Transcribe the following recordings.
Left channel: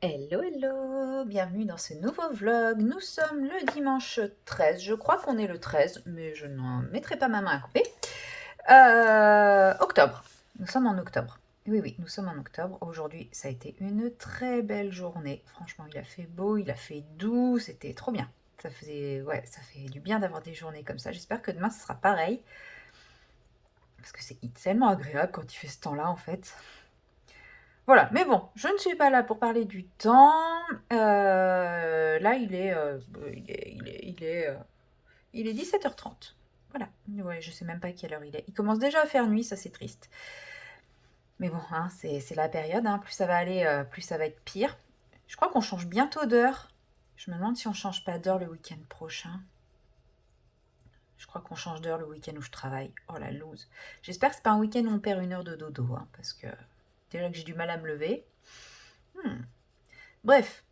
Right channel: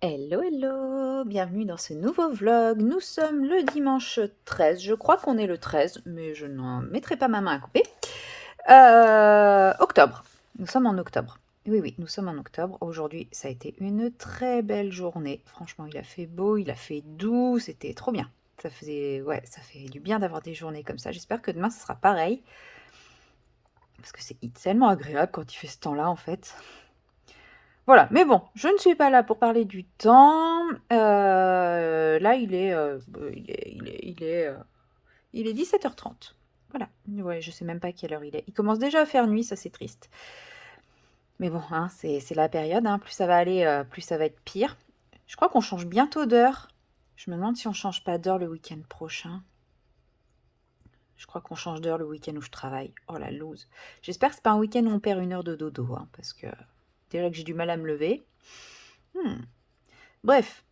Hello, hello, bienvenue dans ce nouveau vlog. Nous sommes le dimanche 13, je crois qu'on est le 13, mais je n'en mettrai pas ma main à couper. Octobre, nous sommes en octobre. Oui, oui, nous sommes en octobre. Aujourd'hui, ça a été une très belle journée. Franchement, il a fait beau, il a fait doux, c'était trop bien. Ouais, ça fait du bien d'avoir des journées comme ça. J'espère que demain, ce sera pareil, parce que c'est tellement agréable quand il fait ce temps-là, en fait. Voilà, mais bon, je ne suis pas là pour parler du temps. Là, il est 17h30. Voilà, ouais, je sais même pas quelle heure il est. Il commence déjà à faire nuit, ça c'est triste. Mais bon, hein, c'est la période, hein, plus ça va aller, plus ça va être pire. Je crois qu'on change bientôt d'heure. Je me demande si on change pas d'heure le week-end prochain. Je crois qu'on change d'heure le week-end où je travaille. Oh la loose. J'espère que c'est pas un week-end où on perd une heure de dodo, hein, parce que déjà que j'ai du mal à me lever. Hmm. Bref,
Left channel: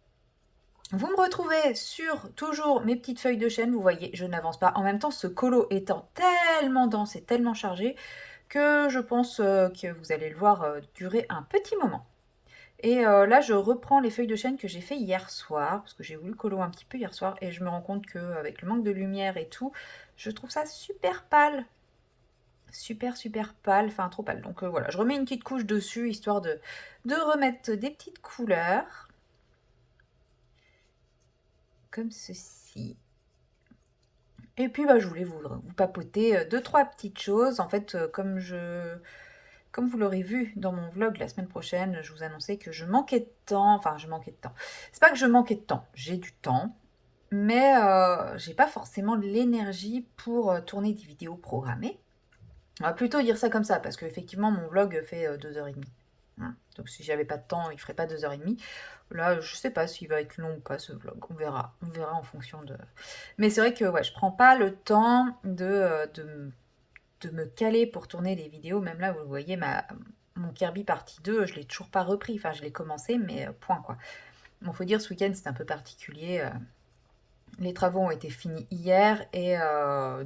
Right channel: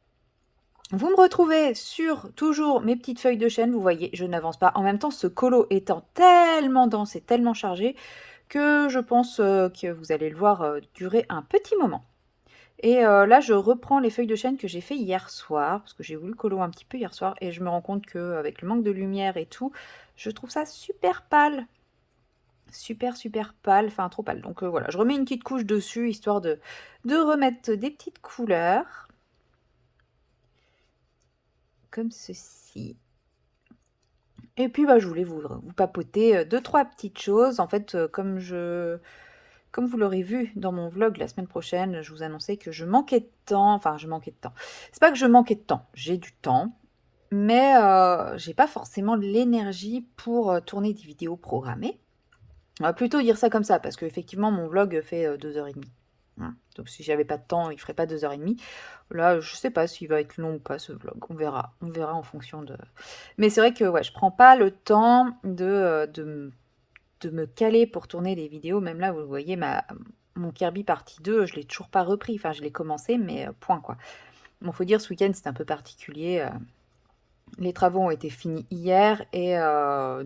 vous me retrouvez sur toujours mes petites feuilles de chêne, vous voyez, je n'avance pas. En même temps, ce colo étant tellement dense et tellement chargé que je pense que vous allez le voir durer un petit moment. Et là, je reprends les feuilles de chêne que j'ai fait hier soir, parce que j'ai voulu colo un petit peu hier soir, et je me rends compte qu'avec le manque de lumière et tout, je trouve ça super pâle. Super, super pâle, enfin trop pâle. Donc voilà, je remets une petite couche dessus, histoire de remettre des petites couleurs, comme ceci. Et puis bah, je voulais vous papoter deux, trois petites choses. En fait, comme vous l'aurez vu dans mon vlog la semaine prochaine, je vous annonçais que je manquais de temps. Enfin, je manquais de temps. C'est pas que je manquais de temps, j'ai du temps, mais j'ai pas forcément l'énergie pour tourner des vidéos programmées. On va plutôt dire ça comme ça, parce qu'effectivement, mon vlog fait 2h30. Hein. Donc si j'avais pas de temps, il ferait pas 2h30. Là, je sais pas s'il va être long ou pas ce vlog. On verra. On verra en fonction de. Mais c'est vrai que ouais, je prends pas le temps de me caler pour tourner des vidéos. Même là, vous voyez, mon Kirby partie 2, je l'ai toujours pas repris. Enfin, je l'ai commencé, mais point quoi. Bon, faut dire, ce week-end, c'est un peu particulier. Les travaux ont été finis hier et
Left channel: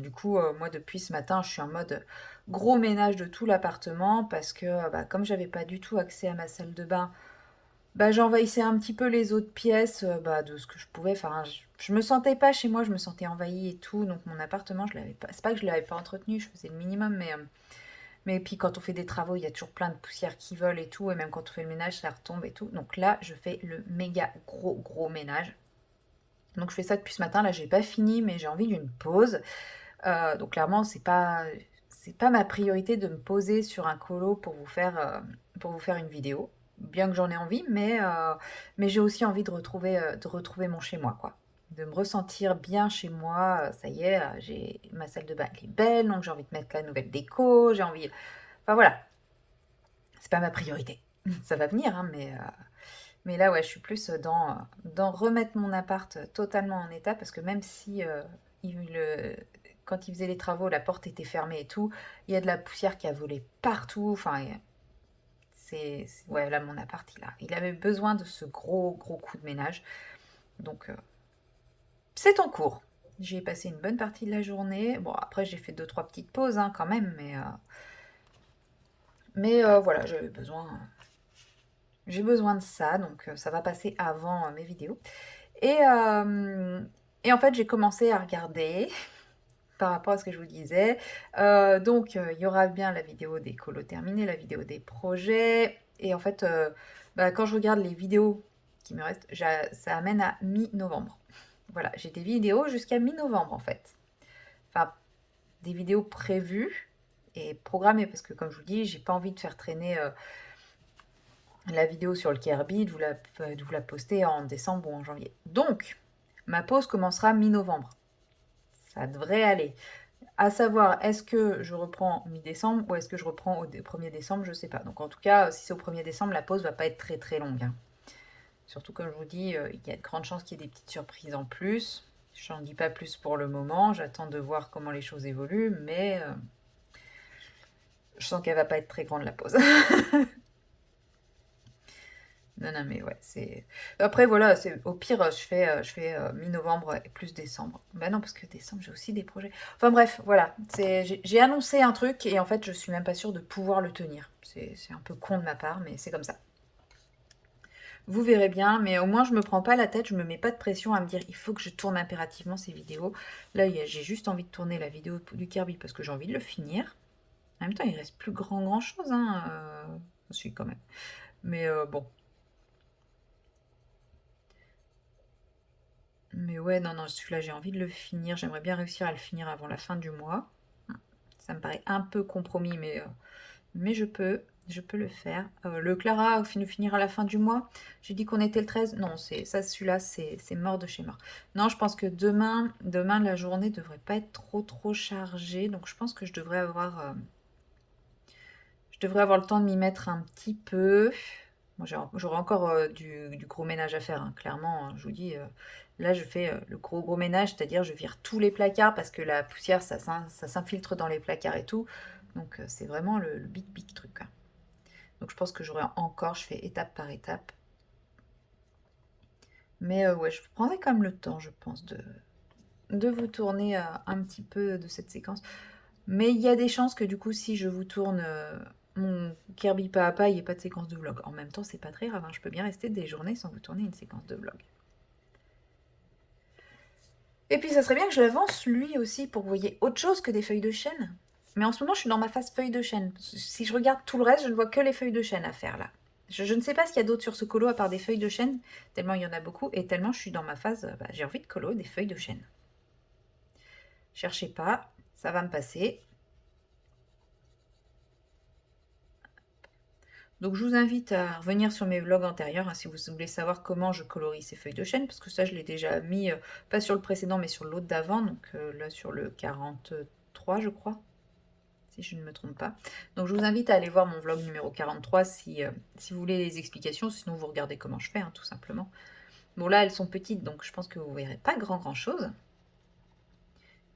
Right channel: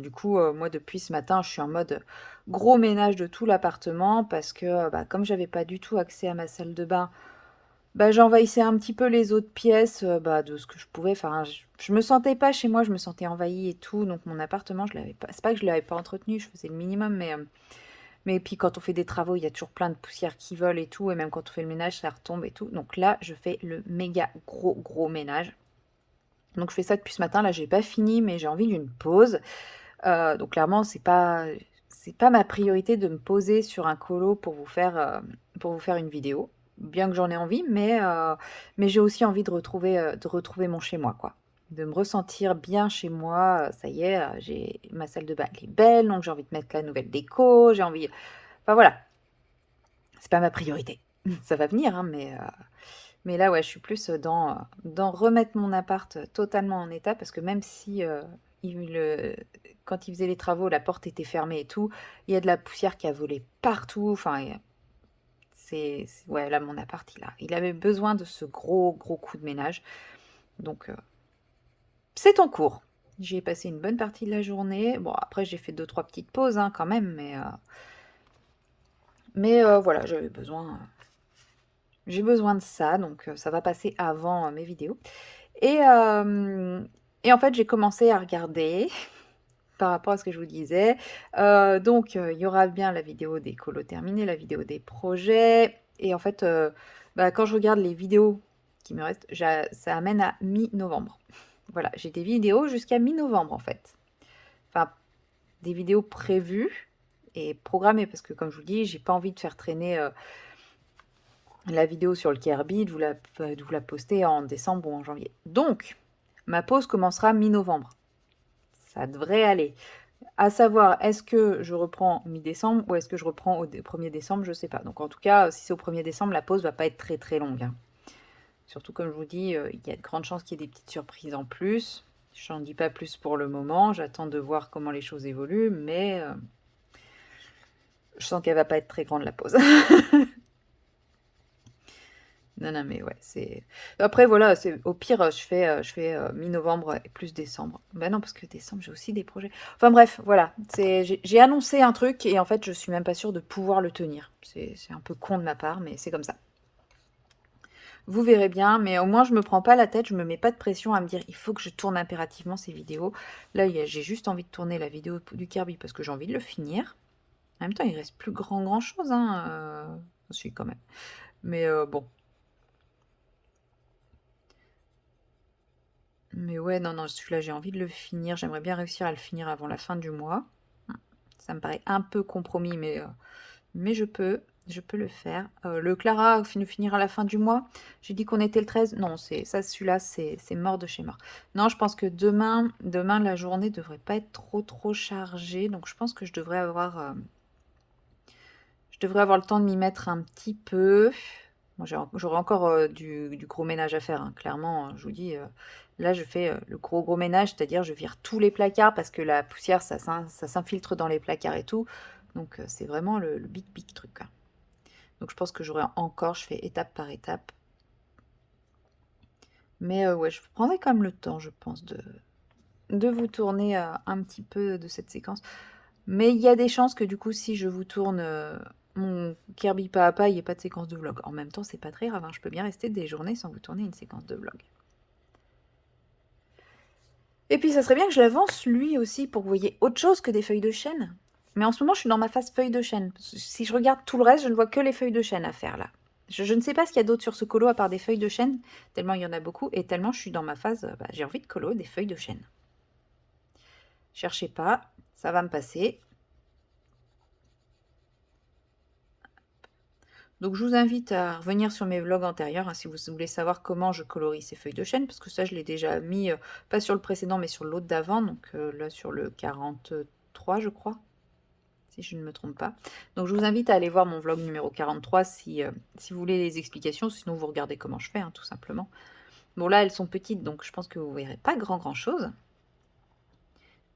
du coup, moi depuis ce matin, je suis en mode gros ménage de tout l'appartement parce que bah, comme j'avais pas du tout accès à ma salle de bain, bah, j'envahissais un petit peu les autres pièces bah, de ce que je pouvais. Enfin, je me sentais pas chez moi, je me sentais envahie et tout. Donc mon appartement, je l'avais pas. C'est pas que je l'avais pas entretenu, je faisais le minimum, mais puis quand on fait des travaux, il y a toujours plein de poussières qui volent et tout, et même quand on fait le ménage, ça retombe et tout. Donc là, je fais le méga gros gros ménage. Donc je fais ça depuis ce matin, là j'ai pas fini, mais j'ai envie d'une pause. Donc clairement, c'est pas ma priorité de me poser sur un colo pour vous faire une vidéo. Bien que j'en ai envie, mais j'ai aussi envie de retrouver mon chez moi, quoi. De me ressentir bien chez moi. Ça y est, j'ai ma salle de bain, elle est belle, donc j'ai envie de mettre la nouvelle déco, j'ai envie. Enfin voilà, c'est pas ma priorité. Ça va venir, hein, mais là, ouais, je suis plus dans remettre mon appart totalement en état parce que même si quand il faisait les travaux, la porte était fermée et tout, il y a de la poussière qui a volé partout. Enfin, ouais, là, mon appart, il avait besoin de ce gros, gros coup de ménage. Donc, c'est en cours. J'y ai passé une bonne partie de la journée. Bon, après, j'ai fait deux, trois petites pauses hein, quand même, mais voilà, j'ai besoin de ça, donc ça va passer avant mes vidéos. Et, euh, et en fait, j'ai commencé à regarder par rapport à ce que je vous disais. Donc, il y aura bien la vidéo des colos terminés, la vidéo des projets. Et en fait, bah, quand je regarde les vidéos qui me restent, ça amène à mi-novembre. Voilà, j'ai des vidéos jusqu'à mi-novembre en fait. Enfin, des vidéos prévues et programmées parce que, comme je vous dis, j'ai pas envie de faire traîner la vidéo sur le Kirby, de vous la poster en décembre ou en janvier. Donc, ma pause commencera mi-novembre. Ça devrait aller. À savoir, est-ce que je reprends mi-décembre ou est-ce que je reprends au 1er décembre, je sais pas. Donc en tout cas, si c'est au 1er décembre, la pause va pas être très très longue. Hein. Surtout comme je vous dis, il y a de grandes chances qu'il y ait des petites surprises en plus. J'en dis pas plus pour le moment, j'attends de voir comment les choses évoluent, mais je sens qu'elle va pas être très grande la pause. Non, non, mais ouais, c'est. Après, voilà, c'est au pire, je fais mi-novembre et plus décembre. Ben non, parce que décembre, j'ai aussi des projets. Enfin bref, voilà. J'ai annoncé un truc et en fait, je suis même pas sûre de pouvoir le tenir. C'est un peu con de ma part, mais c'est comme ça. Vous verrez bien, mais au moins je me prends pas la tête, je me mets pas de pression à me dire il faut que je tourne impérativement ces vidéos. Là, j'ai juste envie de tourner la vidéo du Kirby parce que j'ai envie de le finir. En même temps, il reste plus grand chose, hein. Si, quand même. Mais bon. Mais ouais, non, celui-là, j'ai envie de le finir. J'aimerais bien réussir à le finir avant la fin du mois. Ça me paraît un peu compromis, mais je peux le faire. Le Clara finira à la fin du mois. J'ai dit qu'on était le 13. Non, celui-là, c'est mort de chez mort. Non, je pense que demain, la journée devrait pas être trop chargée. Donc, je pense que je devrais avoir le temps de m'y mettre un petit peu. Bon, j'aurai encore du gros ménage à faire, hein, clairement, hein, je vous dis. Là, je fais le gros ménage, c'est-à-dire je vire tous les placards parce que la poussière, ça s'infiltre dans les placards et tout. Donc, c'est vraiment le big truc, quoi. Donc, je pense que je fais étape par étape. Mais ouais, je prendrai quand même le temps, je pense, de vous tourner un petit peu de cette séquence. Mais il y a des chances que du coup, si je vous tourne mon Kirby pas à pas, il n'y ait pas de séquence de vlog. En même temps, c'est pas très grave, hein, je peux bien rester des journées sans vous tourner une séquence de vlog. Et puis, ça serait bien que je l'avance lui aussi pour que vous voyez autre chose que des feuilles de chêne. Mais en ce moment, je suis dans ma phase feuilles de chêne. Si je regarde tout le reste, je ne vois que les feuilles de chêne à faire là. Je ne sais pas ce qu'il y a d'autre sur ce colo à part des feuilles de chêne, tellement il y en a beaucoup, et tellement je suis dans ma phase, j'ai envie de colo des feuilles de chêne. Cherchez pas, ça va me passer. Donc je vous invite à revenir sur mes vlogs antérieurs, hein, si vous voulez savoir comment je colorie ces feuilles de chêne, parce que ça je l'ai déjà mis, pas sur le précédent, mais sur l'autre d'avant, donc là sur le 43 je crois, si je ne me trompe pas. Donc je vous invite à aller voir mon vlog numéro 43 si vous voulez les explications, sinon vous regardez comment je fais, hein, tout simplement. Bon là elles sont petites, donc je pense que vous verrez pas grand chose,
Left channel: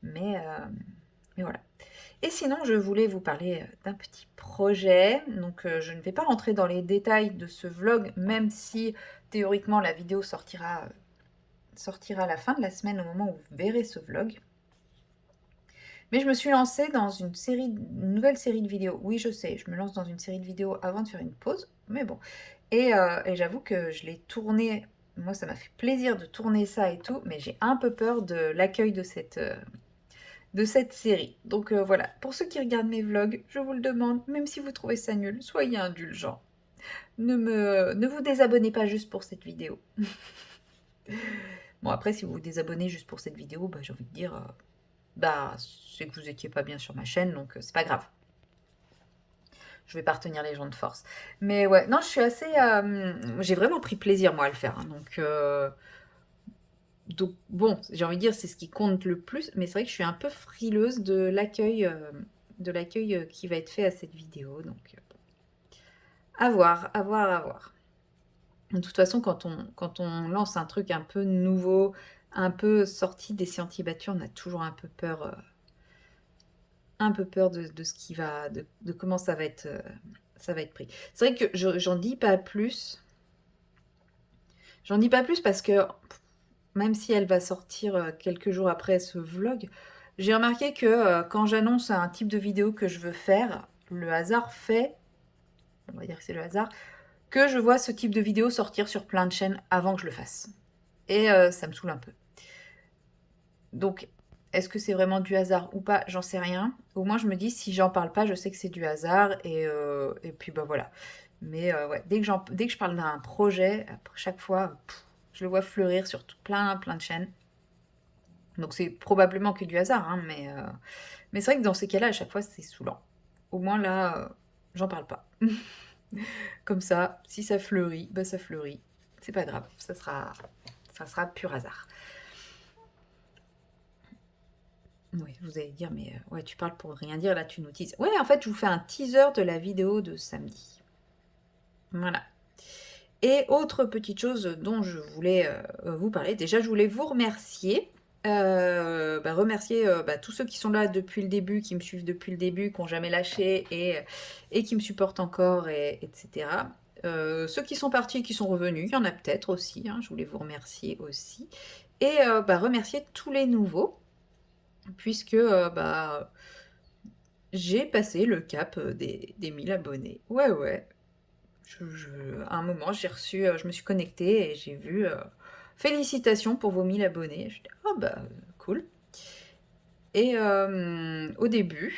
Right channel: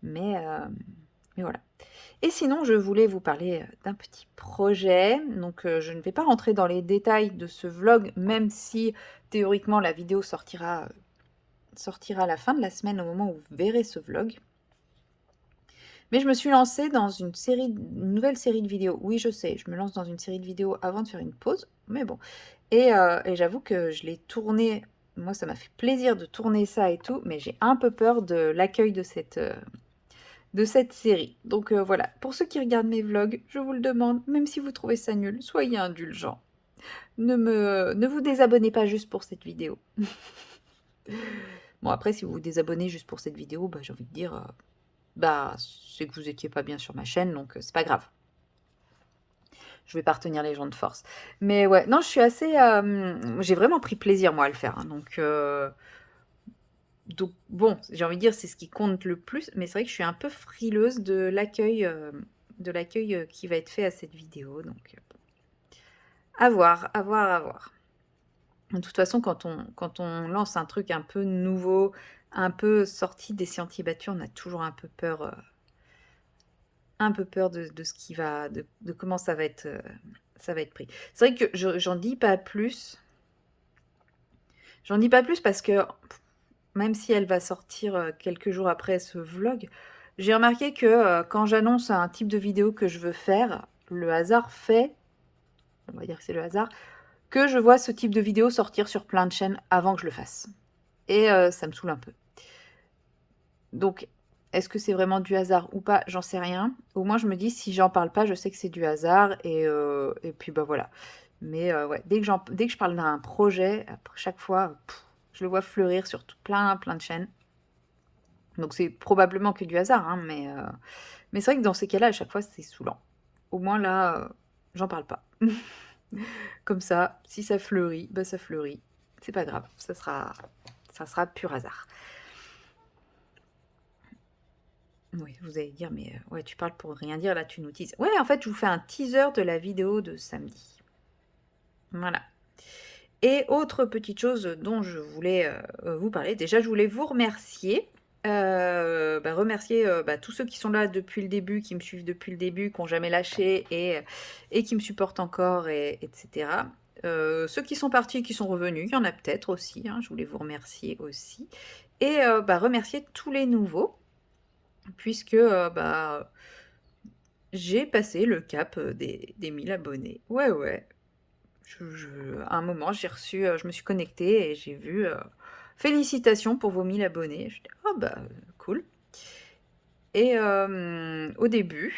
mais, euh, mais voilà. Et sinon, je voulais vous parler d'un petit projet. Donc, je ne vais pas rentrer dans les détails de ce vlog, même si théoriquement la vidéo sortira à la fin de la semaine au moment où vous verrez ce vlog. Mais je me suis lancée dans une nouvelle série de vidéos. Oui, je sais, je me lance dans une série de vidéos avant de faire une pause, mais bon. Et j'avoue que je l'ai tourné. Moi, ça m'a fait plaisir de tourner ça et tout, mais j'ai un peu peur de l'accueil de cette série. Donc voilà, pour ceux qui regardent mes vlogs, je vous le demande, même si vous trouvez ça nul, soyez indulgents. Ne vous désabonnez pas juste pour cette vidéo. Bon, après, si vous vous désabonnez juste pour cette vidéo, j'ai envie de dire, c'est que vous étiez pas bien sur ma chaîne, donc c'est pas grave. Je vais pas retenir les gens de force. Mais ouais, non, je suis assez... j'ai vraiment pris plaisir, moi, à le faire, hein, donc bon, j'ai envie de dire, c'est ce qui compte le plus, mais c'est vrai que je suis un peu frileuse de l'accueil qui va être fait à cette vidéo, donc à voir, à voir, à voir. De toute façon, quand on lance un truc un peu nouveau, un peu sorti des sentiers battus, on a toujours un peu peur de ce qui va, de comment ça va être pris. C'est vrai que j'en dis pas plus. J'en dis pas plus parce que même si elle va sortir quelques jours après ce vlog, j'ai remarqué que quand j'annonce un type de vidéo que je veux faire, le hasard fait, on va dire que c'est le hasard, que je vois ce type de vidéo sortir sur plein de chaînes avant que je le fasse. Et ça me saoule un peu. Donc, est-ce que c'est vraiment du hasard ou pas? J'en sais rien. Au moins, je me dis, si j'en parle pas, je sais que c'est du hasard. Et puis, voilà. Mais ouais, dès que je parle d'un projet, après chaque fois, je le vois fleurir sur plein de chaînes. Donc, c'est probablement que du hasard, hein, mais c'est vrai que dans ces cas-là, à chaque fois, c'est saoulant. Au moins, là, j'en parle pas. Comme ça, si ça fleurit, ça fleurit. C'est pas grave, ça sera pur hasard. Oui, vous allez dire, mais ouais, tu parles pour rien dire, là tu nous teases. Ouais, en fait, je vous fais un teaser de la vidéo de samedi. Voilà. Et autre petite chose dont je voulais vous parler, déjà je voulais vous remercier. Remercier tous ceux qui sont là depuis le début, qui me suivent depuis le début, qui n'ont jamais lâché et qui me supportent encore, etc. Ceux qui sont partis et qui sont revenus, il y en a peut-être aussi, hein, je voulais vous remercier aussi. Et remercier tous les nouveaux, puisque j'ai passé le cap des 1000 abonnés. Ouais, ouais. À un moment, j'ai reçu, je me suis connectée et j'ai vu félicitations pour vos 1000 abonnés. Je dis, oh bah cool. Et au début,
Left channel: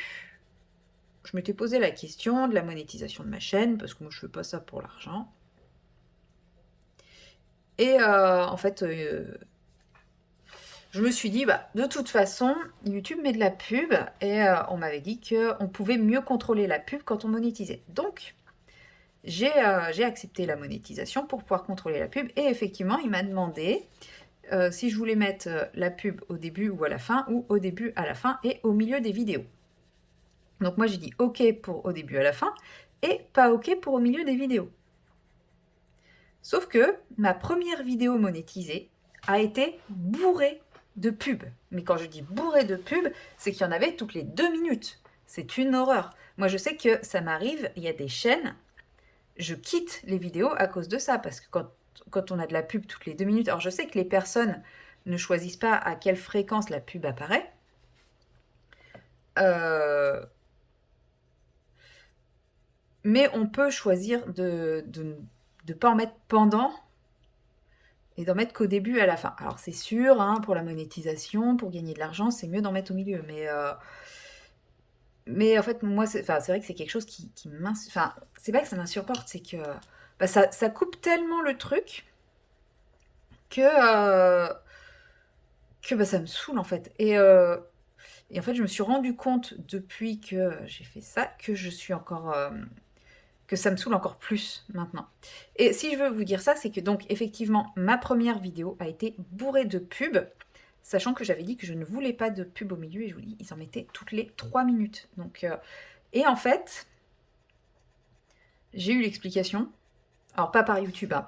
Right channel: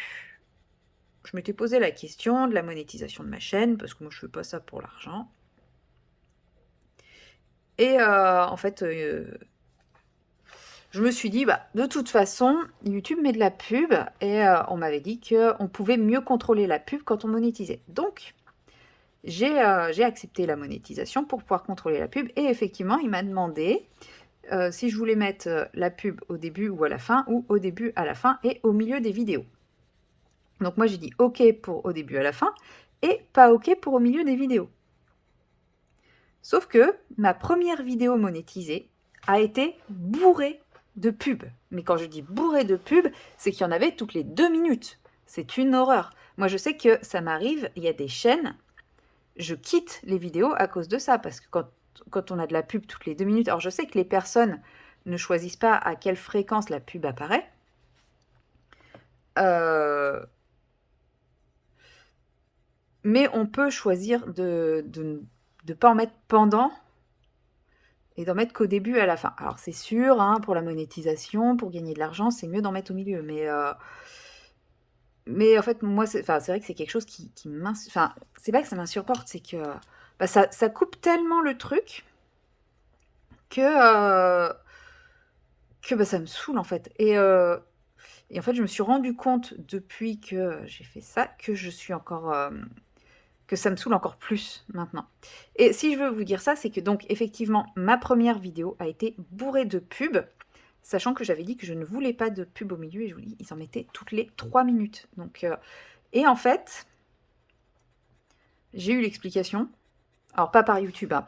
je m'étais posé la question de la monétisation de ma chaîne, parce que moi je fais pas ça pour l'argent. Et en fait, je me suis dit, bah, de toute façon, YouTube met de la pub et on m'avait dit qu'on pouvait mieux contrôler la pub quand on monétisait. Donc, j'ai accepté la monétisation pour pouvoir contrôler la pub et effectivement, il m'a demandé si je voulais mettre la pub au début ou à la fin, ou au début, à la fin et au milieu des vidéos. Donc moi, j'ai dit OK pour au début, à la fin et pas OK pour au milieu des vidéos. Sauf que ma première vidéo monétisée a été bourrée de pubs. Mais quand je dis bourrée de pubs, c'est qu'il y en avait toutes les 2 minutes. C'est une horreur. Moi, je sais que ça m'arrive, il y a des chaînes, je quitte les vidéos à cause de ça, parce que quand on a de la pub toutes les 2 minutes, alors je sais que les personnes ne choisissent pas à quelle fréquence la pub apparaît, mais on peut choisir de ne pas en mettre pendant et d'en mettre qu'au début et à la fin. Alors c'est sûr, hein, pour la monétisation, pour gagner de l'argent, c'est mieux d'en mettre au milieu. Mais en fait, moi, c'est vrai que c'est quelque chose qui Enfin, c'est pas que ça m'insupporte, c'est que bah, ça coupe tellement le truc que, bah, ça me saoule en fait. Et en fait, je me suis rendu compte depuis que j'ai fait ça que je suis encore que ça me saoule encore plus maintenant. Et si je veux vous dire ça, c'est que donc effectivement, ma première vidéo a été bourrée de pubs, sachant que j'avais dit que je ne voulais pas de pub au milieu, et je vous dis, ils en mettaient toutes les 3 minutes. Donc, et en fait, j'ai eu l'explication, alors pas par YouTube, hein,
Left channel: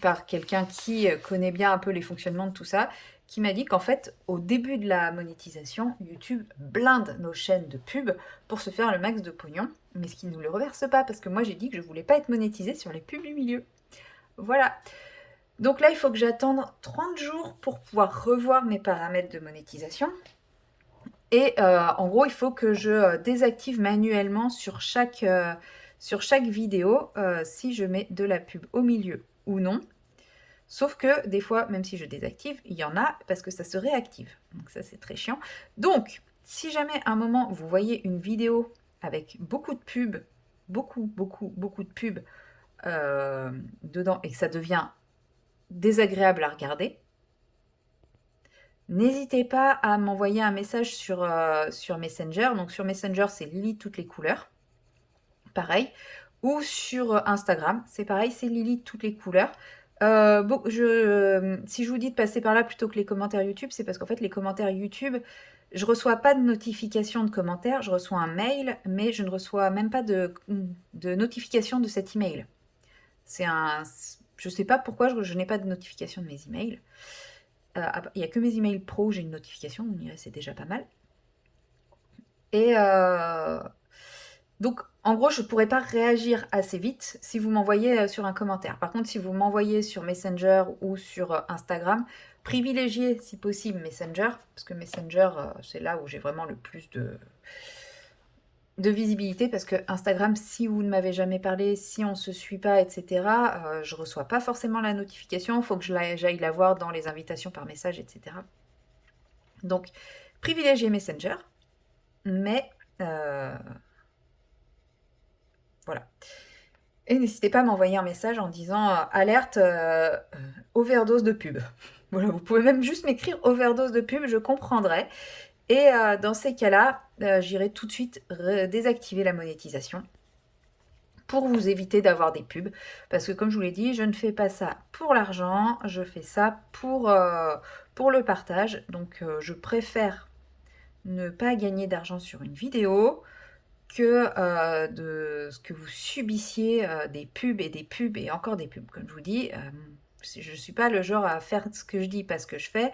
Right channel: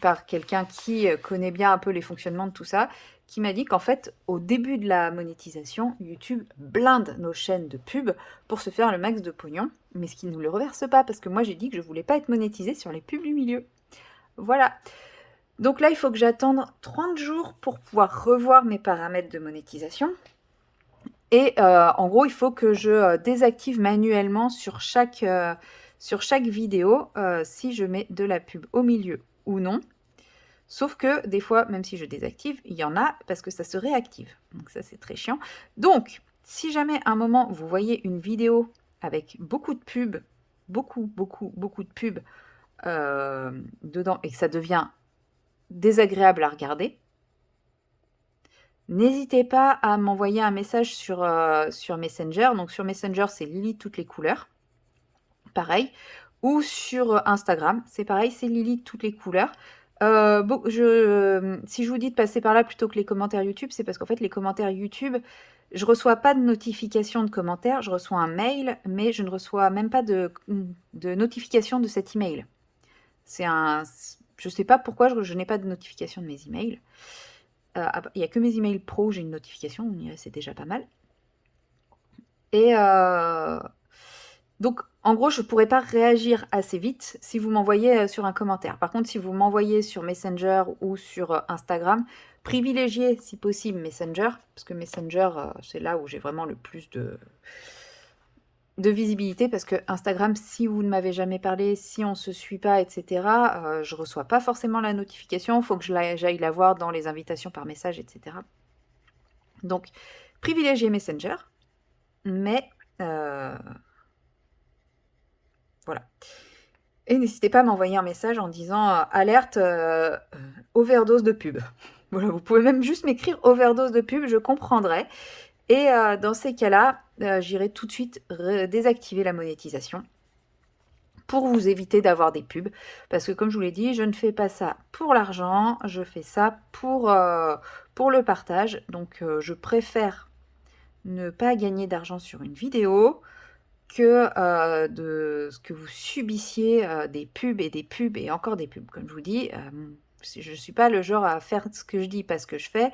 par quelqu'un qui connaît bien un peu les fonctionnements de tout ça, qui m'a dit qu'en fait, au début de la monétisation, YouTube blinde nos chaînes de pub pour se faire le max de pognon, mais ce qui ne nous le reverse pas, parce que moi j'ai dit que je voulais pas être monétisée sur les pubs du milieu. Voilà. Donc là, il faut que j'attende 30 jours pour pouvoir revoir mes paramètres de monétisation. Et en gros, il faut que je désactive manuellement sur chaque vidéo si je mets de la pub au milieu ou non. Sauf que des fois, même si je désactive, il y en a parce que ça se réactive. Donc ça, c'est très chiant. Donc, si jamais à un moment, vous voyez une vidéo avec beaucoup de pubs, beaucoup de pubs dedans et que ça devient désagréable à regarder, n'hésitez pas à m'envoyer un message sur Messenger. Donc sur Messenger, c'est Lily toutes les couleurs. Pareil. Ou sur Instagram, c'est pareil, c'est Lily toutes les couleurs. Si je vous dis de passer par là plutôt que les commentaires YouTube, c'est parce qu'en fait, les commentaires YouTube, je reçois pas de notification de commentaires, je reçois un mail, mais je ne reçois même pas de notification de cet email. Je sais pas pourquoi je n'ai pas de notification de mes emails. Il n'y a que mes emails pro où j'ai une notification, c'est déjà pas mal. Et donc, en gros, je ne pourrais pas réagir assez vite si vous m'envoyez sur un commentaire. Par contre, si vous m'envoyez sur Messenger ou sur Instagram, privilégiez si possible Messenger, parce que Messenger, c'est là où j'ai vraiment le plus de visibilité, parce que Instagram, si vous ne m'avez jamais parlé, si on ne se suit pas, etc., je ne reçois pas forcément la notification, il faut que j'aille la voir dans les invitations par message, etc. Donc, privilégiez Messenger, mais voilà. Et n'hésitez pas à m'envoyer un message en disant alerte overdose de pub. Voilà, vous pouvez même juste m'écrire overdose de pub, je comprendrai. Et dans ces cas-là, j'irai tout de suite désactiver la monétisation pour vous éviter d'avoir des pubs. Parce que comme je vous l'ai dit, je ne fais pas ça pour l'argent, je fais ça pour le partage. Donc je préfère ne pas gagner d'argent sur une vidéo que de ce que vous subissiez des pubs et des pubs et encore des pubs. Comme je vous dis, je ne suis pas le genre à faire ce que je dis parce que je fais.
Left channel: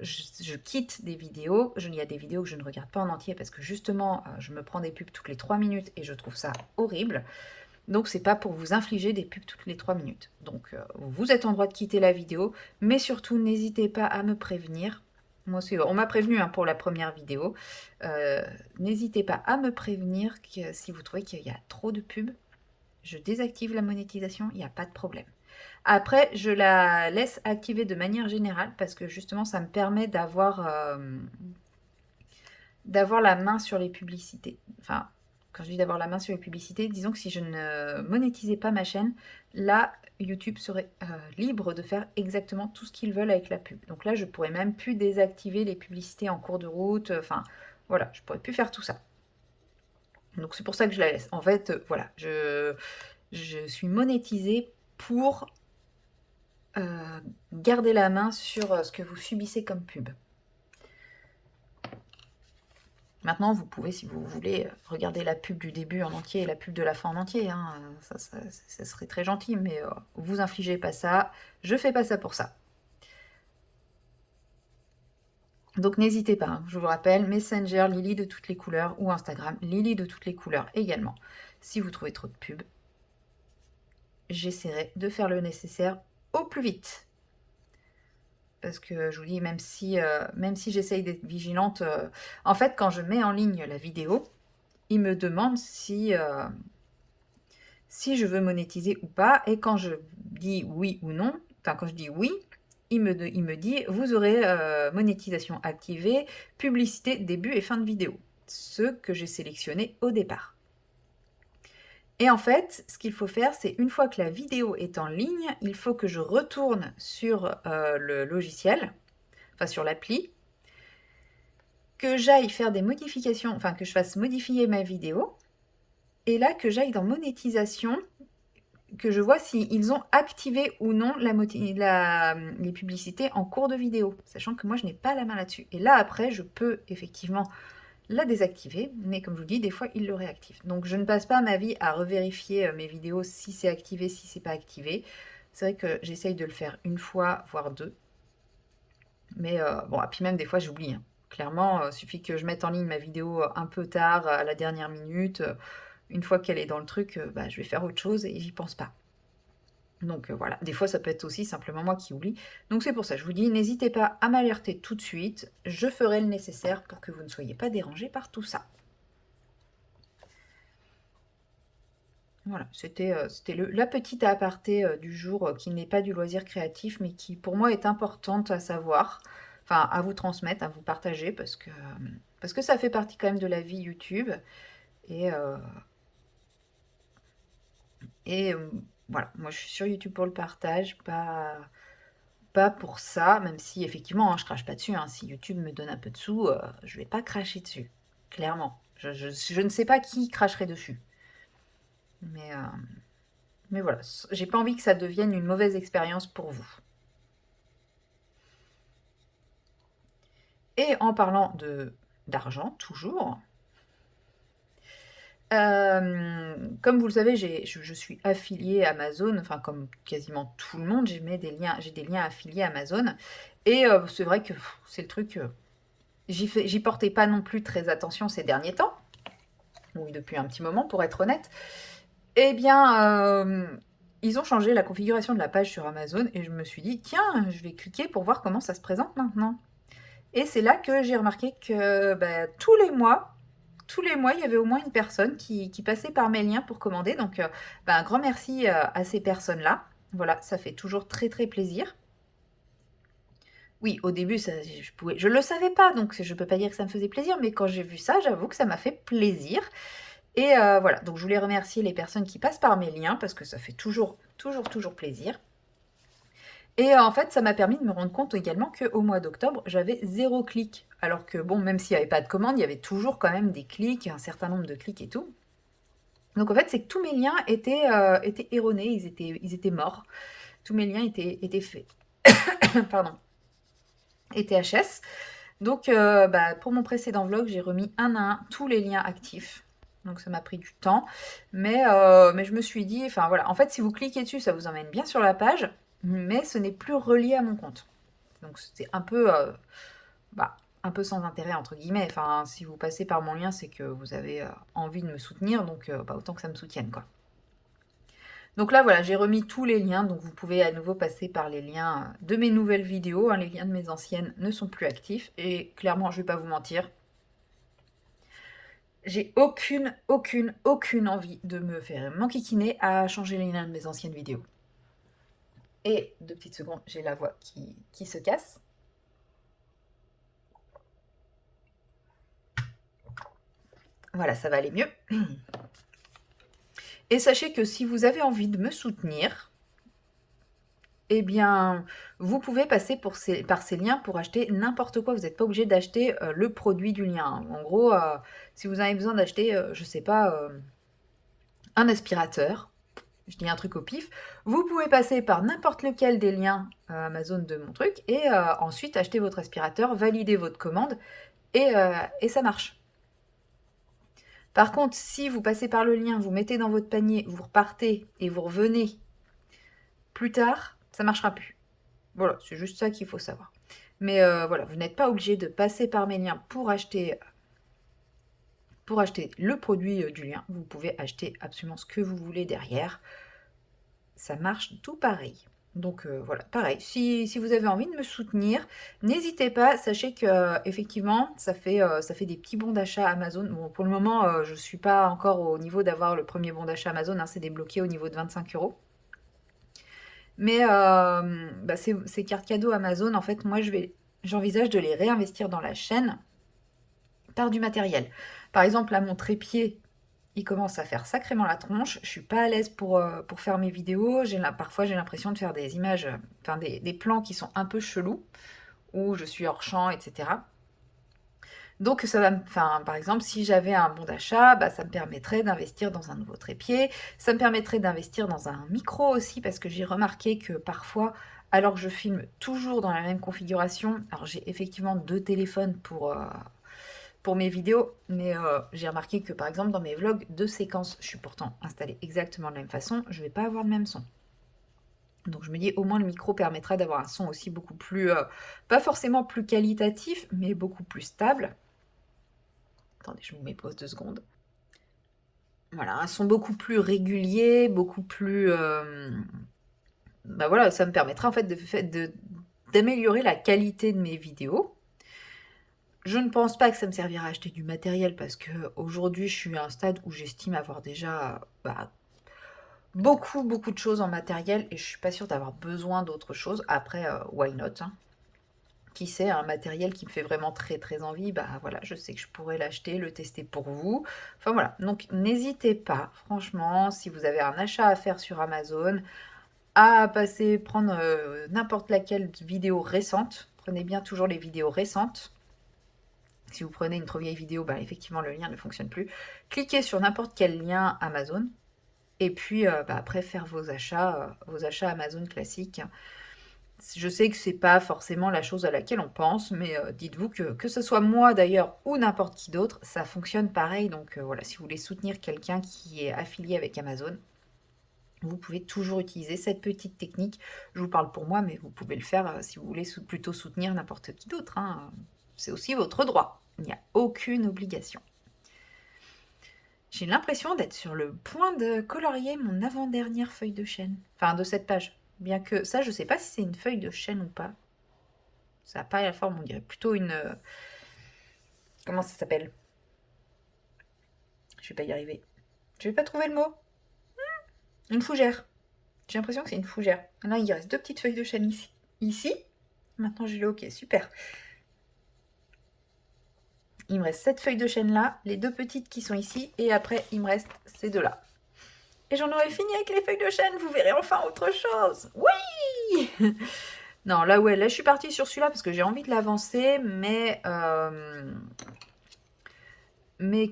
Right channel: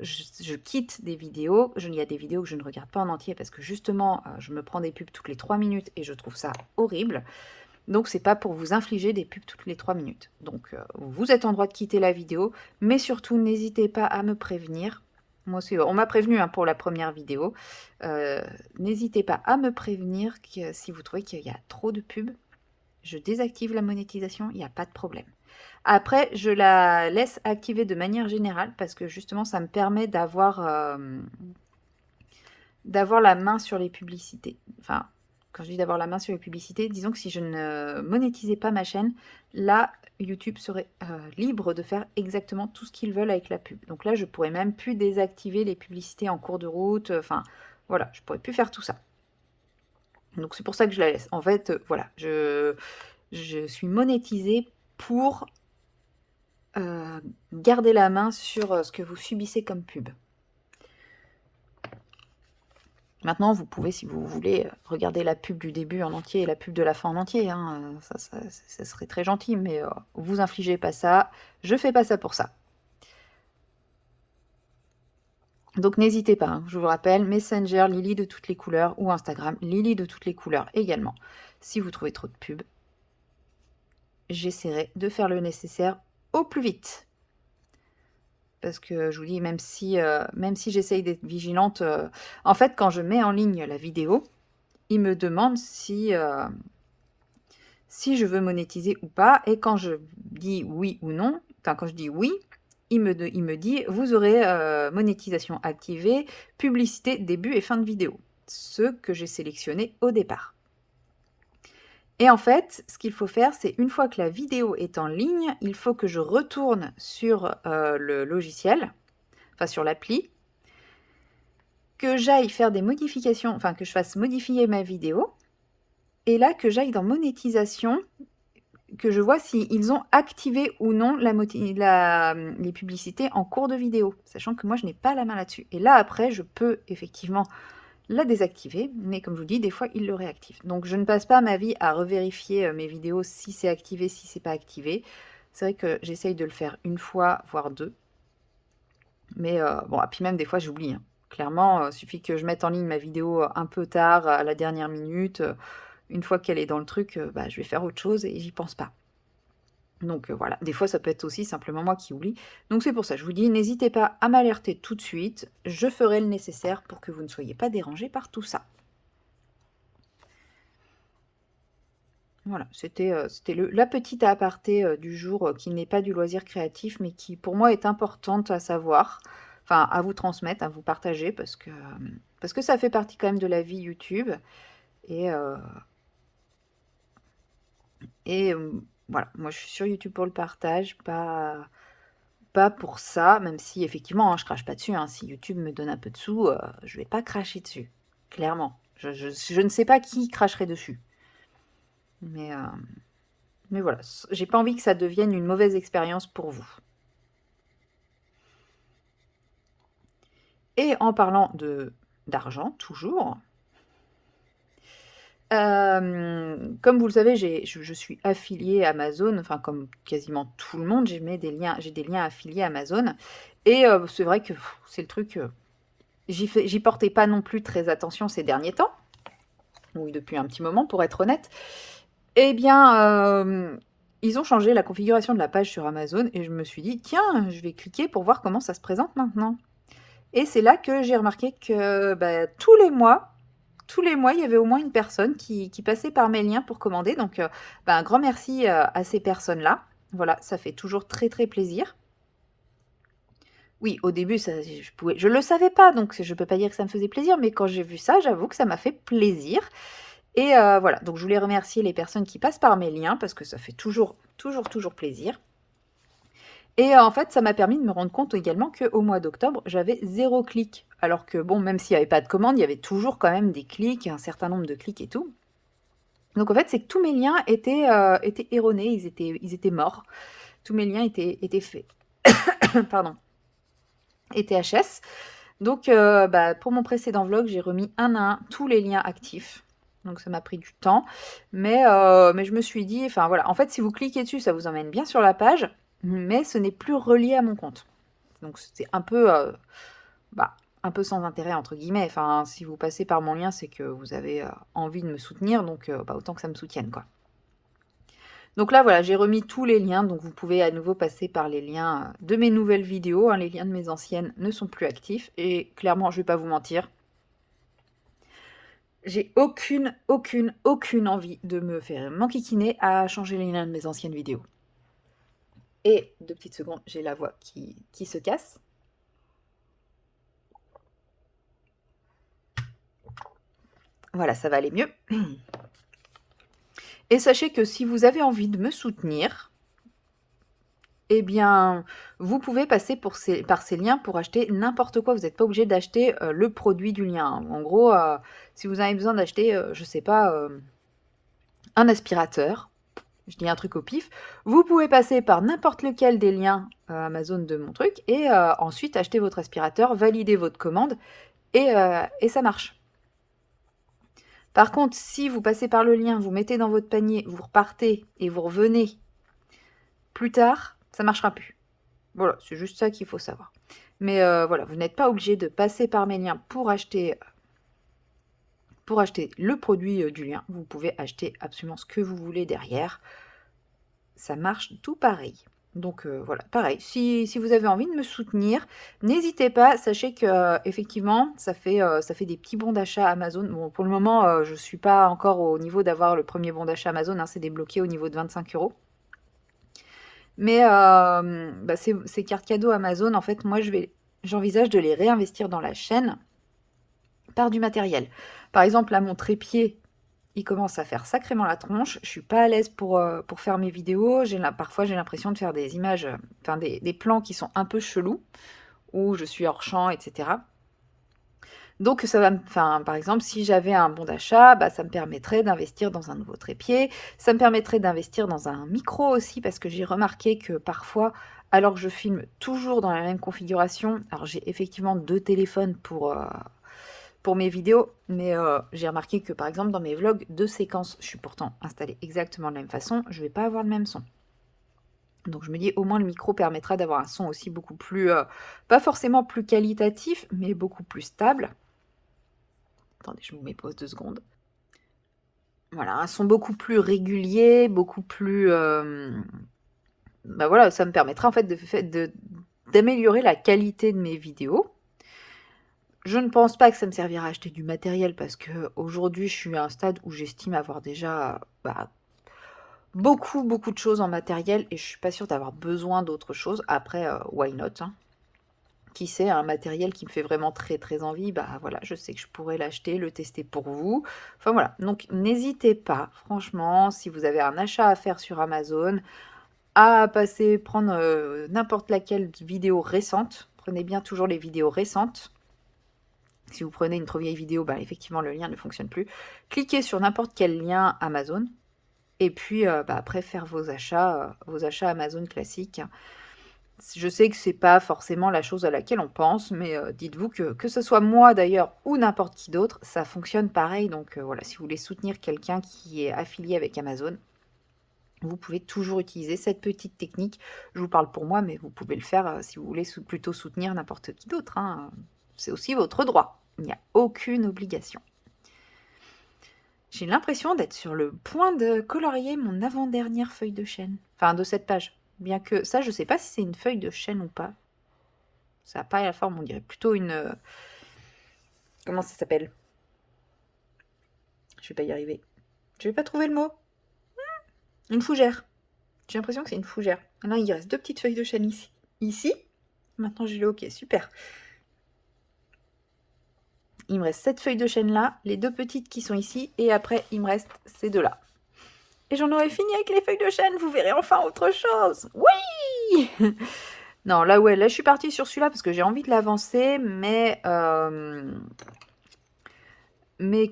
Je quitte des vidéos. Il y a des vidéos que je ne regarde pas en entier parce que justement, je me prends des pubs toutes les 3 minutes et je trouve ça horrible. Donc, c'est pas pour vous infliger des pubs toutes les 3 minutes. Donc, vous êtes en droit de quitter la vidéo, mais surtout, n'hésitez pas à me prévenir. Moi aussi, on m'a prévenu hein, pour la première vidéo. N'hésitez pas à me prévenir que si vous trouvez qu'il y a trop de pubs. je désactive la monétisation, il n'y a pas de problème. Après, je la laisse activer de manière générale parce que justement, ça me permet d'avoir la main sur les publicités. Enfin, quand je dis d'avoir la main sur les publicités, disons que si je ne monétisais pas ma chaîne, là, YouTube serait libre de faire exactement tout ce qu'ils veulent avec la pub. Donc là, je pourrais même plus désactiver les publicités en cours de route. Enfin, voilà, je pourrais plus faire tout ça. Donc c'est pour ça que je la laisse. En fait, voilà, je suis monétisée pour garder la main sur ce que vous subissez comme pub. Maintenant, vous pouvez, si vous voulez, regarder la pub du début en entier et la pub de la fin en entier. Hein. Ça serait très gentil, mais vous infligez pas ça. Je fais pas ça pour ça. Donc n'hésitez pas, hein, je vous rappelle, Messenger, Lily de toutes les couleurs, ou Instagram, Lily de toutes les couleurs également. Si vous trouvez trop de pubs, j'essaierai de faire le nécessaire au plus vite. Parce que je vous dis, même si j'essaye d'être vigilante, en fait, quand je mets en ligne la vidéo, il me demande si je veux monétiser ou pas. Et quand je dis oui ou non, enfin quand je dis oui, il me dit vous aurez monétisation activée, publicité, début et fin de vidéo. Ce que j'ai sélectionné au départ. Et en fait, ce qu'il faut faire, c'est une fois que la vidéo est en ligne, il faut que je retourne sur le logiciel, enfin sur l'appli, que j'aille faire des modifications, enfin que je fasse modifier ma vidéo, et là que j'aille dans monétisation, que je vois s'ils ont activé ou non les publicités en cours de vidéo, sachant que moi je n'ai pas la main là-dessus. Et là après, je peux effectivement la désactiver, mais comme je vous dis, des fois ils le réactivent. Donc je ne passe pas ma vie à revérifier mes vidéos si c'est activé, si c'est pas activé. C'est vrai que j'essaye de le faire une fois, voire deux. Mais bon, et puis même des fois j'oublie. Hein. Clairement, il suffit que je mette en ligne ma vidéo un peu tard, à la dernière minute. Une fois qu'elle est dans le truc, bah, je vais faire autre chose et j'y pense pas. Donc voilà, des fois ça peut être aussi simplement moi qui oublie. Donc c'est pour ça, je vous dis, n'hésitez pas à m'alerter tout de suite. Je ferai le nécessaire pour que vous ne soyez pas dérangés par tout ça. Voilà, c'était la petite aparté du jour qui n'est pas du loisir créatif, mais qui pour moi est importante à savoir, enfin à vous transmettre, à vous partager, parce que ça fait partie quand même de la vie YouTube. Et, euh, et voilà, moi je suis sur YouTube pour le partage, pas pour ça, même si effectivement, hein, je crache pas dessus. Hein. Si YouTube me donne un peu de sous, je vais pas cracher dessus, clairement. Je ne sais pas qui cracherait dessus. Mais, euh, mais voilà, j'ai pas envie que ça devienne une mauvaise expérience pour vous. Et en parlant d'argent, toujours, comme vous le savez, je suis affiliée à Amazon, enfin comme quasiment tout le monde, j'ai des liens affiliés à Amazon. Et c'est vrai que c'est le truc, j'y portais pas non plus très attention ces derniers temps, oui depuis un petit moment pour être honnête. Eh bien, ils ont changé la configuration de la page sur Amazon et je me suis dit, tiens, je vais cliquer pour voir comment ça se présente maintenant. Et c'est là que j'ai remarqué que bah, tous les mois, il y avait au moins une personne qui passait par mes liens pour commander. Donc, bah, un grand merci à ces personnes-là. Voilà, ça fait toujours très très plaisir. Oui, au début, je le savais pas, donc je peux pas dire que ça me faisait plaisir, mais quand j'ai vu ça, j'avoue que ça m'a fait plaisir. Et voilà, donc je voulais remercier les personnes qui passent par mes liens parce que ça fait toujours, toujours, toujours plaisir. Et en fait, ça m'a permis de me rendre compte également qu'au mois d'octobre, j'avais 0 clic. Alors que bon, même s'il n'y avait pas de commande, il y avait toujours quand même des clics, un certain nombre de clics et tout. Donc en fait, c'est que tous mes liens étaient erronés, ils étaient morts. Tous mes liens étaient faits. Pardon. Étaient HS. Donc bah, pour mon précédent vlog, j'ai remis un à un tous les liens actifs. Donc ça m'a pris du temps. Mais je me suis dit, enfin voilà, en fait, si vous cliquez dessus, ça vous emmène bien sur la page, mais ce n'est plus relié à mon compte. Donc c'est bah, un peu sans intérêt, entre guillemets. Enfin, si vous passez par mon lien, c'est que vous avez envie de me soutenir, donc bah, autant que ça me soutienne, quoi. Donc là, voilà, j'ai remis tous les liens, donc vous pouvez à nouveau passer par les liens de mes nouvelles vidéos. Hein. Les liens de mes anciennes ne sont plus actifs, et clairement, je vais pas vous mentir, J'ai aucune envie de me faire m'enquiquiner à changer les liens de mes anciennes vidéos. Et 2 petites secondes, j'ai la voix qui se casse. Voilà, ça va aller mieux. Et sachez que si vous avez envie de me soutenir, eh bien, vous pouvez passer par ces liens pour acheter n'importe quoi. Vous n'êtes pas obligé d'acheter le produit du lien. En gros, si vous avez besoin d'acheter, je sais pas, un aspirateur, je dis un truc au pif, vous pouvez passer par n'importe lequel des liens Amazon de mon truc et ensuite acheter votre aspirateur, valider votre commande et ça marche. Par contre, si vous passez par le lien, vous mettez dans votre panier, vous repartez et vous revenez plus tard, ça ne marchera plus. Voilà, c'est juste ça qu'il faut savoir. Mais voilà, vous n'êtes pas obligé de passer par mes liens pour acheter le produit du lien. Vous pouvez acheter absolument ce que vous voulez derrière. Ça marche tout pareil. Donc voilà, pareil. Si vous avez envie de me soutenir, n'hésitez pas. Sachez que effectivement, ça fait des petits bons d'achat Amazon. Bon, pour le moment, je ne suis pas encore au niveau d'avoir le premier bon d'achat Amazon, hein, c'est débloqué au niveau de 25 euros. Mais bah, ces cartes cadeaux Amazon, en fait, moi, j'envisage de les réinvestir dans la chaîne par du matériel. Par exemple, là, mon trépied, il commence à faire sacrément la tronche. Je suis pas à l'aise pour faire mes vidéos. Parfois, j'ai l'impression de faire des images, enfin des plans qui sont un peu chelous, où je suis hors champ, etc. Donc, enfin, par exemple, si j'avais un bon d'achat, bah, ça me permettrait d'investir dans un nouveau trépied. Ça me permettrait d'investir dans un micro aussi, parce que j'ai remarqué que parfois, alors que je filme toujours dans la même configuration, alors j'ai effectivement 2 téléphones pour mes vidéos, mais j'ai remarqué que par exemple dans mes vlogs de séquences, je suis pourtant installée exactement de la même façon, je vais pas avoir le même son. Donc je me dis au moins le micro permettra d'avoir un son aussi beaucoup plus, pas forcément plus qualitatif, mais beaucoup plus stable. Attendez, je me mets pause 2 secondes. Voilà, un son beaucoup plus régulier, beaucoup plus... bah voilà, ça me permettra en fait d'améliorer la qualité de mes vidéos. Je ne pense pas que ça me servira à acheter du matériel parce que aujourd'hui je suis à un stade où j'estime avoir déjà bah, beaucoup de choses en matériel et je suis pas sûre d'avoir besoin d'autre chose. Après, why not, hein. Qui sait, un matériel qui me fait vraiment très envie, bah voilà, je sais que je pourrais l'acheter, le tester pour vous. Enfin voilà, donc n'hésitez pas, franchement, si vous avez un achat à faire sur Amazon, à prendre n'importe laquelle vidéo récente. Prenez bien toujours les vidéos récentes. Si vous prenez une trop vieille vidéo, bah, effectivement, le lien ne fonctionne plus. Cliquez sur n'importe quel lien Amazon. Et puis, bah, après, faire vos achats Amazon classiques. Je sais que c'est pas forcément la chose à laquelle on pense, mais dites-vous que ce soit moi d'ailleurs ou n'importe qui d'autre, ça fonctionne pareil. Donc voilà, si vous voulez soutenir quelqu'un qui est affilié avec Amazon, vous pouvez toujours utiliser cette petite technique. Je vous parle pour moi, mais vous pouvez le faire si vous voulez plutôt soutenir n'importe qui d'autre, hein. C'est aussi votre droit. Il n'y a aucune obligation. J'ai l'impression d'être sur le point de colorier mon avant-dernière feuille de chêne. Enfin, de cette page. Bien que ça, je sais pas si c'est une feuille de chêne ou pas. Ça n'a pas la forme, on dirait plutôt une... comment ça s'appelle? Je vais pas y arriver. Je vais pas trouver le mot. Une fougère. J'ai l'impression que c'est une fougère. Là, il reste 2 petites feuilles de chêne ici. Ici. Maintenant, j'ai le OK. Super. Il me reste cette feuille de chêne là, les 2 petites qui sont ici, et après, il me reste ces 2 là. Et j'en aurai fini avec les feuilles de chêne, vous verrez enfin autre chose. Oui. Non, là, ouais, là, je suis partie sur celui-là parce que j'ai envie de l'avancer, mais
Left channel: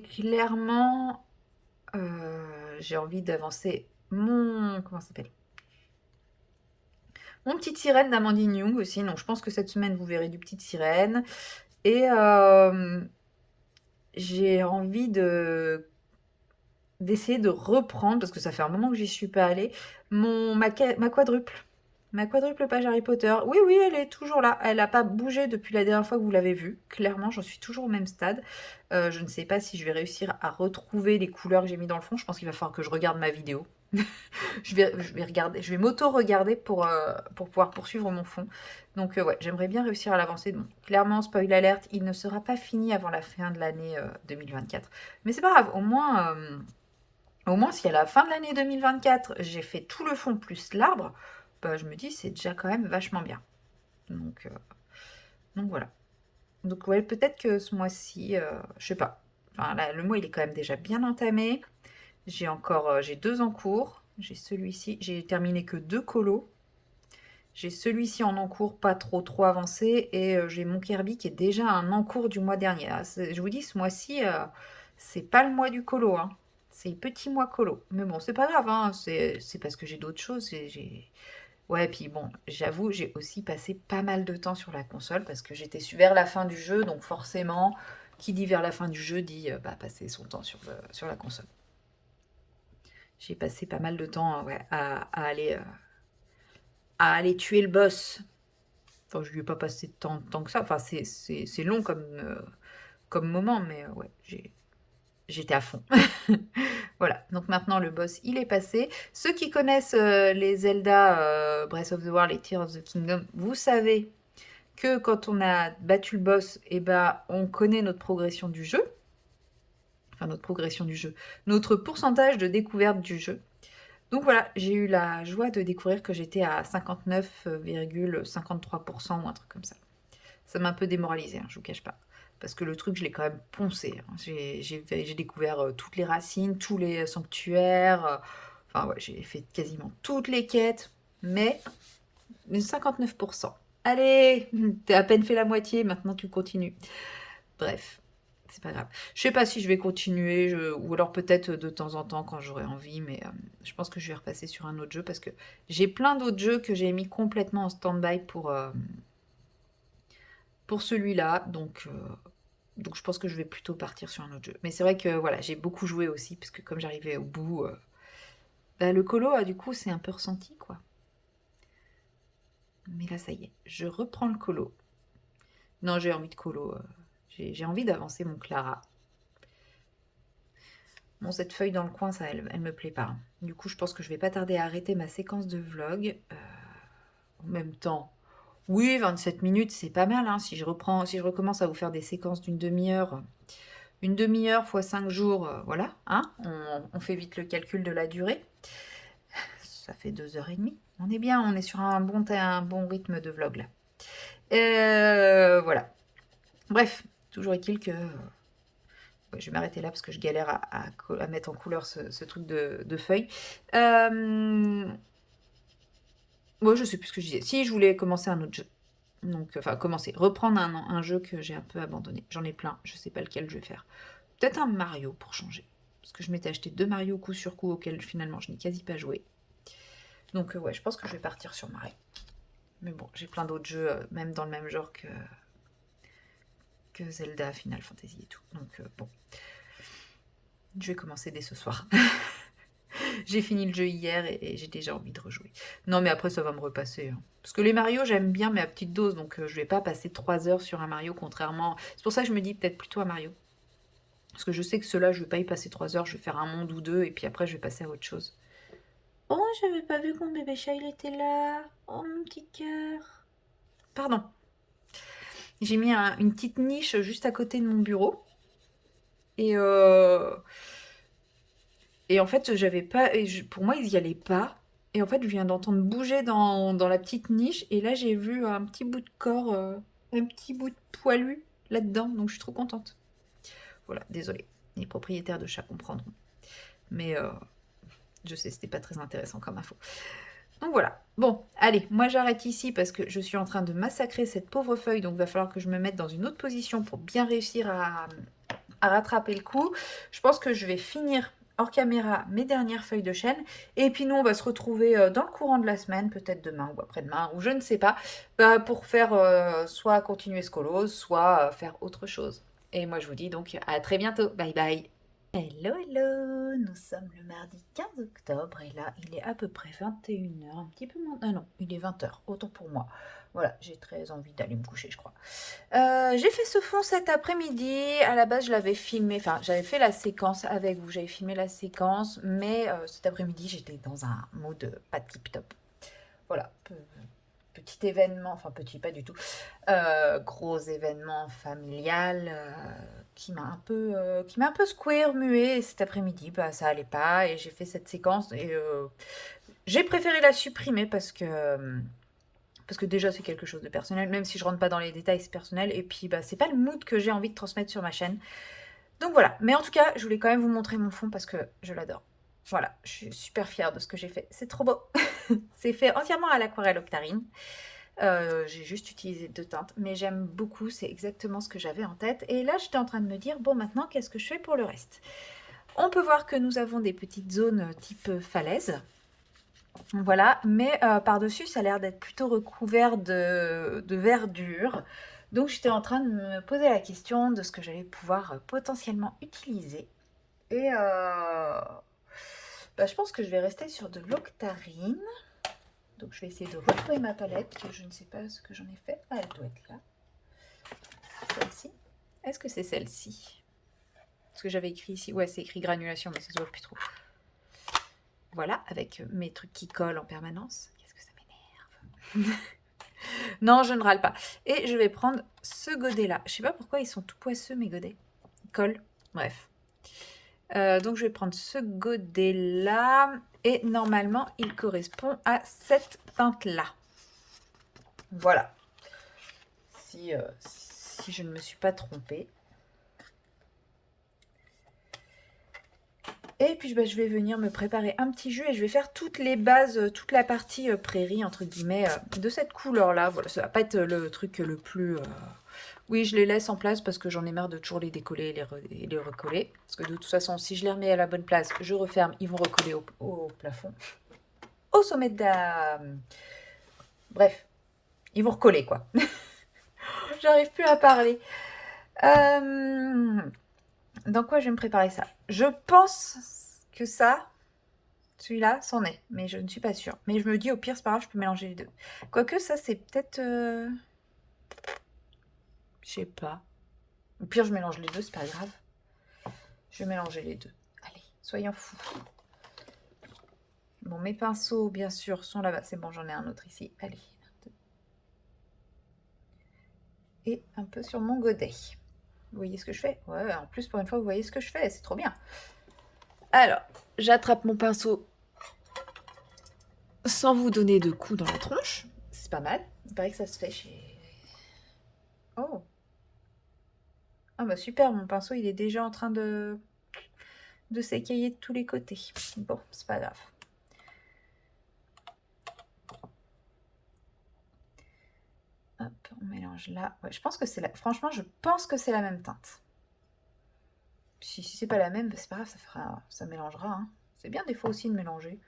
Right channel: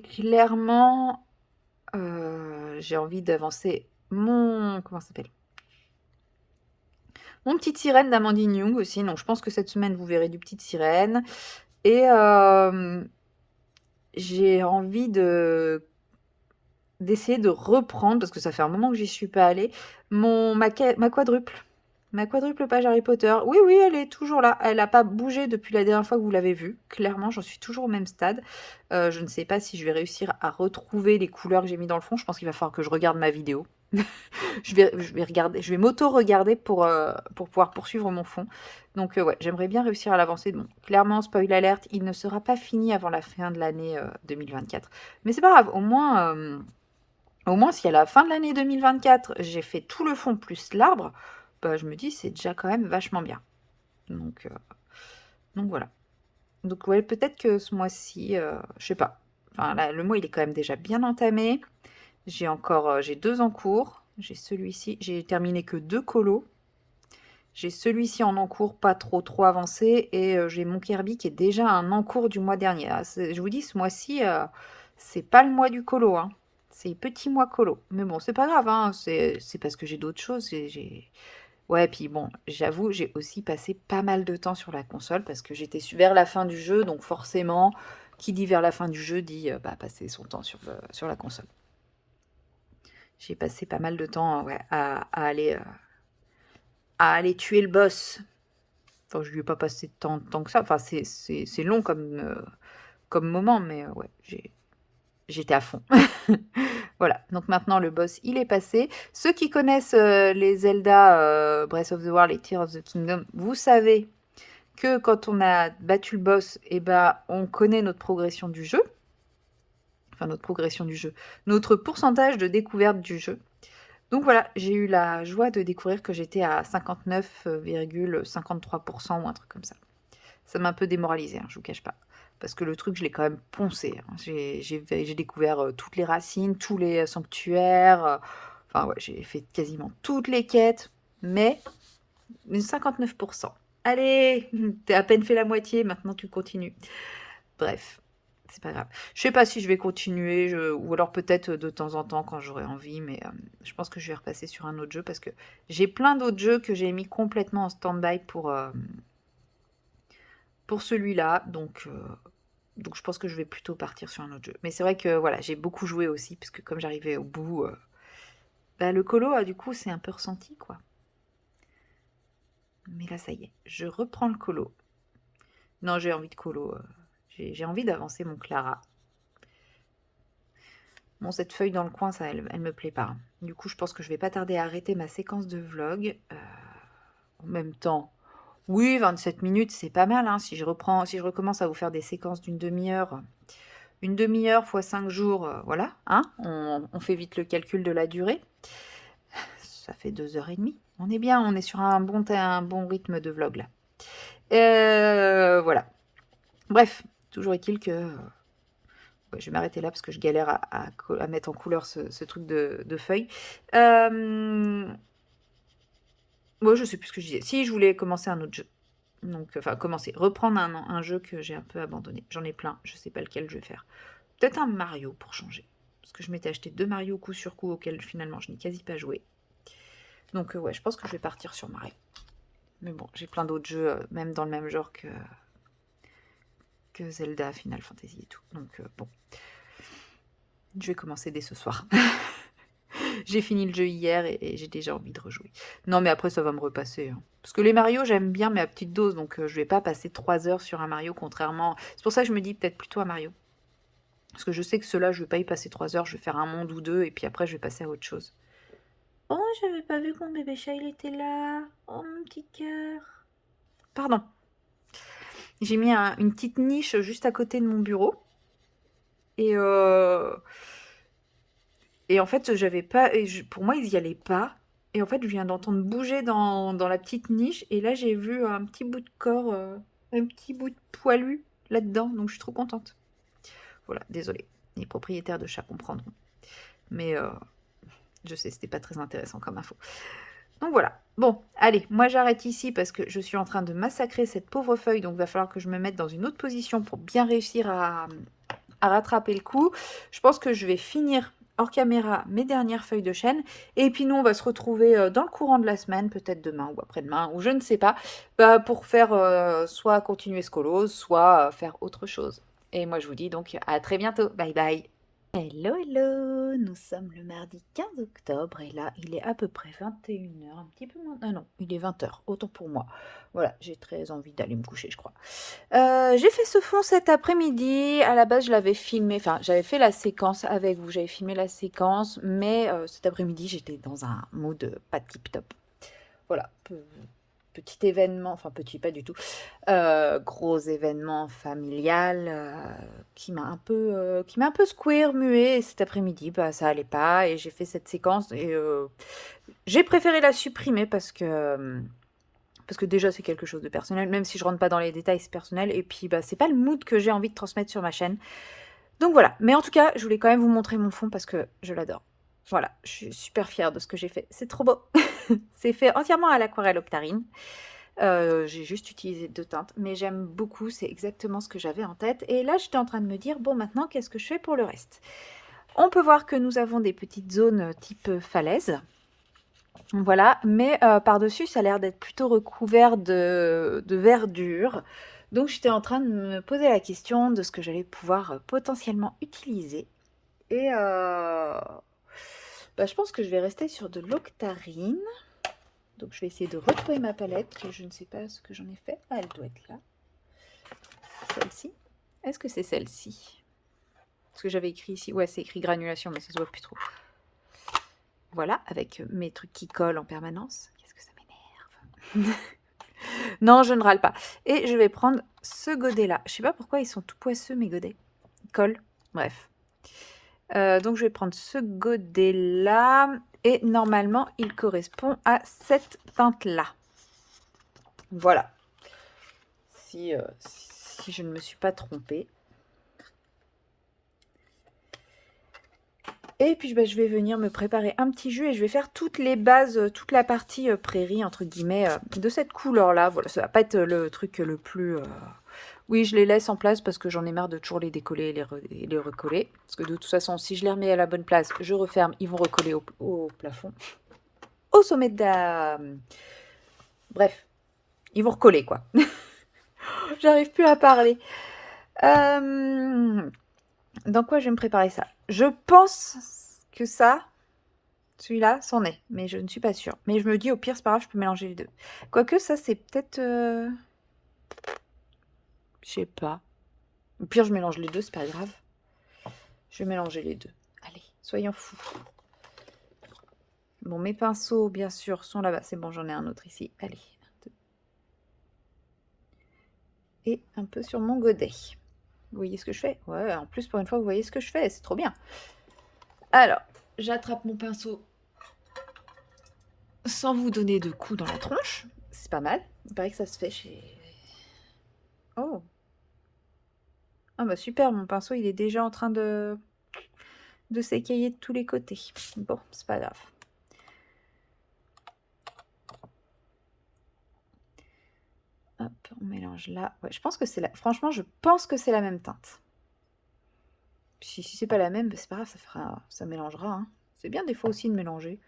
clairement, j'ai envie d'avancer comment ça s'appelle? Mon Petite Sirène d'Amandine Young aussi. Donc, je pense que cette semaine, vous verrez du Petite Sirène. Et j'ai envie d'essayer de reprendre, parce que ça fait un moment que j'y suis pas allée, ma quadruple. Ma quadruple page Harry Potter. Oui, oui, elle est toujours là. Elle n'a pas bougé depuis la dernière fois que vous l'avez vue. Clairement, j'en suis toujours au même stade. Je ne sais pas si je vais réussir à retrouver les couleurs que j'ai mis dans le fond. Je pense qu'il va falloir que je regarde ma vidéo. Je vais regarder, je vais m'auto-regarder pour pouvoir poursuivre mon fond. Donc ouais, j'aimerais bien réussir à l'avancer. Bon, clairement, spoil alerte, il ne sera pas fini avant la fin de l'année 2024. Mais c'est pas grave, au moins si à la fin de l'année 2024, j'ai fait tout le fond plus l'arbre, bah, je me dis c'est déjà quand même vachement bien. Donc, euh, donc voilà. Donc ouais, peut-être que ce mois-ci, je sais pas. Enfin, là, le mois, il est quand même déjà bien entamé. J'ai 2 en cours. J'ai celui-ci, j'ai terminé que 2 colos. J'ai celui-ci en encours, pas trop avancé, et j'ai mon Kirby qui est déjà un encours du mois dernier. Ah, je vous dis, ce mois-ci, c'est pas le mois du colo, hein. C'est petit mois colo. Mais bon, c'est pas grave, hein. C'est parce que j'ai d'autres choses. Ouais, puis bon, j'avoue, j'ai aussi passé pas mal de temps sur la console parce que j'étais vers la fin du jeu, donc forcément, qui dit vers la fin du jeu dit bah, passer son temps sur la console. J'ai passé pas mal de temps ouais, à aller tuer le boss. Enfin, je lui ai pas passé tant que ça. Enfin, c'est long comme moment, mais ouais, j'étais à fond. Voilà, donc maintenant le boss, il est passé. Ceux qui connaissent les Zelda Breath of the Wild et Tears of the Kingdom, vous savez que quand on a battu le boss, eh ben, on connaît notre progression du jeu. Enfin, notre progression du jeu. Notre pourcentage de découverte du jeu. Donc voilà, j'ai eu la joie de découvrir que j'étais à 59,53% ou un truc comme ça. Ça m'a un peu démoralisé, hein, je vous cache pas. Parce que le truc, je l'ai quand même poncé, hein. J'ai découvert toutes les racines, tous les sanctuaires. Enfin, ouais, j'ai fait quasiment toutes les quêtes. Mais 59%. Allez, t'as à peine fait la moitié, maintenant tu continues. Bref, c'est pas grave. Je sais pas si je vais continuer, ou alors peut-être de temps en temps quand j'aurai envie, mais je pense que je vais repasser sur un autre jeu parce que j'ai plein d'autres jeux que j'ai mis complètement en stand-by pour celui-là, donc je pense que je vais plutôt partir sur un autre jeu. Mais c'est vrai que voilà, j'ai beaucoup joué aussi, parce que comme j'arrivais au bout, bah, le colo, du coup, c'est un peu ressenti, quoi. Mais là, ça y est, je reprends le colo. Non, j'ai envie de colo. J'ai envie d'avancer mon Clara. Bon, cette feuille dans le coin, ça, elle me plaît pas, hein. Du coup, je pense que je vais pas tarder à arrêter ma séquence de vlog. En même temps, oui, 27 minutes, c'est pas mal, hein. Si je recommence à vous faire des séquences d'une demi-heure, une demi-heure fois 5 jours, voilà, hein, on fait vite le calcul de la durée. Ça fait 2h30. On est bien, on est sur un bon rythme de vlog là. Voilà. Bref, toujours est-il que ouais, je vais m'arrêter là parce que je galère à mettre en couleur ce truc de feuilles. Moi, je sais plus ce que je disais. Si, je voulais commencer un autre jeu. Donc, enfin, reprendre un jeu que j'ai un peu abandonné. J'en ai plein, je sais pas lequel je vais faire. Peut-être un Mario pour changer. Parce que je m'étais acheté 2 Mario coup sur coup auxquels finalement je n'ai quasi pas joué. Donc ouais, je pense que je vais partir sur Mario. Mais bon, j'ai plein d'autres jeux, même dans le même genre que Zelda, Final Fantasy et tout. Donc bon, je vais commencer dès ce soir. J'ai fini le jeu hier et j'ai déjà envie de rejouer. Non, mais après, ça va me repasser, hein. Parce que les Mario, j'aime bien, mais à petite dose. Donc je vais pas passer 3 heures sur un Mario, contrairement. C'est pour ça que je me dis peut-être plutôt à Mario. Parce que je sais que ceux-là, je vais pas y passer 3 heures. Je vais faire un monde ou deux et puis après, je vais passer à autre chose. Oh, j'avais pas vu que mon bébé chat il était là. Oh, mon petit cœur. Pardon. J'ai mis une petite niche juste à côté de mon bureau. Et, euh, et en fait, j'avais pas. Pour moi, ils y allaient pas. Et en fait, je viens d'entendre bouger dans la petite niche. Et là, j'ai vu un petit bout de corps, un petit bout de poilu là-dedans. Donc, je suis trop contente. Voilà, désolée. Les propriétaires de chats comprendront. Mais je sais, c'était pas très intéressant comme info. Donc voilà. Bon, allez, moi j'arrête ici parce que je suis en train de massacrer cette pauvre feuille. Donc, il va falloir que je me mette dans une autre position pour bien réussir à rattraper le coup. Je pense que je vais finir hors caméra mes dernières feuilles de chêne. Et puis nous, on va se retrouver dans le courant de la semaine, peut-être demain ou après-demain, ou je ne sais pas, pour faire soit continuer ce colo, soit faire autre chose. Et moi, je vous dis donc à très bientôt. Bye bye. Hello, hello! Nous sommes le mardi 15 octobre et là, il est à peu près 21 h, un petit peu moins. Ah non, il est 20 h, autant pour moi. Voilà, j'ai très envie d'aller me coucher, je crois. J'ai fait ce fond cet après-midi. À la base, je l'avais filmé, enfin, j'avais fait la séquence avec vous, j'avais filmé la séquence, mais cet après-midi, j'étais dans un mood pas tip-top. Voilà, petit événement, enfin petit pas du tout, gros événement familial qui m'a un peu secoué, remué. Et cet après-midi, bah, ça allait pas et j'ai fait cette séquence et j'ai préféré la supprimer parce que déjà c'est quelque chose de personnel, même si je rentre pas dans les détails, c'est personnel. Et puis bah, c'est pas le mood que j'ai envie de transmettre sur ma chaîne. Donc voilà, mais en tout cas, je voulais quand même vous montrer mon fond parce que je l'adore. Voilà, je suis super fière de ce que j'ai fait. C'est trop beau. C'est fait entièrement à l'aquarelle Octarine. J'ai juste utilisé 2 teintes, mais j'aime beaucoup, c'est exactement ce que j'avais en tête. Et là, j'étais en train de me dire, bon, maintenant, qu'est-ce que je fais pour le reste? On peut voir que nous avons des petites zones type falaise. Voilà, mais par-dessus, ça a l'air d'être plutôt recouvert de verdure. Donc, j'étais en train de me poser la question de ce que j'allais pouvoir potentiellement utiliser. Et bah, je pense que je vais rester sur de l'octarine. Donc je vais essayer de retrouver ma palette, que je ne sais pas ce que j'en ai fait. Ah, elle doit être là. Celle-ci. Est-ce que c'est celle-ci? Parce que j'avais écrit ici. Ouais, c'est écrit granulation, mais ça se voit plus trop. Voilà, avec mes trucs qui collent en permanence. Qu'est-ce que ça m'énerve. Non, je ne râle pas. Et je vais prendre ce godet-là. Je sais pas pourquoi ils sont tout poisseux, mes godets. Ils collent. Bref. Donc je vais prendre ce godet-là. Et normalement, il correspond à cette teinte-là. Voilà. Si je ne me suis pas trompée. Et puis bah, je vais venir me préparer un petit jus et je vais faire toutes les bases, toute la partie prairie, entre guillemets, de cette couleur-là. Voilà, ça va pas être le truc le plus... Oui, je les laisse en place parce que j'en ai marre de toujours les décoller et les recoller. Parce que de toute façon, si je les remets à la bonne place, je referme, ils vont recoller au plafond. Au sommet de la... Bref, ils vont recoller, quoi. J'arrive plus à parler. Dans quoi je vais me préparer ça? Je pense que ça, celui-là, c'en est, mais je ne suis pas sûre. Mais je me dis, au pire, c'est pas grave, je peux mélanger les deux. Quoique, ça, c'est peut-être... Je sais pas. Au pire, je mélange les deux, c'est pas grave. Je vais mélanger les deux. Allez, soyons fous. Bon, mes pinceaux, bien sûr, sont là-bas. C'est bon, j'en ai un autre ici. Allez, un, deux. Et un peu sur mon godet. Vous voyez ce que je fais? Ouais, en plus, pour une fois, vous voyez ce que je fais. C'est trop bien. Alors, j'attrape mon pinceau sans vous donner de coups dans la tronche. C'est pas mal. Il paraît que ça se fait chez... Oh. Ah bah super, mon pinceau, il est déjà en train de s'écailler de tous les côtés. Bon, c'est pas grave. Hop, on mélange là. Ouais, je pense que c'est la... Franchement, je pense que c'est la même teinte. Si c'est pas la même, bah, c'est pas grave, ça mélangera. Hein. C'est bien des fois aussi de mélanger.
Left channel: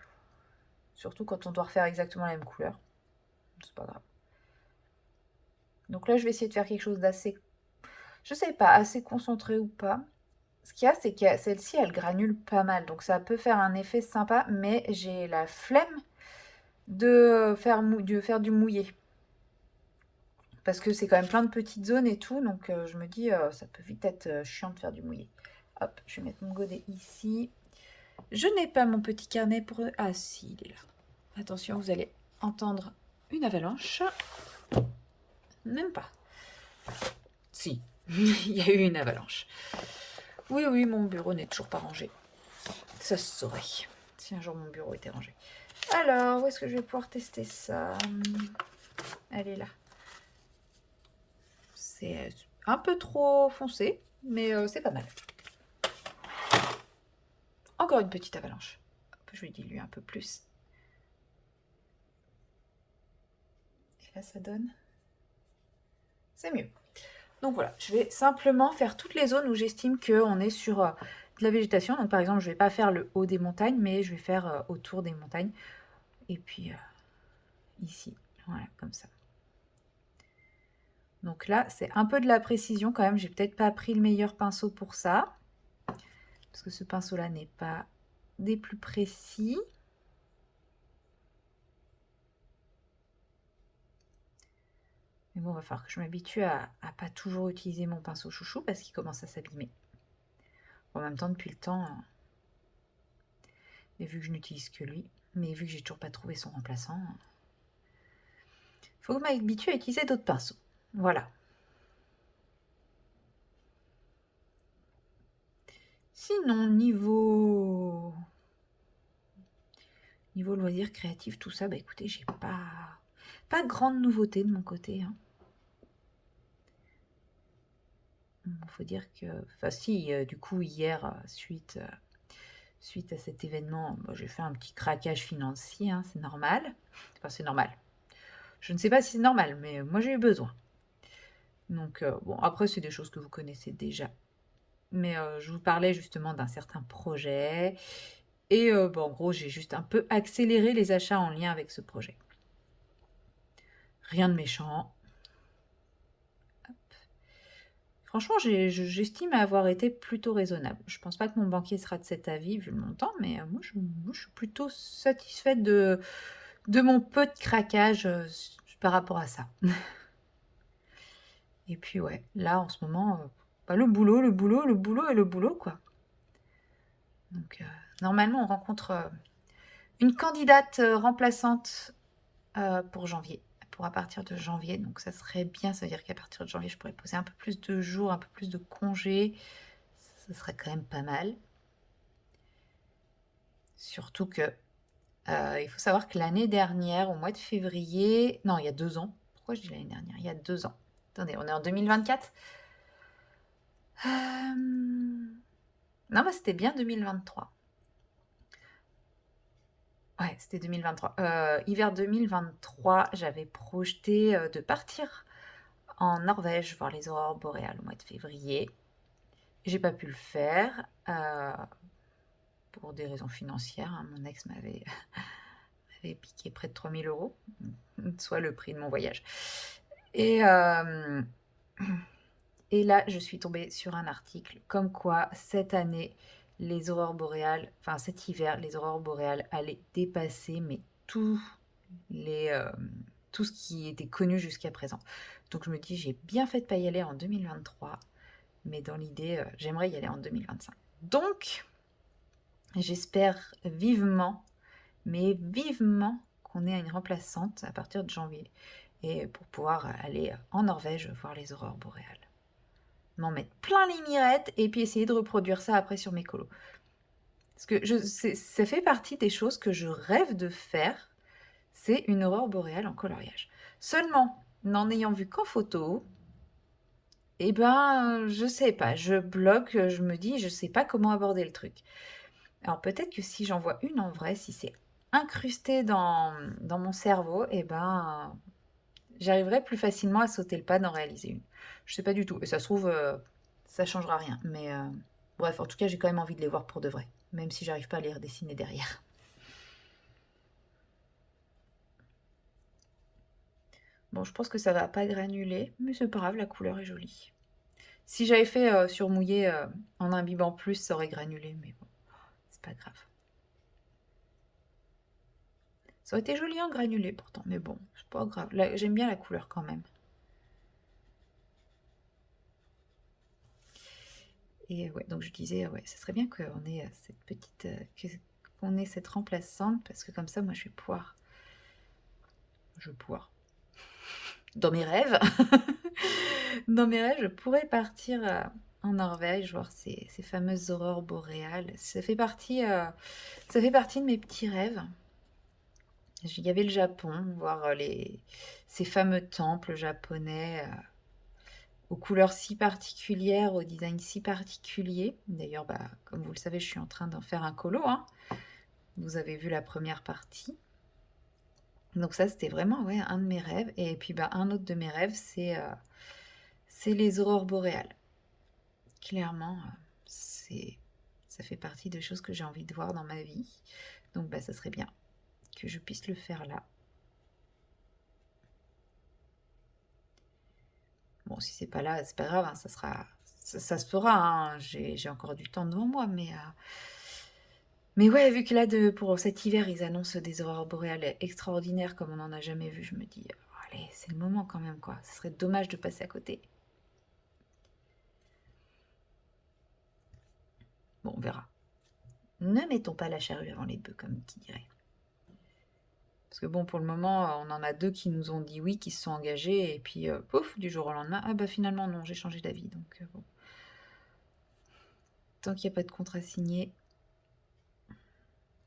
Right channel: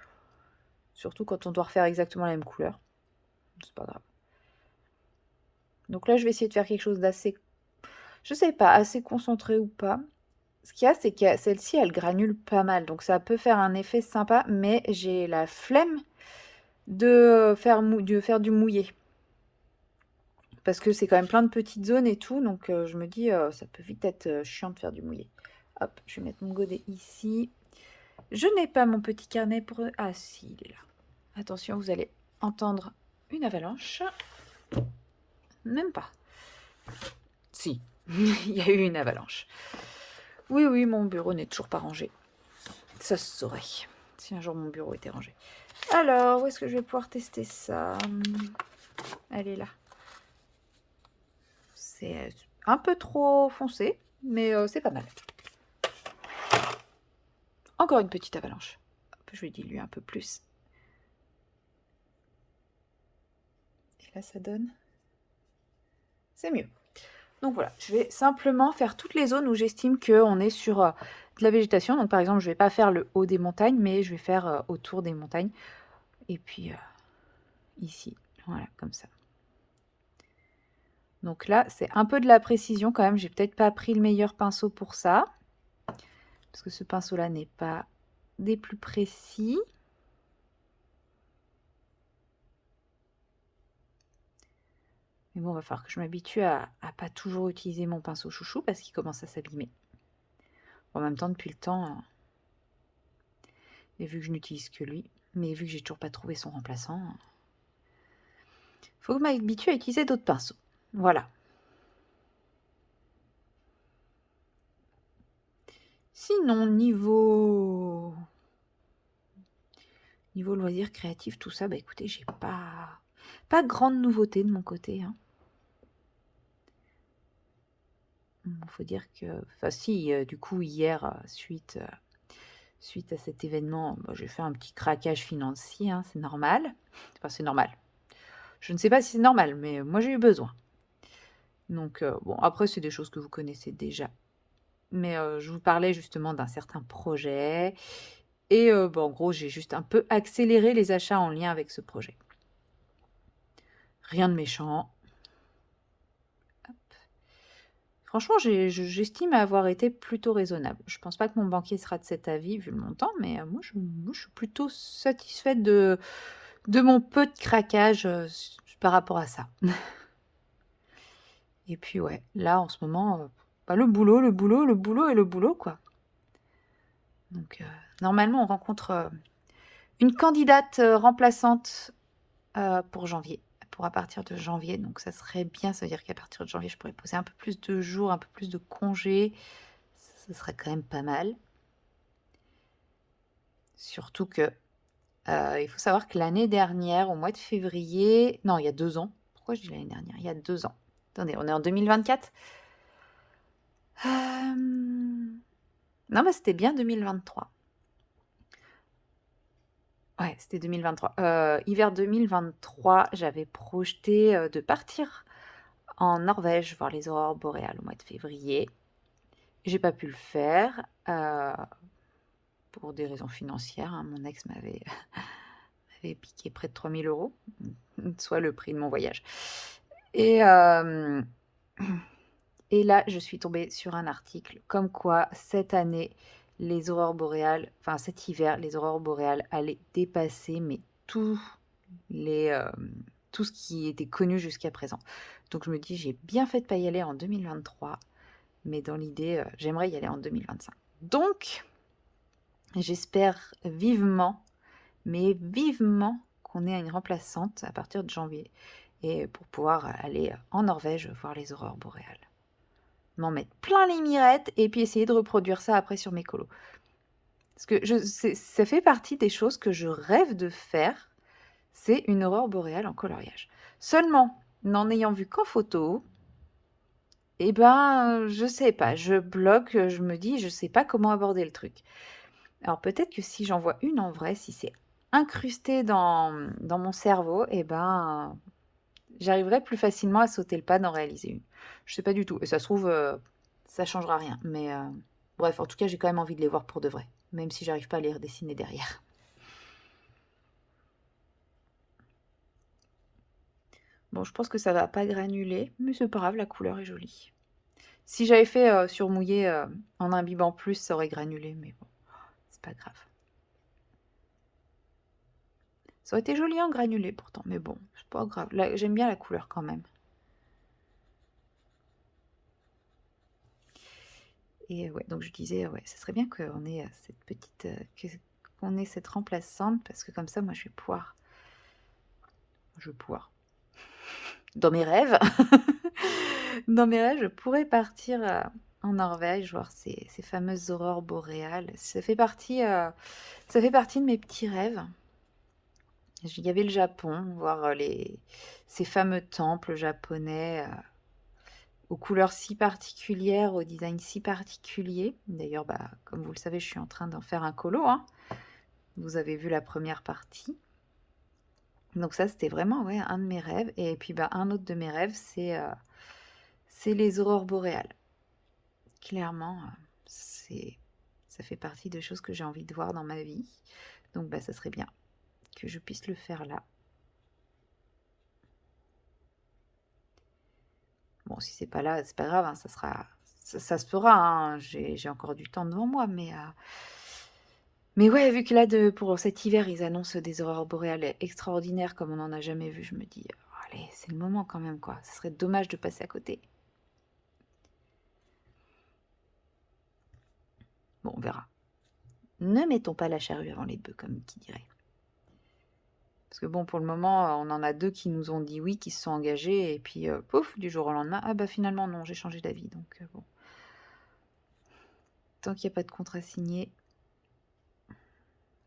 Surtout quand on doit refaire exactement la même couleur. C'est pas grave. Donc là, je vais essayer de faire quelque chose d'assez... Je sais pas, assez concentré ou pas. Ce qu'il y a, c'est que celle-ci, elle granule pas mal. Donc ça peut faire un effet sympa, mais j'ai la flemme de faire du mouillé. Parce que c'est quand même plein de petites zones et tout. Donc je me dis, ça peut vite être chiant de faire du mouillé. Hop, je vais mettre mon godet ici. Je n'ai pas mon petit carnet pour... Ah si, il est là. Attention, vous allez entendre une avalanche. Même pas. Si, il y a eu une avalanche. Oui, oui, mon bureau n'est toujours pas rangé. Ça se saurait si un jour mon bureau était rangé. Alors, où est-ce que je vais pouvoir tester ça? Elle est là. C'est un peu trop foncé, mais c'est pas mal. Encore une petite avalanche. Hop, je vais diluer un peu plus. Et là, ça donne... C'est mieux. Donc voilà, je vais simplement faire toutes les zones où j'estime qu'on est sur de la végétation. Donc par exemple, je ne vais pas faire le haut des montagnes, mais je vais faire autour des montagnes. Et puis ici, voilà, comme ça. Donc là, c'est un peu de la précision quand même. J'ai peut-être pas pris le meilleur pinceau pour ça. parce que ce pinceau-là n'est pas des plus précis. Mais bon, il va falloir que je m'habitue à pas toujours utiliser mon pinceau chouchou parce qu'il commence à s'abîmer. En même temps, depuis le temps, et vu que je n'utilise que lui, mais vu que j'ai toujours pas trouvé son remplaçant, faut que je m'habitue à utiliser d'autres pinceaux. Voilà. Sinon, niveau loisirs créatifs, tout ça, bah écoutez, j'ai pas grande nouveauté de mon côté, hein. Faut dire que, enfin si, du coup hier, suite à cet événement, bah, j'ai fait un petit craquage financier, hein, c'est normal. Enfin, c'est normal. Je ne sais pas si c'est normal, mais moi j'ai eu besoin. Donc bon, après c'est des choses que vous connaissez déjà. Mais je vous parlais justement d'un certain projet et bah, en gros, j'ai juste un peu accéléré les achats en lien avec ce projet. Rien de méchant. Franchement, j'estime avoir été plutôt raisonnable. Je pense pas que mon banquier sera de cet avis vu le montant, mais moi, je suis plutôt satisfaite de mon peu de craquage par rapport à ça. Et puis ouais, là en ce moment, bah, le boulot, le boulot, le boulot et le boulot, quoi. Donc normalement, on rencontre une candidate remplaçante pour janvier, pour à partir de janvier. Donc ça serait bien, ça veut dire qu'à partir de janvier, je pourrais poser un peu plus de jours, un peu plus de congés. Ça serait quand même pas mal. Surtout que il faut savoir que l'année dernière, au mois de février, non, il y a 2 ans. Pourquoi je dis l'année dernière? Il y a 2 ans. Attendez, on est en 2024. Non, mais c'était bien 2023. Ouais, c'était 2023. Hiver 2023, j'avais projeté de partir en Norvège voir les aurores boréales au mois de février. J'ai pas pu le faire pour des raisons financières, hein. Mon ex m'avait piqué près de 3 000 euros, soit le prix de mon voyage. Et, et là, je suis tombée sur un article comme quoi cette année, les aurores boréales, enfin cet hiver, les aurores boréales allaient dépasser mais tout, les, tout ce qui était connu jusqu'à présent. Donc je me dis, j'ai bien fait de ne pas y aller en 2023, mais dans l'idée, j'aimerais y aller en 2025. Donc, j'espère vivement, mais vivement, qu'on ait une remplaçante à partir de janvier, et pour pouvoir aller en Norvège voir les aurores boréales. M'en mettre plein les mirettes et puis essayer de reproduire ça après sur mes colos. Parce que ça fait partie des choses que je rêve de faire, c'est une aurore boréale en coloriage. Seulement, n'en ayant vu qu'en photo, eh ben, je sais pas, je bloque, je me dis, je sais pas comment aborder le truc. Alors peut-être que si j'en vois une en vrai, si c'est incrusté dans mon cerveau, eh ben, j'arriverai plus facilement à sauter le pas d'en réaliser une. Je sais pas du tout. Et ça se trouve, ça changera rien. Mais bref, en tout cas, j'ai quand même envie de les voir pour de vrai. Même si j'arrive pas à les redessiner derrière. Bon, je pense que ça va pas granuler, mais c'est pas grave, la couleur est jolie. Si j'avais fait surmouiller en imbibant plus, ça aurait granulé, mais bon, c'est pas grave. Ça aurait été joli en granulé pourtant, mais bon, c'est pas grave. J'aime bien la couleur quand même. Et ouais, donc je disais, ouais, ça serait bien qu'on ait cette petite, qu'on ait cette remplaçante, parce que comme ça, moi, je vais pouvoir, dans mes rêves, dans mes rêves, je pourrais partir en Norvège, voir ces fameuses aurores boréales. Ça fait partie de mes petits rêves. Il y avait le Japon, voir ces fameux temples japonais aux couleurs si particulières, au design si particulier. D'ailleurs, bah, comme vous le savez, je suis en train d'en faire un colo, hein. Vous avez vu la première partie. Donc ça, c'était vraiment ouais, un de mes rêves. Et puis bah, un autre de mes rêves, c'est les aurores boréales. Clairement, ça fait partie des choses que j'ai envie de voir dans ma vie. Donc bah, ça serait bien que je puisse le faire là. Bon, si c'est pas là, c'est pas grave, hein, ça se fera, hein, j'ai encore du temps devant moi, mais ouais, vu que là, pour cet hiver, ils annoncent des aurores boréales extraordinaires comme on n'en a jamais vu, je me dis, allez, c'est le moment quand même, quoi. Ce serait dommage de passer à côté. Bon, on verra. Ne mettons pas la charrue avant les bœufs, comme qui dirait. Parce que bon, pour le moment, on en a 2 qui nous ont dit oui, qui se sont engagés, et puis pouf, du jour au lendemain, ah bah finalement non, j'ai changé d'avis. Donc bon, tant qu'il n'y a pas de contrat signé,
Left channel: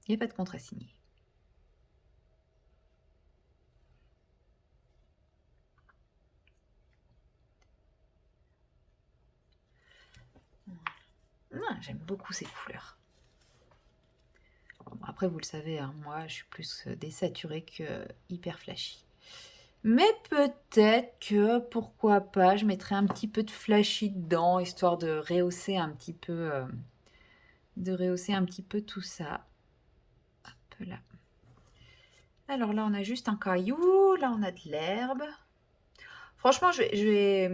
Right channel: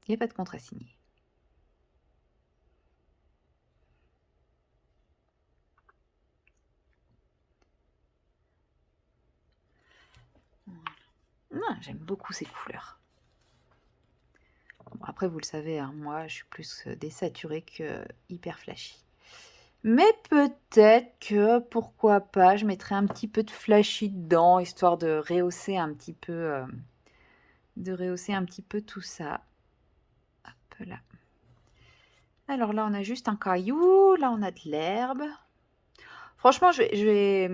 il n'y a pas de contrat signé. J'aime beaucoup ces couleurs. Bon, après, vous le savez, hein, moi, je suis plus désaturée que hyper flashy. Mais peut-être que, pourquoi pas, je mettrai un petit peu de flashy dedans, histoire de rehausser un petit peu, tout ça. Hop là. Alors là, on a juste un caillou, là, on a de l'herbe. Franchement, j'ai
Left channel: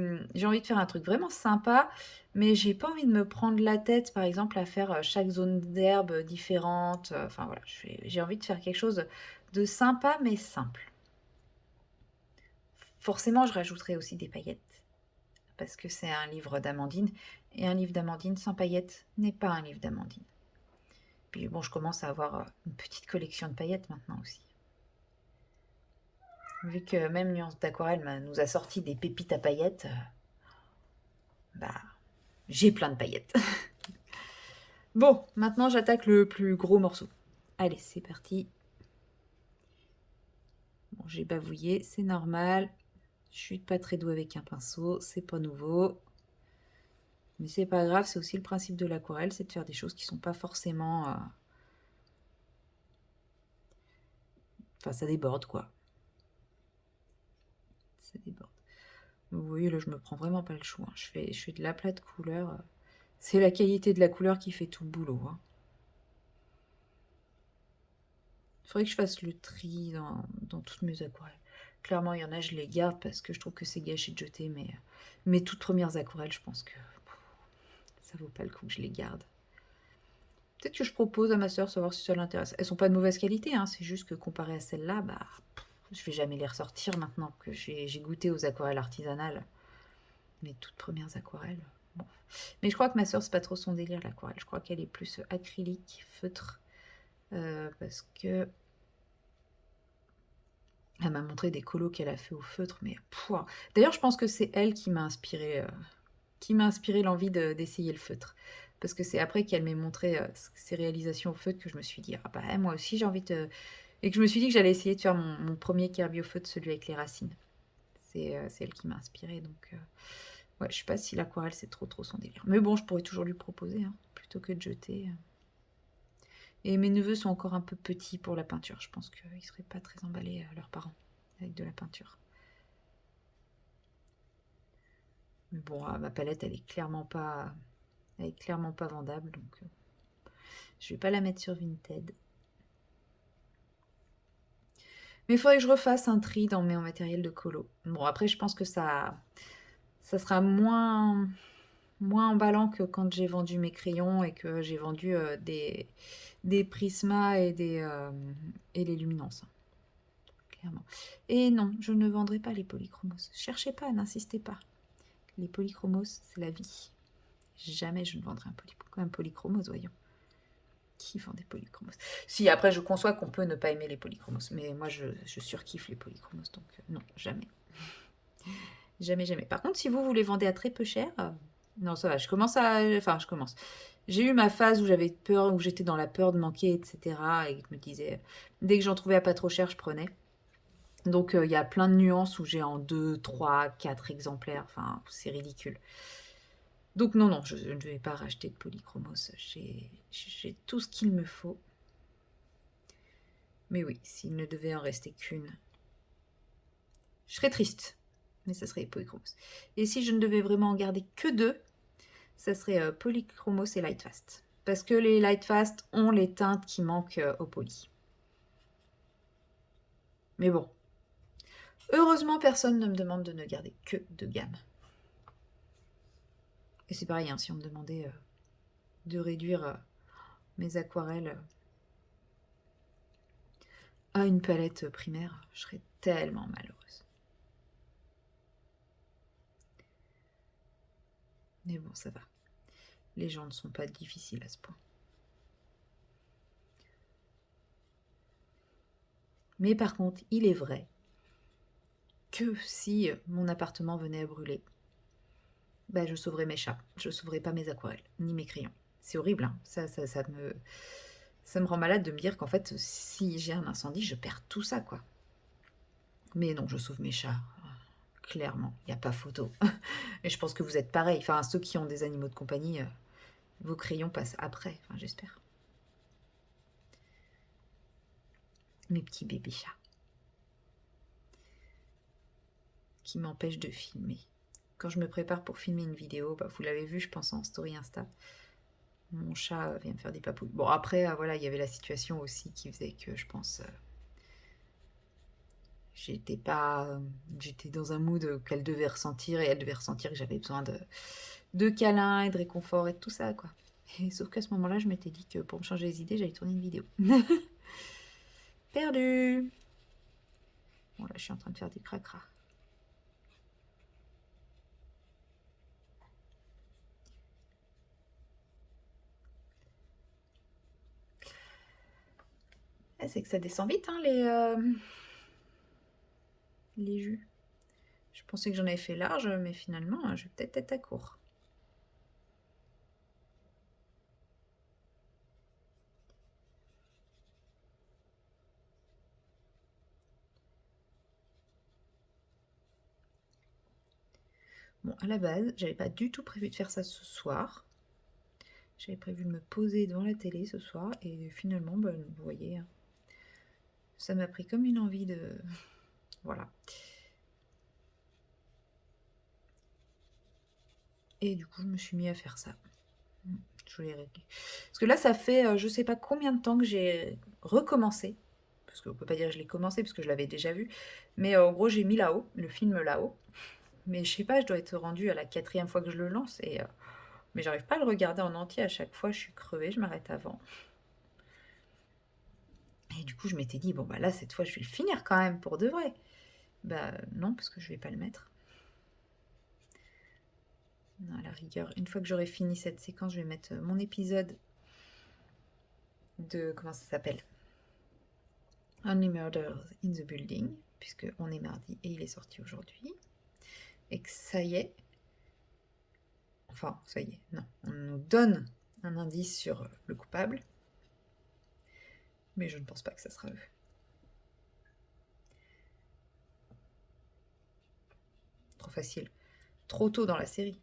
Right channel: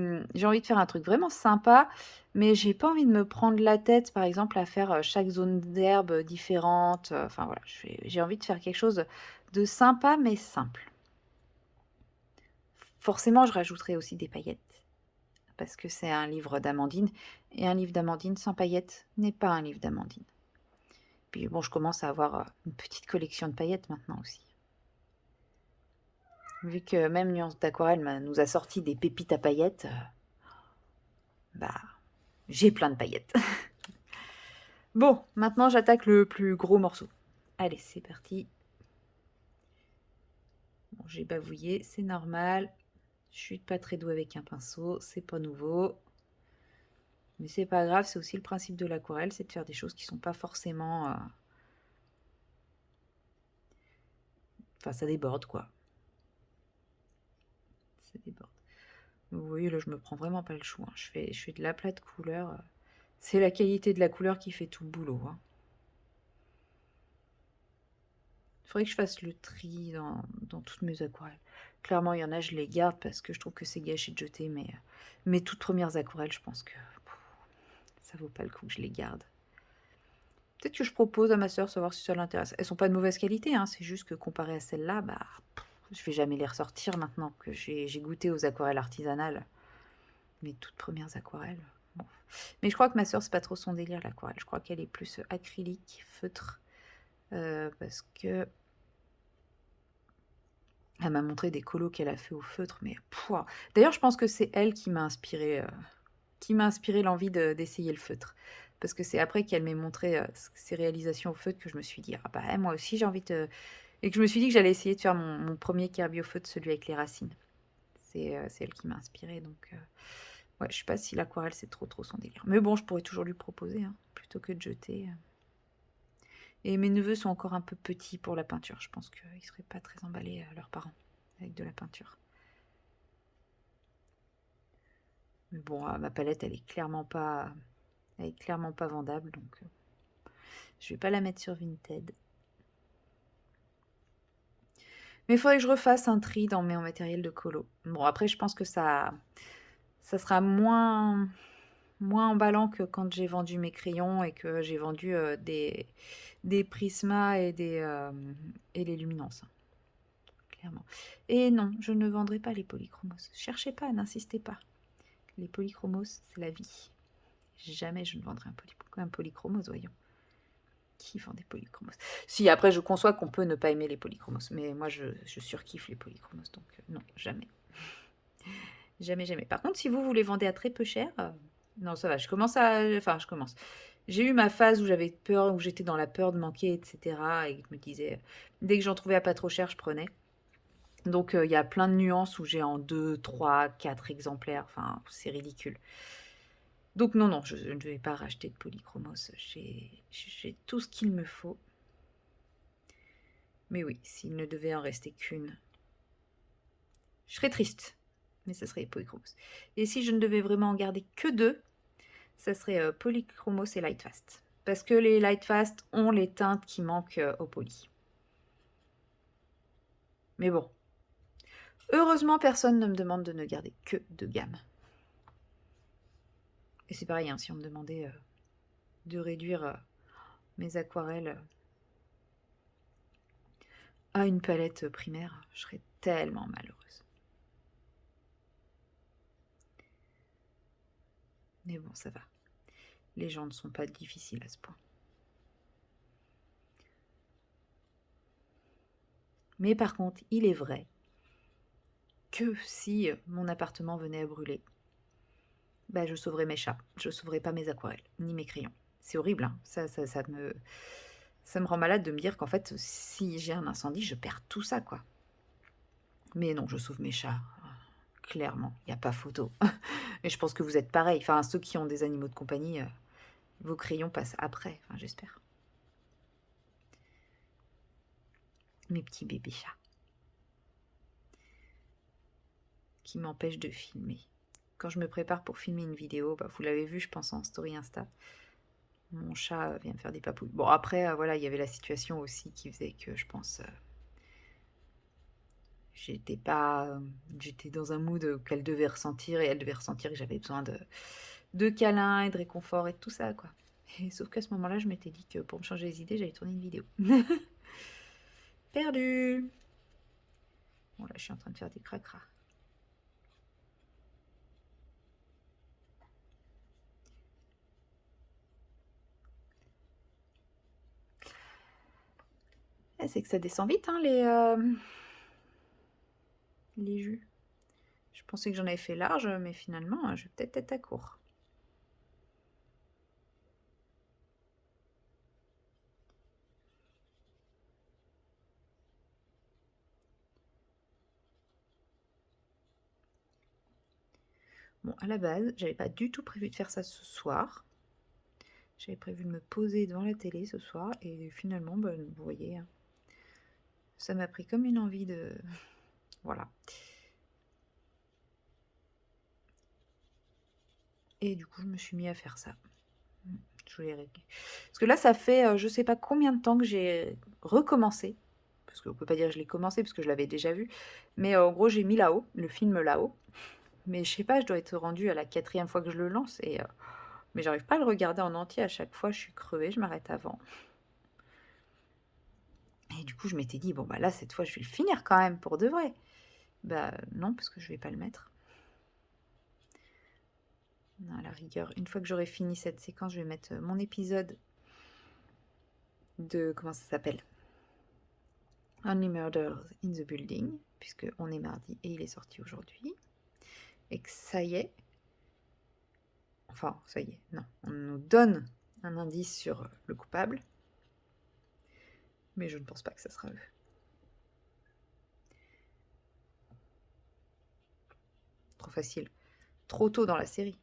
envie de faire un truc vraiment sympa, mais j'ai pas envie de me prendre la tête, par exemple, à faire chaque zone d'herbe différente. Enfin voilà, j'ai envie de faire quelque chose de sympa, mais simple. Forcément, je rajouterai aussi des paillettes, parce que c'est un livre d'Amandine, et un livre d'Amandine sans paillettes n'est pas un livre d'Amandine. Puis bon, je commence à avoir une petite collection de paillettes maintenant aussi. Vu que même Nuance d'Aquarelle nous a sorti des pépites à paillettes, bah, j'ai plein de paillettes. Bon, maintenant j'attaque le plus gros morceau. Allez, c'est parti. Bon, j'ai bavouillé, c'est normal. Je suis pas très douée avec un pinceau, c'est pas nouveau. Mais c'est pas grave, c'est aussi le principe de l'aquarelle, c'est de faire des choses qui sont pas forcément... Enfin, ça déborde, quoi. Ça déborde. Vous voyez, là, je me prends vraiment pas le chou. Hein. Je fais de l'aplat de couleur. C'est la qualité de la couleur qui fait tout le boulot. Hein. Il faudrait que je fasse le tri dans toutes mes aquarelles. Clairement, il y en a, je les garde parce que je trouve que c'est gâché de jeter, mais mes toutes premières aquarelles, je pense que ça vaut pas le coup que je les garde. Peut-être que je propose à ma soeur savoir si ça l'intéresse. Elles sont pas de mauvaise qualité, hein, c'est juste que comparé à celles-là, bah, je vais jamais les ressortir maintenant que j'ai goûté aux aquarelles artisanales. Mes toutes premières aquarelles. Bon. Mais je crois que ma soeur, c'est pas trop son délire l'aquarelle. Je crois qu'elle est plus acrylique, feutre, parce que elle m'a montré des colos qu'elle a fait au feutre, mais d'ailleurs, je pense que c'est elle qui m'a inspiré l'envie d'essayer le feutre. Parce que c'est après qu'elle m'ait montré ses réalisations au feutre que je me suis dit, ah bah moi aussi j'ai envie de... Et que je me suis dit que j'allais essayer de faire mon premier Kirby au feutre, celui avec les racines. C'est elle qui m'a inspirée, donc... Ouais, je sais pas si l'aquarelle c'est trop son délire. Mais bon, je pourrais toujours lui proposer, hein, plutôt que de jeter. Et mes neveux sont encore un peu petits pour la peinture. Je pense qu'ils seraient pas très emballés, leurs parents, avec de la peinture. Mais bon, ma palette, elle est clairement pas vendable, donc je vais pas la mettre sur Vinted. Mais il faudrait que je refasse un tri dans mon matériel de colo. Bon, après, je pense que ça sera moins emballant que quand j'ai vendu mes crayons et que j'ai vendu des Prisma et les luminances. Clairement. Et non, je ne vendrai pas les polychromos. Cherchez pas, n'insistez pas. Les polychromos, c'est la vie. Jamais je ne vendrai un polychromos, voyons. Qui vend des polychromos? Si, après, je conçois qu'on peut ne pas aimer les polychromos, mais moi, je surkiffe les polychromos, donc non, jamais. Jamais, jamais. Par contre, si vous les vendez à très peu cher, non, ça va, Enfin, je commence. J'ai eu ma phase où j'avais peur, où j'étais dans la peur de manquer, etc. Et je me disais, dès que j'en trouvais à pas trop cher, je prenais. Donc, il y a plein de nuances où j'ai en 2, 3, 4 exemplaires. Enfin, c'est ridicule. Donc, non, je ne vais pas racheter de polychromos. J'ai tout ce qu'il me faut. Mais oui, s'il ne devait en rester qu'une, je serais triste. Mais ça serait polychromos. Et si je ne devais vraiment en garder que 2, ça serait polychromos et lightfast. Parce que les lightfast ont les teintes qui manquent au poly. Mais bon. Heureusement, personne ne me demande de ne garder que 2 gammes. Et c'est pareil, hein, si on me demandait de réduire mes aquarelles à une palette primaire, je serais tellement malheureuse. Mais bon, ça va. Les gens ne sont pas difficiles à ce point. Mais par contre, il est vrai que si mon appartement venait à brûler, bah, je sauverais mes chats. Je sauverais pas mes aquarelles, ni mes crayons. C'est horrible, hein. Ça me rend malade de me dire qu'en fait, si j'ai un incendie, je perds tout ça, quoi. Mais non, je sauve mes chats. Clairement, il n'y a pas photo. Et je pense que vous êtes pareil. Enfin, ceux qui ont des animaux de compagnie, vos crayons passent après, enfin, j'espère. Mes petits bébés chats qui m'empêchent de filmer. Quand je me prépare pour filmer une vidéo, bah, vous l'avez vu, je pense, en story Insta, mon chat vient me faire des papouilles. Bon, après, voilà, il y avait la situation aussi qui faisait que je pense... j'étais dans un mood qu'elle devait ressentir et elle devait ressentir que j'avais besoin de câlins et de réconfort et de tout ça, quoi. Et sauf qu'à ce moment-là, je m'étais dit que pour me changer les idées, j'allais tourner une vidéo. Perdu. Bon, là, je suis en train de faire du cracra. C'est que ça descend vite, hein, les jus. Je pensais que j'en avais fait large, mais finalement, je vais peut-être être à court. Bon, à la base, j'avais pas du tout prévu de faire ça ce soir. J'avais prévu de me poser devant la télé ce soir, et finalement, bah, vous voyez, ça m'a pris comme une envie de... Voilà. Et du coup, je me suis mis à faire ça. Je voulais régler. Parce que là, ça fait je sais pas combien de temps que j'ai recommencé. Parce qu'on peut pas dire que je l'ai commencé, parce que je l'avais déjà vu. Mais en gros, j'ai mis là-haut, le film là-haut. Mais je sais pas, je dois être rendue à la 4e fois que je le lance. Mais j'arrive pas à le regarder en entier. À chaque fois, je suis crevée, je m'arrête avant. Et du coup, je m'étais dit, bon, bah là, cette fois, je vais le finir quand même, pour de vrai. Bah non, parce que je vais pas le mettre. À la rigueur, une fois que j'aurai fini cette séquence, je vais mettre mon épisode de... Comment ça s'appelle? Only Murders in the Building, puisque on est mardi et il est sorti aujourd'hui. Et que ça y est... Enfin, ça y est, non. On nous donne un indice sur le coupable. Mais je ne pense pas que ça sera eux. Trop facile. Trop tôt dans la série.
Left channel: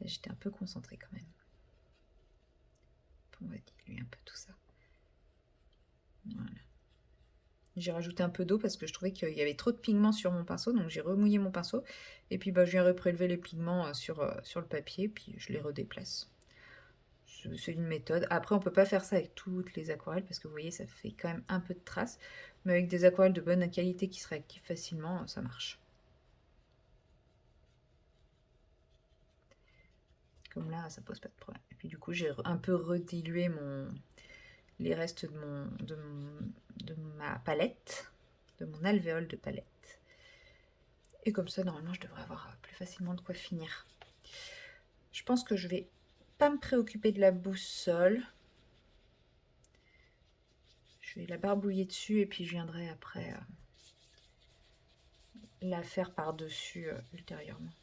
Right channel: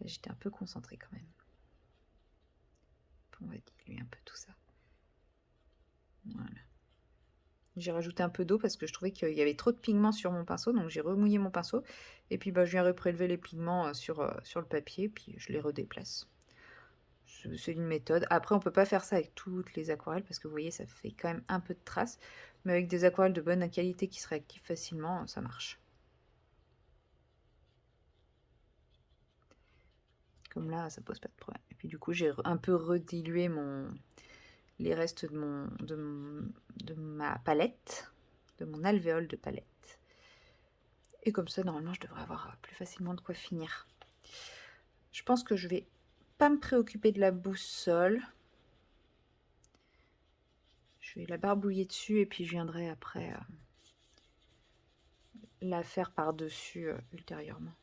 Là, j'étais un peu concentrée quand même. On va diluer un peu tout ça. Voilà. J'ai rajouté un peu d'eau parce que je trouvais qu'il y avait trop de pigments sur mon pinceau, donc j'ai remouillé mon pinceau. Et puis bah, je viens reprélever les pigments sur le papier, puis je les redéplace. C'est une méthode. Après, on peut pas faire ça avec toutes les aquarelles parce que vous voyez, ça fait quand même un peu de traces. Mais avec des aquarelles de bonne qualité qui se réactivent facilement, ça marche. Comme là, ça pose pas de problème. Et puis du coup, j'ai un peu redilué les restes de ma palette, de mon alvéole de palette. Et comme ça, normalement, je devrais avoir plus facilement de quoi finir. Je pense que je vais pas me préoccuper de la boussole. Je vais la barbouiller dessus et puis je viendrai après la faire par-dessus ultérieurement.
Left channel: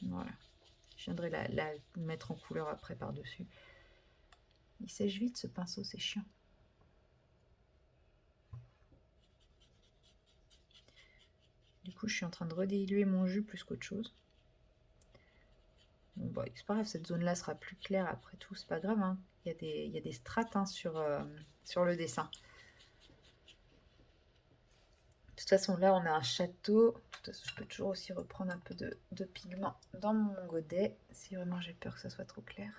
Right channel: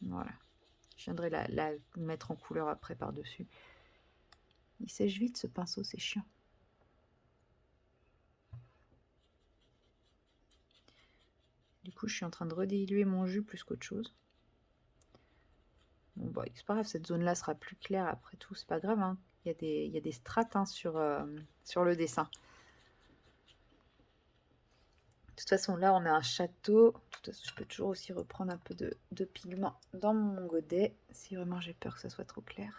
Voilà. Je viendrai la mettre en couleur après par-dessus. Il sèche vite ce pinceau, c'est chiant. Du coup, je suis en train de rediluer mon jus plus qu'autre chose. Bon, bah, c'est pas grave, cette zone-là sera plus claire après tout, c'est pas grave. Hein. Il y a des strates hein, sur le dessin. De toute façon, là, on a un château. De toute façon, je peux toujours aussi reprendre un peu de pigment dans mon godet, si vraiment j'ai peur que ça soit trop clair.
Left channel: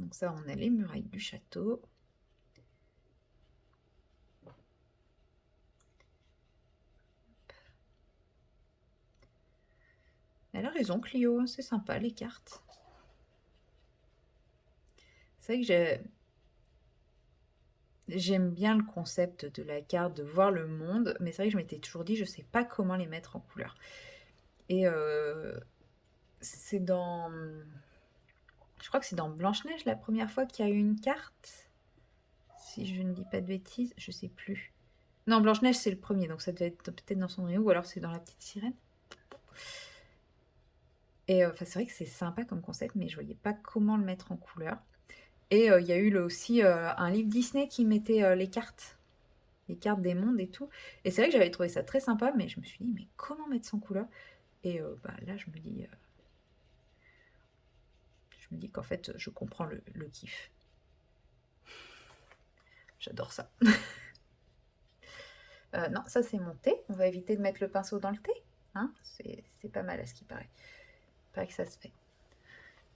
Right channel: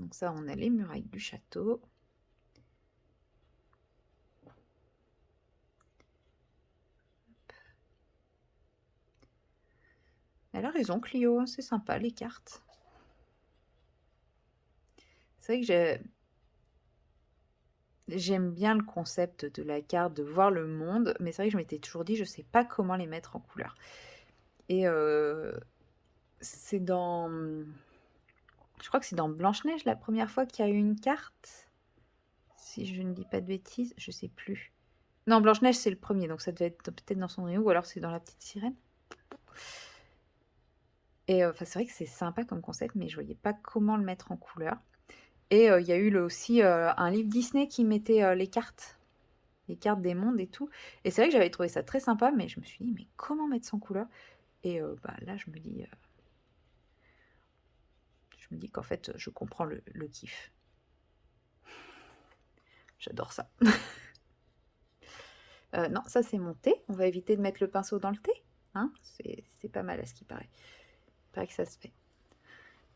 Donc ça, on a les murailles du château. Elle a raison, Clio, hein, c'est sympa les cartes. C'est vrai que j'aime bien le concept de la carte, de voir le monde, mais c'est vrai que je m'étais toujours dit, je sais pas comment les mettre en couleur. Et c'est dans... Je crois que c'est dans Blanche-Neige la première fois qu'il y a eu une carte. Si je ne dis pas de bêtises, je sais plus. Non, Blanche-Neige c'est le premier, donc ça devait être peut-être dans Cendrillon, ou alors c'est dans La Petite Sirène. Et c'est vrai que c'est sympa comme concept, mais je voyais pas comment le mettre en couleur. Et il y a eu aussi un livre Disney qui mettait les cartes des mondes et tout. Et c'est vrai que j'avais trouvé ça très sympa, mais je me suis dit, mais comment mettre ça en couleur? Et là, je me dis qu'en fait, je comprends le kiff. J'adore ça. Non, ça c'est mon thé. On va éviter de mettre le pinceau dans le thé. Hein, c'est pas mal à ce qui paraît. Il paraît que ça se fait.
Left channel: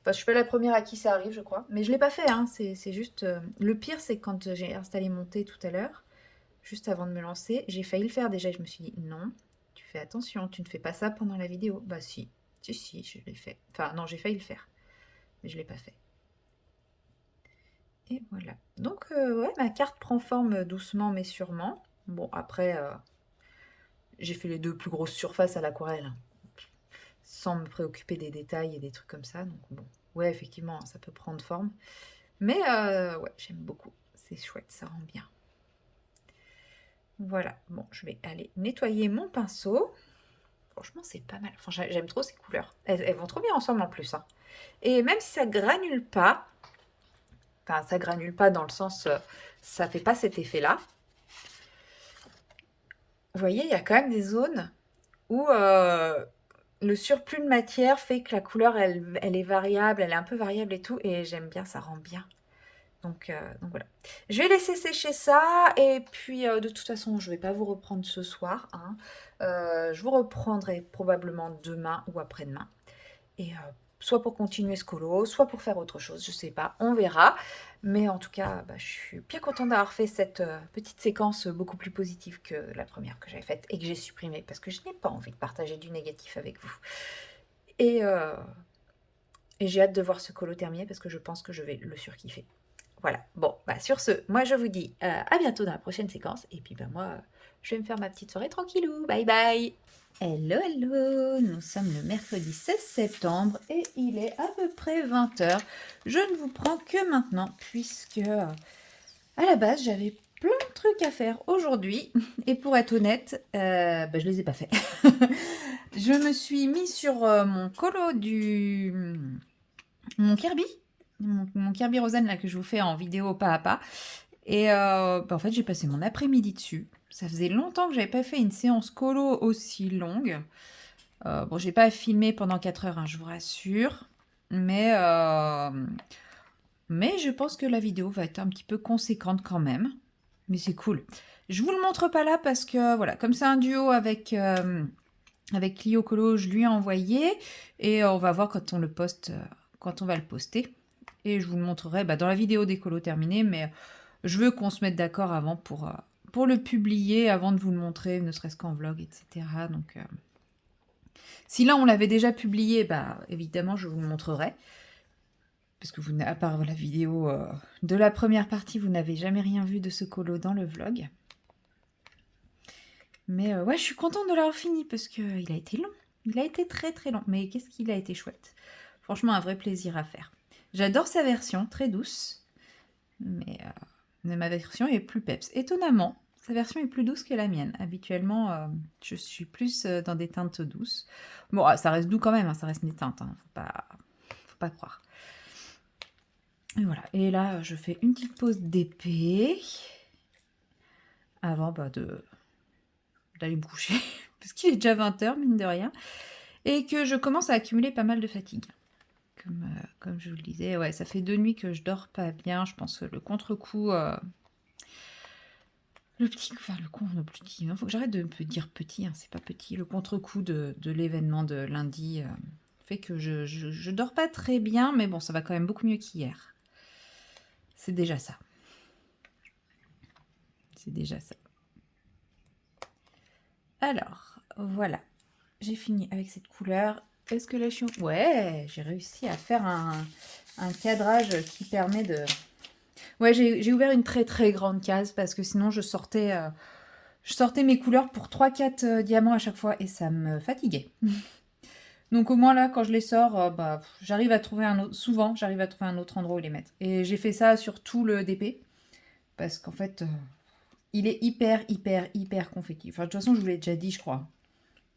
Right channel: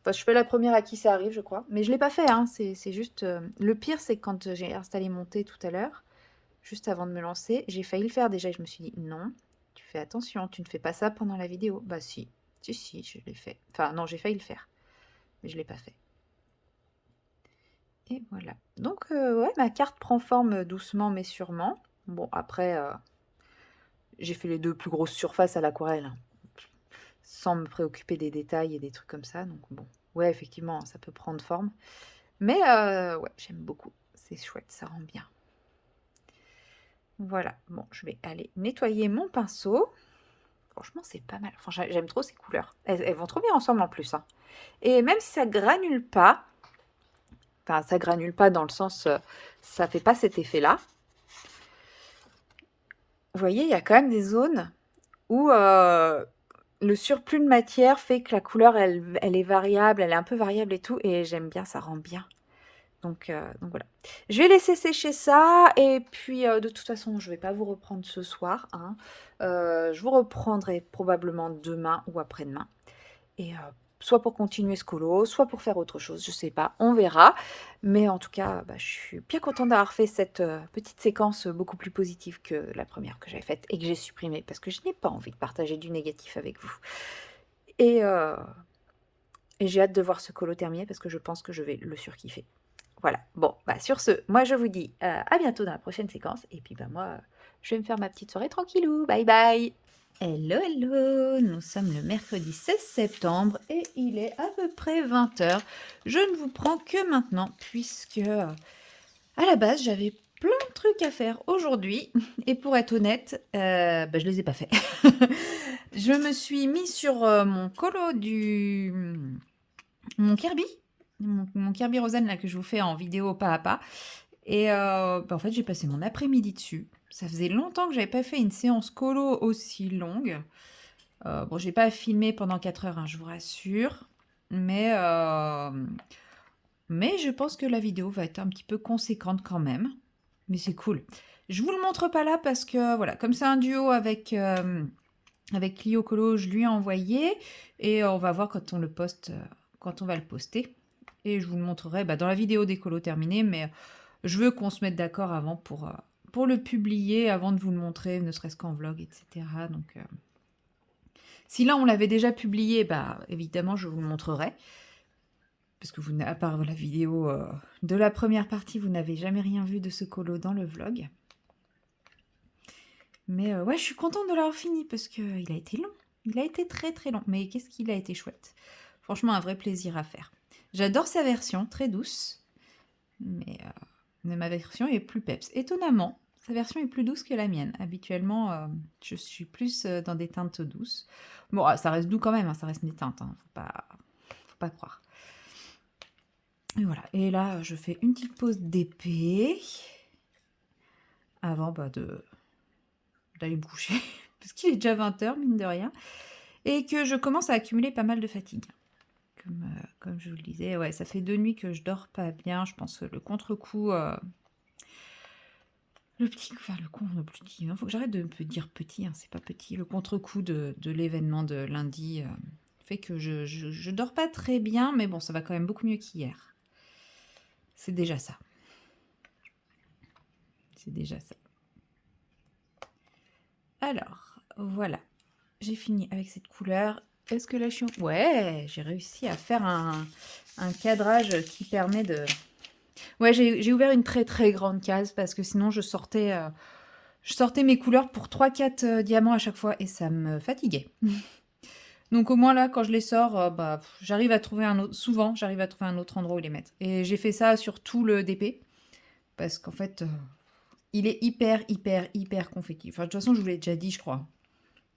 Enfin, je suis pas la première à qui ça arrive, je crois. Mais je l'ai pas fait, hein. C'est juste... Le pire, c'est quand j'ai installé mon thé tout à l'heure, juste avant de me lancer, j'ai failli le faire déjà. Je me suis dit, non, tu fais attention, tu ne fais pas ça pendant la vidéo. Bah si, si, je l'ai fait. Enfin, non, j'ai failli le faire, mais je l'ai pas fait. Et voilà. Donc, ouais, ma carte prend forme doucement mais sûrement. Bon, après, j'ai fait les 2 plus grosses surfaces à l'aquarelle, hein, sans me préoccuper des détails et des trucs comme ça. Donc bon, ouais, effectivement, ça peut prendre forme. Mais ouais, j'aime beaucoup. C'est chouette, ça rend bien. Voilà, bon, je vais aller nettoyer mon pinceau. Franchement, c'est pas mal. Enfin, j'aime trop ces couleurs. Elles vont trop bien ensemble en plus, hein. Et même si ça granule pas, enfin, ça granule pas dans le sens, ça fait pas cet effet-là. Vous voyez, il y a quand même des zones où le surplus de matière fait que la couleur, elle est variable, elle est un peu variable et tout, et j'aime bien, ça rend bien. Donc voilà. Je vais laisser sécher ça, et puis de toute façon, je ne vais pas vous reprendre ce soir, hein. Je vous reprendrai probablement demain ou après-demain. Et soit pour continuer ce colo, soit pour faire autre chose, je sais pas, on verra. Mais en tout cas, bah, je suis bien contente d'avoir fait cette petite séquence beaucoup plus positive que la première que j'avais faite et que j'ai supprimée parce que je n'ai pas envie de partager du négatif avec vous. Et, euh, et j'ai hâte de voir ce colo terminé parce que je pense que je vais le surkiffer. Voilà, bon, bah sur ce, moi je vous dis à bientôt dans la prochaine séquence. Et puis bah moi, je vais me faire ma petite soirée tranquillou. Bye bye. Hello, hello, nous sommes le mercredi 16 septembre et il est à peu près 20 h. Je ne vous prends que maintenant puisque à la base j'avais plein de trucs à faire aujourd'hui et pour être honnête, bah, je les ai pas fait. Je me suis mis sur mon colo mon Kirby, mon Kirby Rosen là que je vous fais en vidéo pas à pas. Et bah, en fait j'ai passé mon après-midi dessus. Ça faisait longtemps que j'avais pas fait une séance colo aussi longue. Bon, j'ai pas filmé pendant 4 heures, hein, je vous rassure. Mais, mais je pense que la vidéo va être un petit peu conséquente quand même. Mais c'est cool. Je vous le montre pas là parce que, voilà, comme c'est un duo avec Clio Colo, je lui ai envoyé. Et on va voir quand on le poste, quand on va le poster. Et je vous le montrerai bah, dans la vidéo des colos terminés. Mais je veux qu'on se mette d'accord avant pour le publier, avant de vous le montrer, ne serait-ce qu'en vlog, etc. Donc... si là on l'avait déjà publié, bah évidemment je vous le montrerai. Parce que vous, à part la vidéo de la première partie, vous n'avez jamais rien vu de ce colo dans le vlog. Mais ouais, je suis contente de l'avoir fini parce qu'il a été long. Il a été très très long. Mais qu'est-ce qu'il a été chouette. Franchement, un vrai plaisir à faire. J'adore sa version, très douce. Mais ma version est plus peps. Étonnamment, sa version est plus douce que la mienne. Habituellement, je suis plus dans des teintes douces. Bon, ça reste doux quand même, hein, ça reste des teintes. Hein, faut pas croire. Et voilà. Et là, je fais une petite pause d'épée avant bah, d'aller me coucher. Parce qu'il est déjà 20 h, mine de rien. Et que je commence à accumuler pas mal de fatigue. Comme je vous le disais, ouais, ça fait 2 nuits que je dors pas bien. Je pense que le contre-coup... le petit, il faut que j'arrête de me dire petit, hein, c'est pas petit. Le contre-coup de l'événement de lundi fait que je dors pas très bien, mais bon, ça va quand même beaucoup mieux qu'hier. C'est déjà ça. C'est déjà ça. Alors, voilà. J'ai fini avec cette couleur. Est-ce que là, je suis... Ouais, j'ai réussi à faire un cadrage qui permet de... Ouais, j'ai ouvert une très très grande case parce que sinon je sortais mes couleurs pour 3-4 diamants à chaque fois et ça me fatiguait. Donc au moins là, quand je les sors, j'arrive à trouver un autre... Souvent, j'arrive à trouver un autre endroit où les mettre. Et j'ai fait ça sur tout le DP parce qu'en fait, il est hyper hyper hyper confetti. Enfin, de toute façon, je vous l'ai déjà dit, je crois.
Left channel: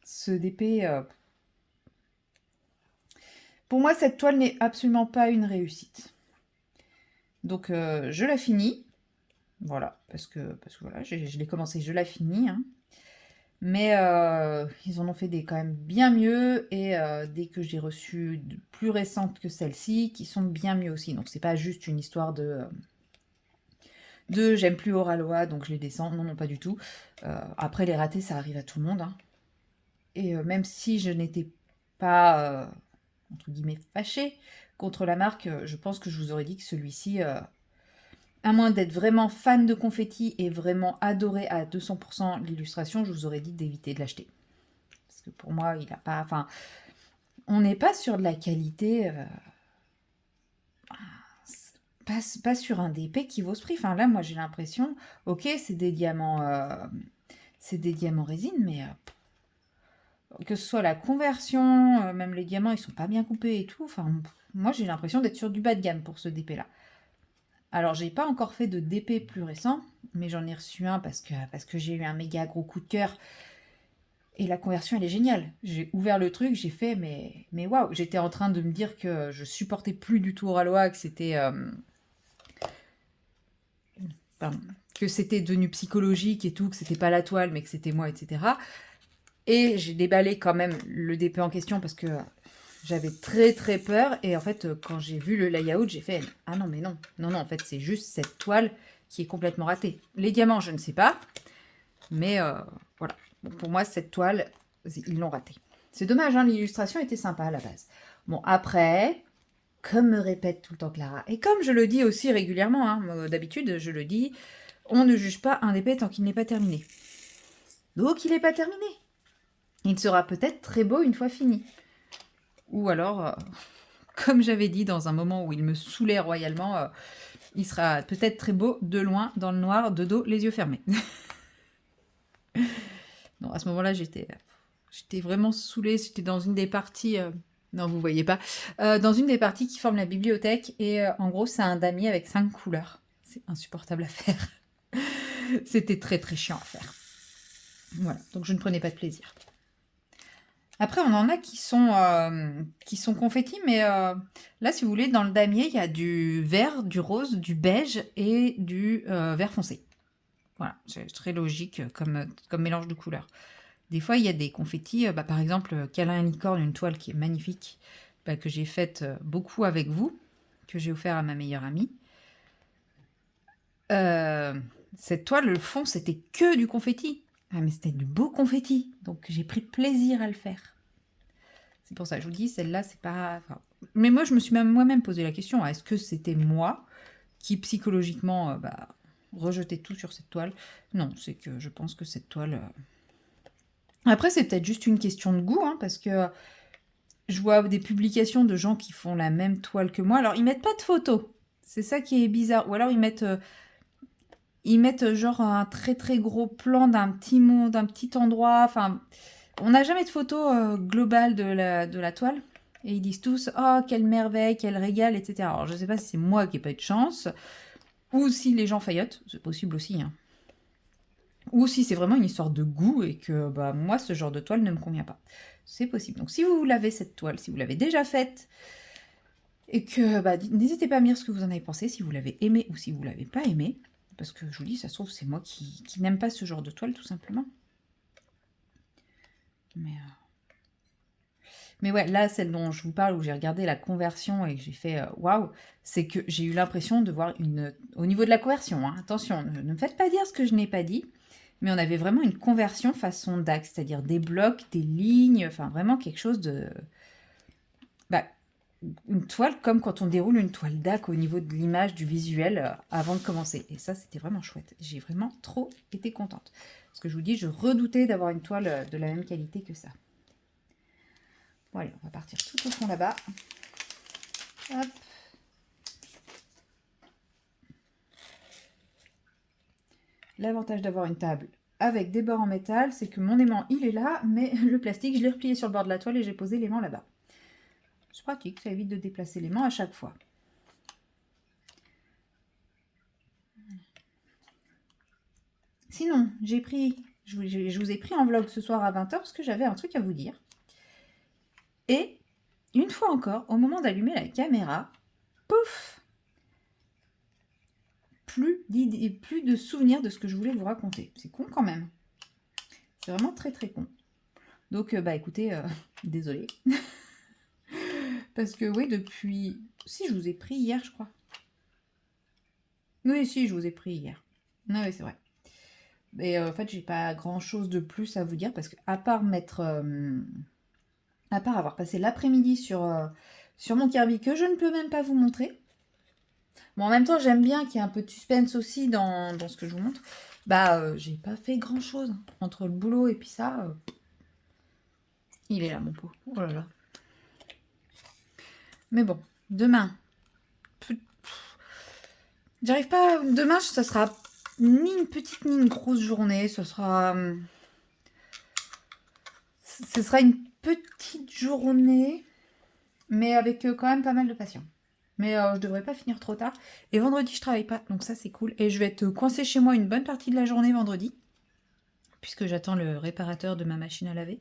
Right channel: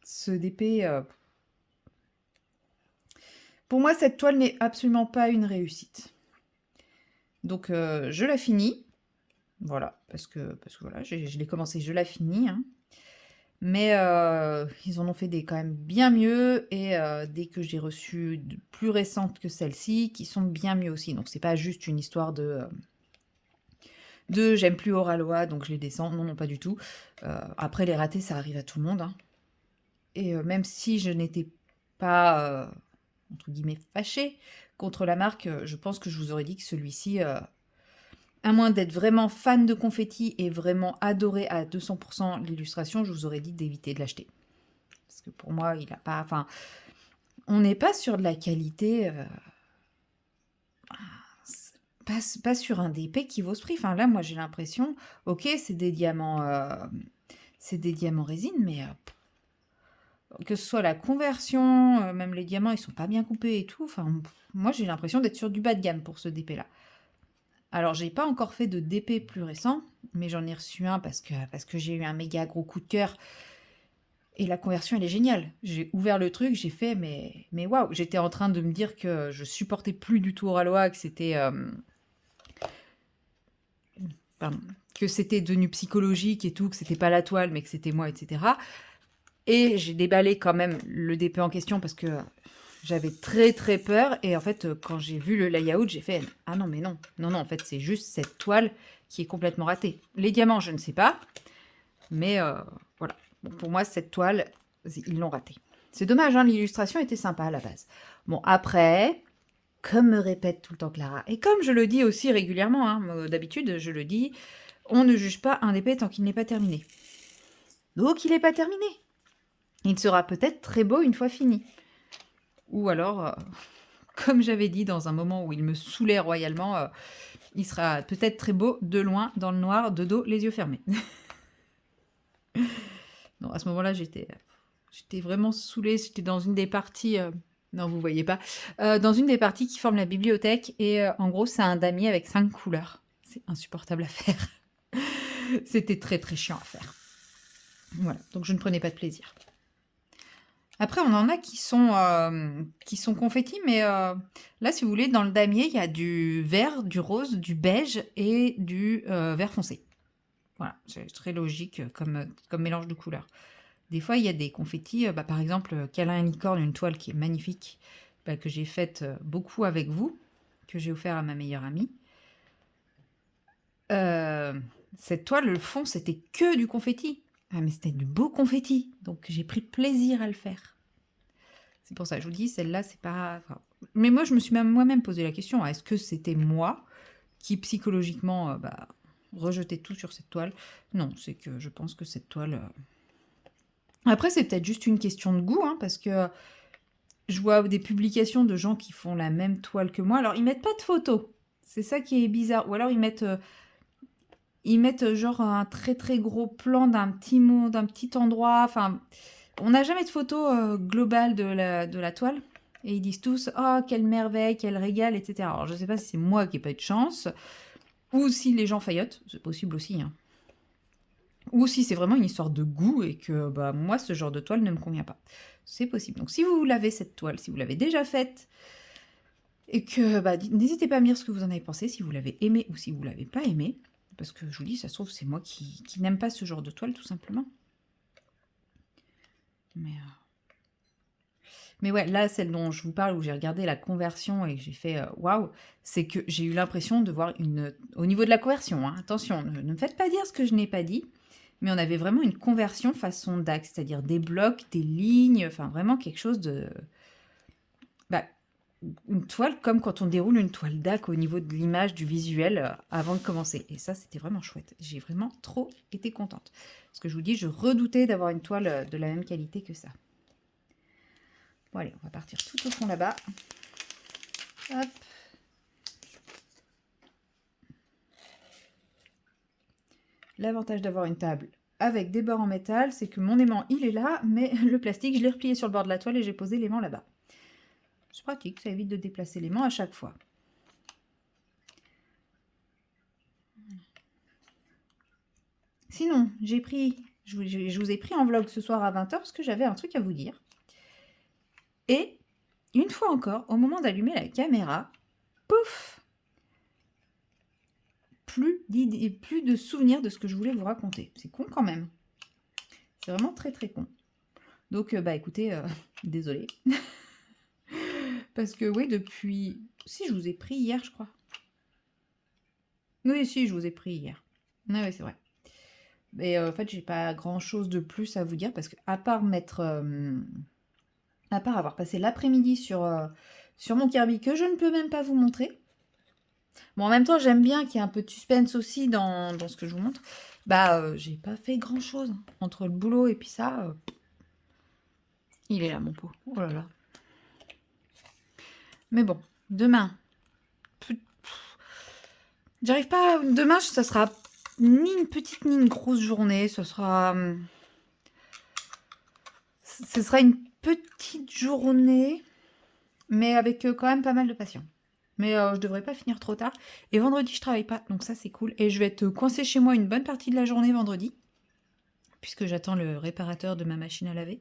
Ce DP... Pour moi, cette toile n'est absolument pas une réussite. Donc, je la finis. Voilà, parce que voilà, je l'ai commencé, je la finis. Hein. Mais ils en ont fait des quand même bien mieux. Et dès que j'ai reçu de plus récentes que celle-ci, qui sont bien mieux aussi. Donc, c'est pas juste une histoire de j'aime plus Oraloa, donc je les descends. Non, non, pas du tout. Après, les ratés, ça arrive à tout le monde. Hein. Et même si je n'étais pas... entre guillemets, fâchée contre la marque, je pense que je vous aurais dit que celui-ci, à moins d'être vraiment fan de confetti et vraiment adoré à 200% l'illustration, je vous aurais dit d'éviter de l'acheter. Parce que pour moi, il n'a pas... Enfin, on n'est pas sur de la qualité... pas sur un DP qui vaut ce prix. Enfin, là, moi, j'ai l'impression... Ok, c'est des diamants... c'est des diamants résine, mais... que ce soit la conversion, même les diamants, ils sont pas bien coupés et tout. Enfin, moi, j'ai l'impression d'être sur du bas de gamme pour ce DP-là. Alors, j'ai pas encore fait de DP plus récent, mais j'en ai reçu un parce que j'ai eu un méga gros coup de cœur. Et la conversion, elle est géniale. J'ai ouvert le truc, j'ai fait, mais waouh, j'étais en train de me dire que je supportais plus du tout Oraloa, que c'était... pardon, que c'était devenu psychologique et tout, que c'était pas la toile, mais que c'était moi, etc. Et j'ai déballé quand même le DP en question parce que j'avais très très peur. Et en fait, quand j'ai vu le layout, j'ai fait « Ah non, mais non. Non, non, en fait, c'est juste cette toile qui est complètement ratée. » Les diamants, je ne sais pas. Mais voilà. Bon, pour moi, cette toile, ils l'ont ratée. C'est dommage, hein, l'illustration était sympa à la base. Bon, après, comme me répète tout le temps Clara, et comme je le dis aussi régulièrement, hein, d'habitude, je le dis, on ne juge pas un DP tant qu'il n'est pas terminé. Donc, il n'est pas terminé. Il sera peut-être très beau une fois fini. Ou alors, comme j'avais dit dans un moment où il me saoulait royalement, il sera peut-être très beau de loin, dans le noir, de dos, les yeux fermés. Non, à ce moment-là, j'étais vraiment saoulée. J'étais dans une des parties... non, vous voyez pas. Dans une des parties qui forment la bibliothèque. Et en gros, c'est un damier avec 5 couleurs. C'est insupportable à faire. C'était très très chiant à faire. Voilà, donc je ne prenais pas de plaisir. Après, on en a qui sont confettis, mais là, si vous voulez, dans le damier, il y a du vert, du rose, du beige et du vert foncé. Voilà, c'est très logique comme mélange de couleurs. Des fois, il y a des confettis, par exemple, Câlin et Licorne, une toile qui est magnifique, que j'ai faite beaucoup avec vous, que j'ai offert à ma meilleure amie. Cette toile, le fond, c'était que du confetti. Ah, mais c'était du beau confetti, donc j'ai pris plaisir à le faire. C'est pour ça que je vous dis, celle-là, c'est pas... Enfin, mais moi, je me suis même moi-même posé la question, est-ce que c'était moi qui, psychologiquement, rejetais tout sur cette toile? Non, c'est que je pense que cette toile... Après, c'est peut-être juste une question de goût, hein, parce que je vois des publications de gens qui font la même toile que moi. Alors, ils mettent pas de photos. C'est ça qui est bizarre. Ou alors, ils mettent genre un très très gros plan d'un petit mot, d'un petit endroit. Enfin, on n'a jamais de photo globale de la toile. Et ils disent tous, oh, quelle merveille, quel régal, etc. Alors, je ne sais pas si c'est moi qui n'ai pas eu de chance, ou si les gens faillotent, c'est possible aussi, hein. Ou si c'est vraiment une histoire de goût et que moi, ce genre de toile ne me convient pas. C'est possible. Donc, si vous l'avez, cette toile, si vous l'avez déjà faite, et que n'hésitez pas à me dire ce que vous en avez pensé, si vous l'avez aimé ou si vous ne l'avez pas aimé. Parce que je vous dis, ça se trouve, c'est moi qui n'aime pas ce genre de toile, tout simplement. Mais ouais, là, celle dont je vous parle, où j'ai regardé la conversion et que j'ai fait waouh, c'est que j'ai eu l'impression de voir une... Au niveau de la conversion, hein, attention, ne me faites pas dire ce que je n'ai pas dit, mais on avait vraiment une conversion façon DAX, c'est-à-dire des blocs, des lignes, enfin vraiment quelque chose de... une toile comme quand on déroule une toile DAC au niveau de l'image, du visuel, avant de commencer. Et ça, c'était vraiment chouette. J'ai vraiment trop été contente. Parce que je vous dis, je redoutais d'avoir une toile de la même qualité que ça. Voilà, on va partir tout au fond là-bas. Hop. L'avantage d'avoir une table avec des bords en métal, c'est que mon aimant, il est là, mais le plastique, je l'ai replié sur le bord de la toile et j'ai posé l'aimant là-bas. C'est pratique, ça évite de déplacer l'aimant à chaque fois. Sinon, je vous ai pris en vlog ce soir à 20 h parce que j'avais un truc à vous dire. Et, une fois encore, au moment d'allumer la caméra, pouf, plus d'idées, plus de souvenirs de ce que je voulais vous raconter. C'est con quand même. C'est vraiment très très con. Donc, bah écoutez, désolée. Parce que oui, depuis... Si, je vous ai pris hier, je crois. Oui, si, je vous ai pris hier. Ah oui, c'est vrai. Mais en fait, j'ai pas grand-chose de plus à vous dire parce que, à part à part avoir passé l'après-midi sur mon Kirby que je ne peux même pas vous montrer. Bon, en même temps, j'aime bien qu'il y ait un peu de suspense aussi dans ce que je vous montre. Bah, j'ai pas fait grand-chose. Entre le boulot et puis ça, il est là, mon pot. Oh là là. Mais bon, demain, j'arrive pas. Demain, ça sera ni une petite ni une grosse journée. Ce sera une petite journée, mais avec quand même pas mal de passion. Mais je devrais pas finir trop tard. Et vendredi, je travaille pas, donc ça c'est cool. Et je vais être coincée chez moi une bonne partie de la journée vendredi, puisque j'attends le réparateur de ma machine à laver.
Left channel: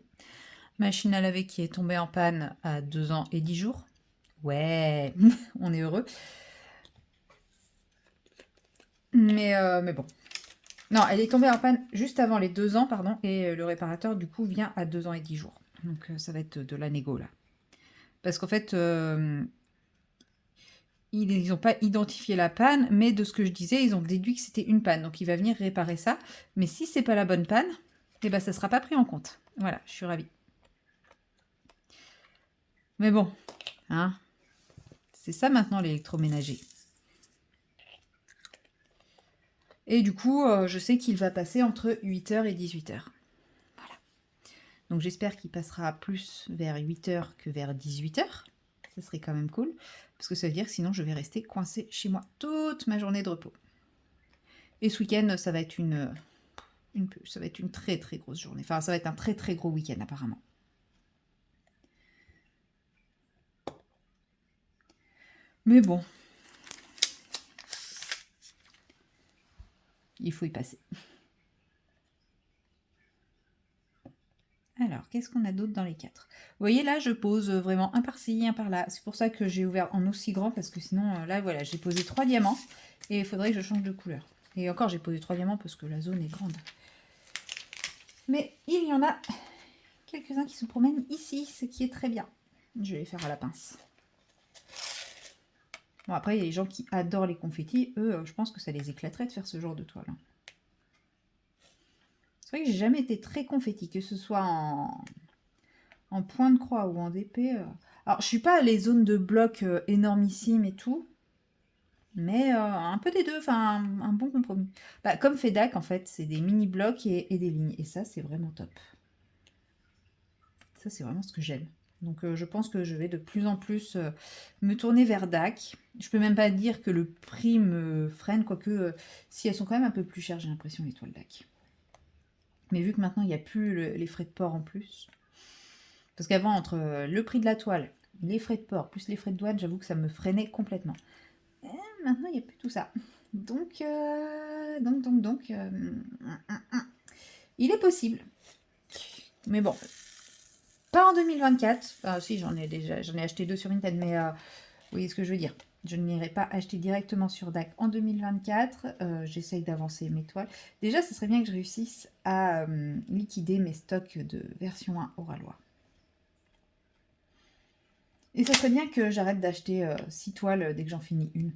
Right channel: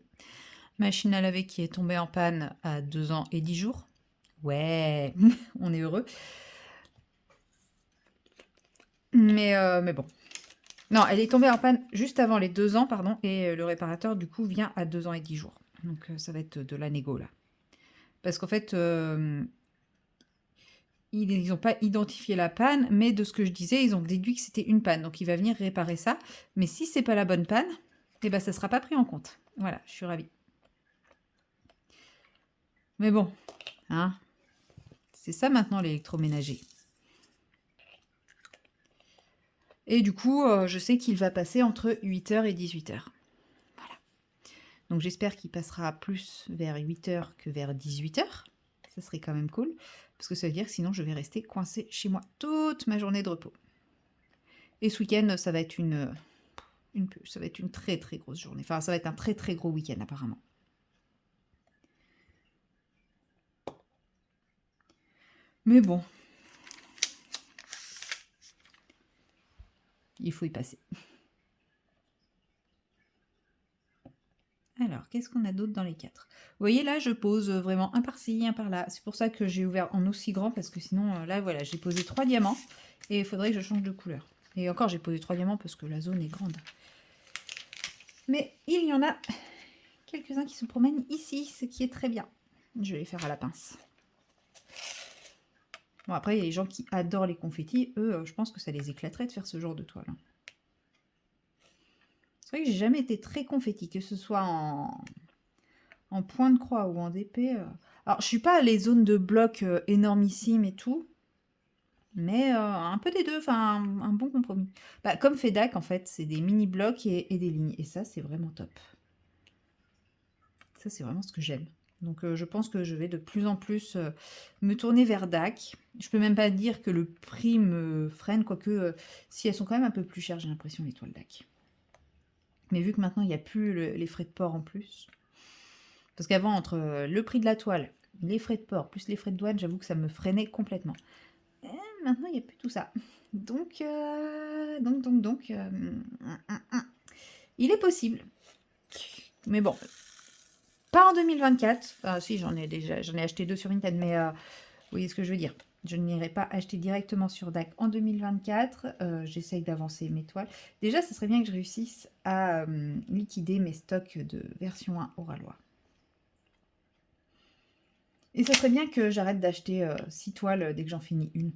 Machine à laver qui est tombée en panne à 2 ans et 10 jours. Ouais, on est heureux. Mais bon. Non, elle est tombée en panne juste avant les 2 ans, pardon, et le réparateur, du coup, vient à 2 ans et 10 jours. Donc ça va être de la négo, là. Parce qu'en fait, ils n'ont pas identifié la panne, mais de ce que je disais, ils ont déduit que c'était une panne. Donc il va venir réparer ça. Mais si c'est pas la bonne panne, eh ben, ça ne sera pas pris en compte. Voilà, je suis ravie. Mais bon, hein, c'est ça maintenant l'électroménager. Et du coup, je sais qu'il va passer entre 8 h et 18 h. Voilà. Donc j'espère qu'il passera plus vers 8 h que vers 18 h. Ça serait quand même cool. Parce que ça veut dire que sinon je vais rester coincée chez moi toute ma journée de repos. Et ce week-end, ça va être ça va être une très très grosse journée. Enfin, ça va être un très très gros week-end apparemment. Mais bon, il faut y passer. Alors, qu'est-ce qu'on a d'autre dans les 4? Vous voyez, là, je pose vraiment un par-ci, un par-là. C'est pour ça que j'ai ouvert en aussi grand, parce que sinon, là, voilà, j'ai posé 3 diamants, et il faudrait que je change de couleur. Et encore, j'ai posé 3 diamants parce que la zone est grande. Mais il y en a quelques-uns qui se promènent ici, ce qui est très bien. Je vais les faire à la pince. Bon, après, il y a les gens qui adorent les confettis. Eux, je pense que ça les éclaterait de faire ce genre de toile. C'est vrai que j'ai jamais été très confetti, que ce soit en point de croix ou en DP. Alors, je suis pas les zones de blocs énormissimes et tout, mais un peu des deux, enfin un bon compromis. Bah, comme FEDAC, en fait, c'est des mini-blocs et des lignes. Et ça, c'est vraiment top. Ça, c'est vraiment ce que j'aime. Donc, je pense que je vais de plus en plus me tourner vers DAC. Je peux même pas dire que le prix me freine, quoique si elles sont quand même un peu plus chères, j'ai l'impression, les toiles DAC. Mais vu que maintenant, il n'y a plus les frais de port en plus. Parce qu'avant, entre le prix de la toile, les frais de port, plus les frais de douane, j'avoue que ça me freinait complètement. Et maintenant, il n'y a plus tout ça. Donc, il est possible. Mais bon, pas en 2024. Enfin, si, j'en ai acheté 2 sur Vinted, mais vous voyez ce que je veux dire. Je n'irai pas acheter directement sur DAC en 2024. J'essaye d'avancer mes toiles. Déjà, ce serait bien que je réussisse à liquider mes stocks de version 1 Oralois. Et ça serait bien que j'arrête d'acheter 6 toiles dès que j'en finis une.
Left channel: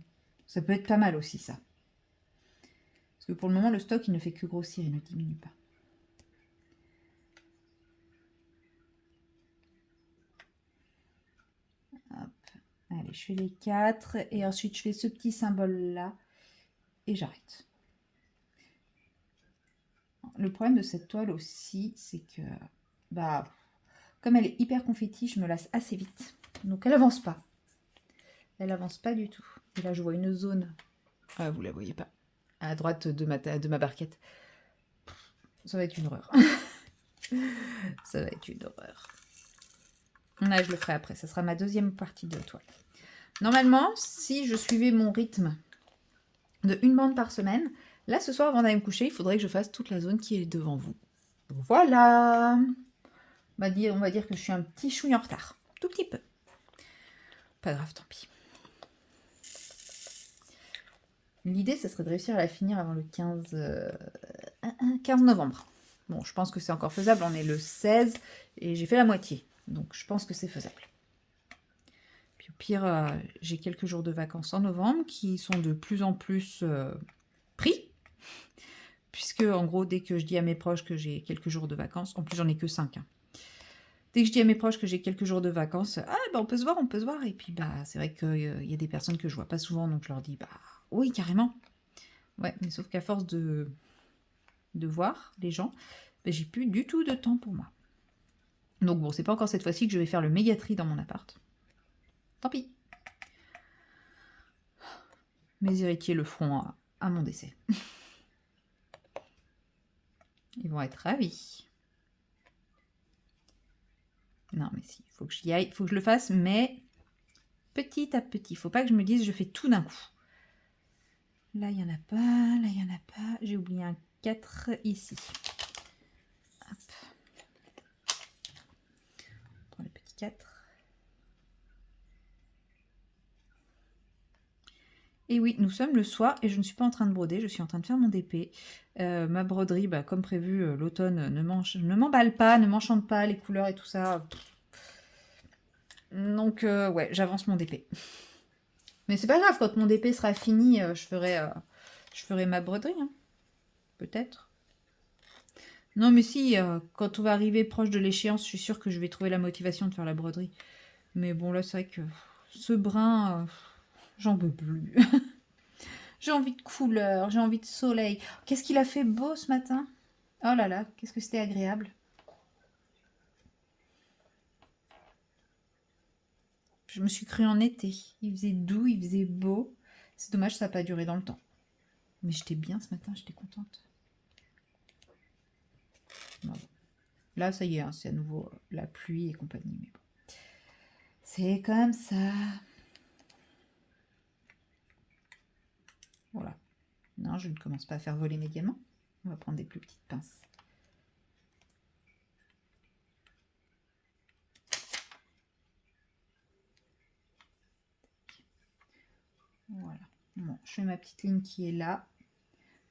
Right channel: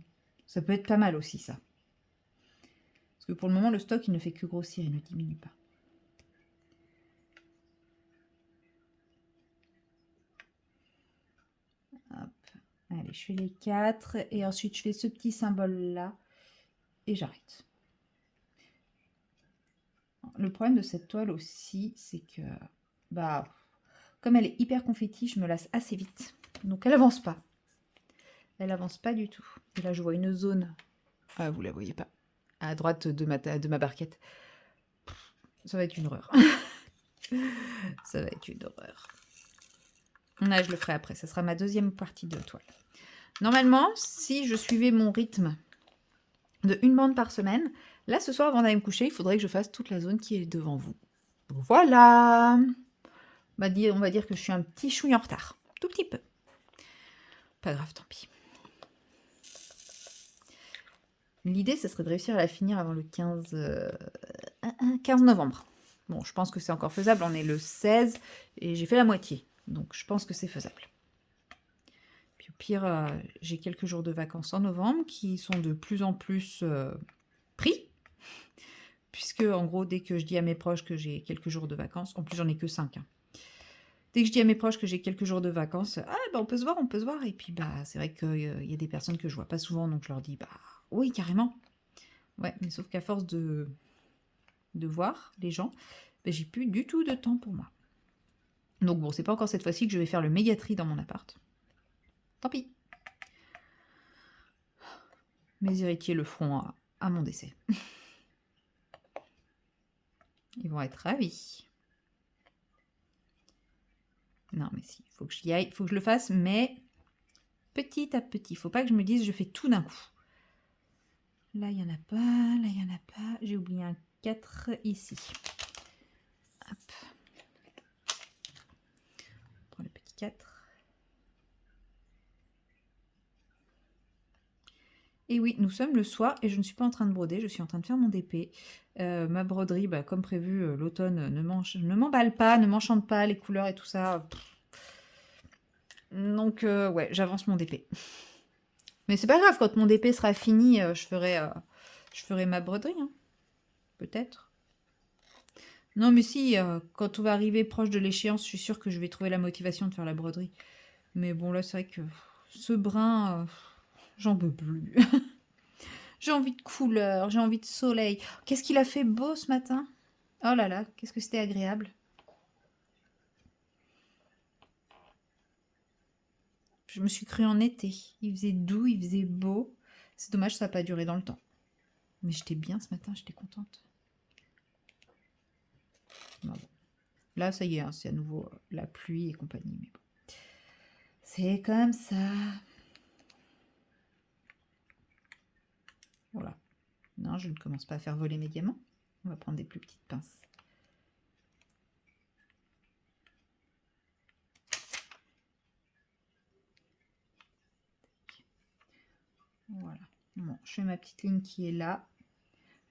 Ça peut être pas mal aussi, ça. Parce que pour le moment, le stock, il ne fait que grossir, il ne diminue pas. Hop. Allez, je fais les 4 et ensuite je fais ce petit symbole là et j'arrête. Le problème de cette toile aussi, c'est que bah comme elle est hyper confetti, je me lasse assez vite. Donc elle avance pas. Elle avance pas du tout. Et là je vois une zone. Ah, vous la voyez pas. À droite de ma barquette. Ça va être une horreur. Ça va être une horreur. Là, je le ferai après. Ça sera ma deuxième partie de toile. Normalement, si je suivais mon rythme de une bande par semaine, là, ce soir, avant d'aller me coucher, il faudrait que je fasse toute la zone qui est devant vous. Voilà. On va dire que je suis un petit chouille en retard. Tout petit peu. Pas grave, tant pis. L'idée, ce serait de réussir à la finir avant le 15 novembre. Bon, je pense que c'est encore faisable. On est le 16 et j'ai fait la moitié. Donc, je pense que c'est faisable. Puis au pire, j'ai quelques jours de vacances en novembre qui sont de plus en plus pris. Puisque, en gros, dès que je dis à mes proches que j'ai quelques jours de vacances, en plus, j'en ai que 5. Hein. Dès que je dis à mes proches que j'ai quelques jours de vacances, ah, bah, on peut se voir, on peut se voir. Et puis, bah, c'est vrai qu'il y a des personnes que je vois pas souvent, donc je leur dis, bah, oui, carrément. Ouais, mais sauf qu'à force de voir les gens, bah, j'ai plus du tout de temps pour moi. Donc bon, c'est pas encore cette fois-ci que je vais faire le méga tri dans mon appart. Tant pis. Mes héritiers le feront à mon décès. Ils vont être ravis. Non, mais si, il faut que j'y aille, il faut que je le fasse, mais petit à petit. Il faut pas que je me dise je fais tout d'un coup. Là, il n'y en a pas, là, il n'y en a pas. J'ai oublié un 4 ici. Hop. On prend le petit 4. Et oui, nous sommes le soir et je ne suis pas en train de broder, je suis en train de faire mon DP. Ma broderie, bah, comme prévu, l'automne ne m'emballe pas, ne m'enchante pas, les couleurs et tout ça. Donc, ouais, j'avance mon DP. Mais c'est pas grave, quand mon DP sera fini, je ferai ma broderie, hein. Peut-être. Non, mais si, quand on va arriver proche de l'échéance, je suis sûre que je vais trouver la motivation de faire la broderie. Mais bon, là, c'est vrai que ce brin, j'en peux plus. J'ai envie de couleur, j'ai envie de soleil. Qu'est-ce qu'il a fait beau ce matin? Oh là là, qu'est-ce que c'était agréable. Je me suis crue en été. Il faisait doux, il faisait beau. C'est dommage, ça n'a pas duré dans le temps. Mais j'étais bien ce matin, j'étais contente. Bon. Là, ça y est, hein, c'est à nouveau la pluie et compagnie. Mais bon. C'est comme ça. Voilà. Non, je ne commence pas à faire voler mes diamants. On va prendre des plus petites pinces. Voilà. Bon, je fais ma petite ligne qui est là.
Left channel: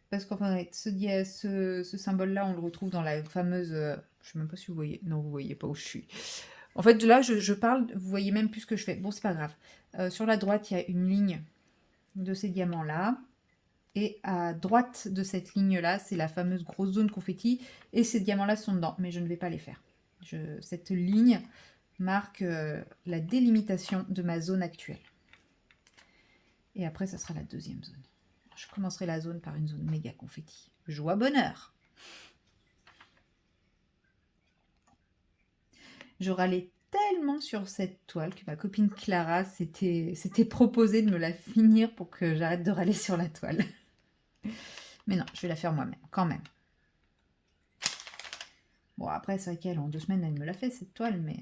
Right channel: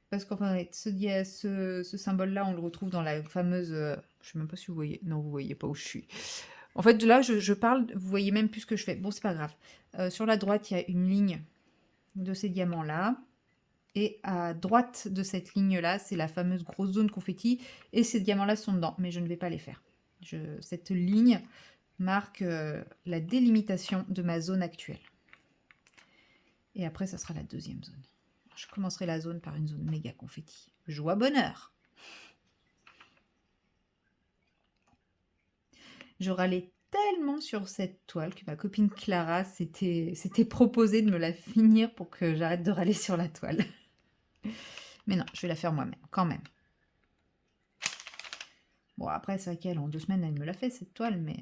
Parce qu'en fait, ce symbole-là, on le retrouve dans la fameuse... je ne sais même pas si vous voyez. Non, vous voyez pas où je suis. En fait, là, je parle, vous voyez même plus ce que je fais. Bon, c'est pas grave. Sur la droite, il y a une ligne de ces diamants-là. Et à droite de cette ligne-là, c'est la fameuse grosse zone confetti. Et ces diamants-là sont dedans, mais je ne vais pas les faire. Cette ligne marque la délimitation de ma zone actuelle. Et après, ça sera la deuxième zone. Je commencerai la zone par une zone méga confetti. Joie, bonheur. Je râlais tellement sur cette toile que ma copine Clara s'était proposée de me la finir pour que j'arrête de râler sur la toile. Mais non, je vais la faire moi-même, quand même. Bon, après, c'est vrai qu'elle, en 2 semaines, elle me l'a fait, cette toile, mais...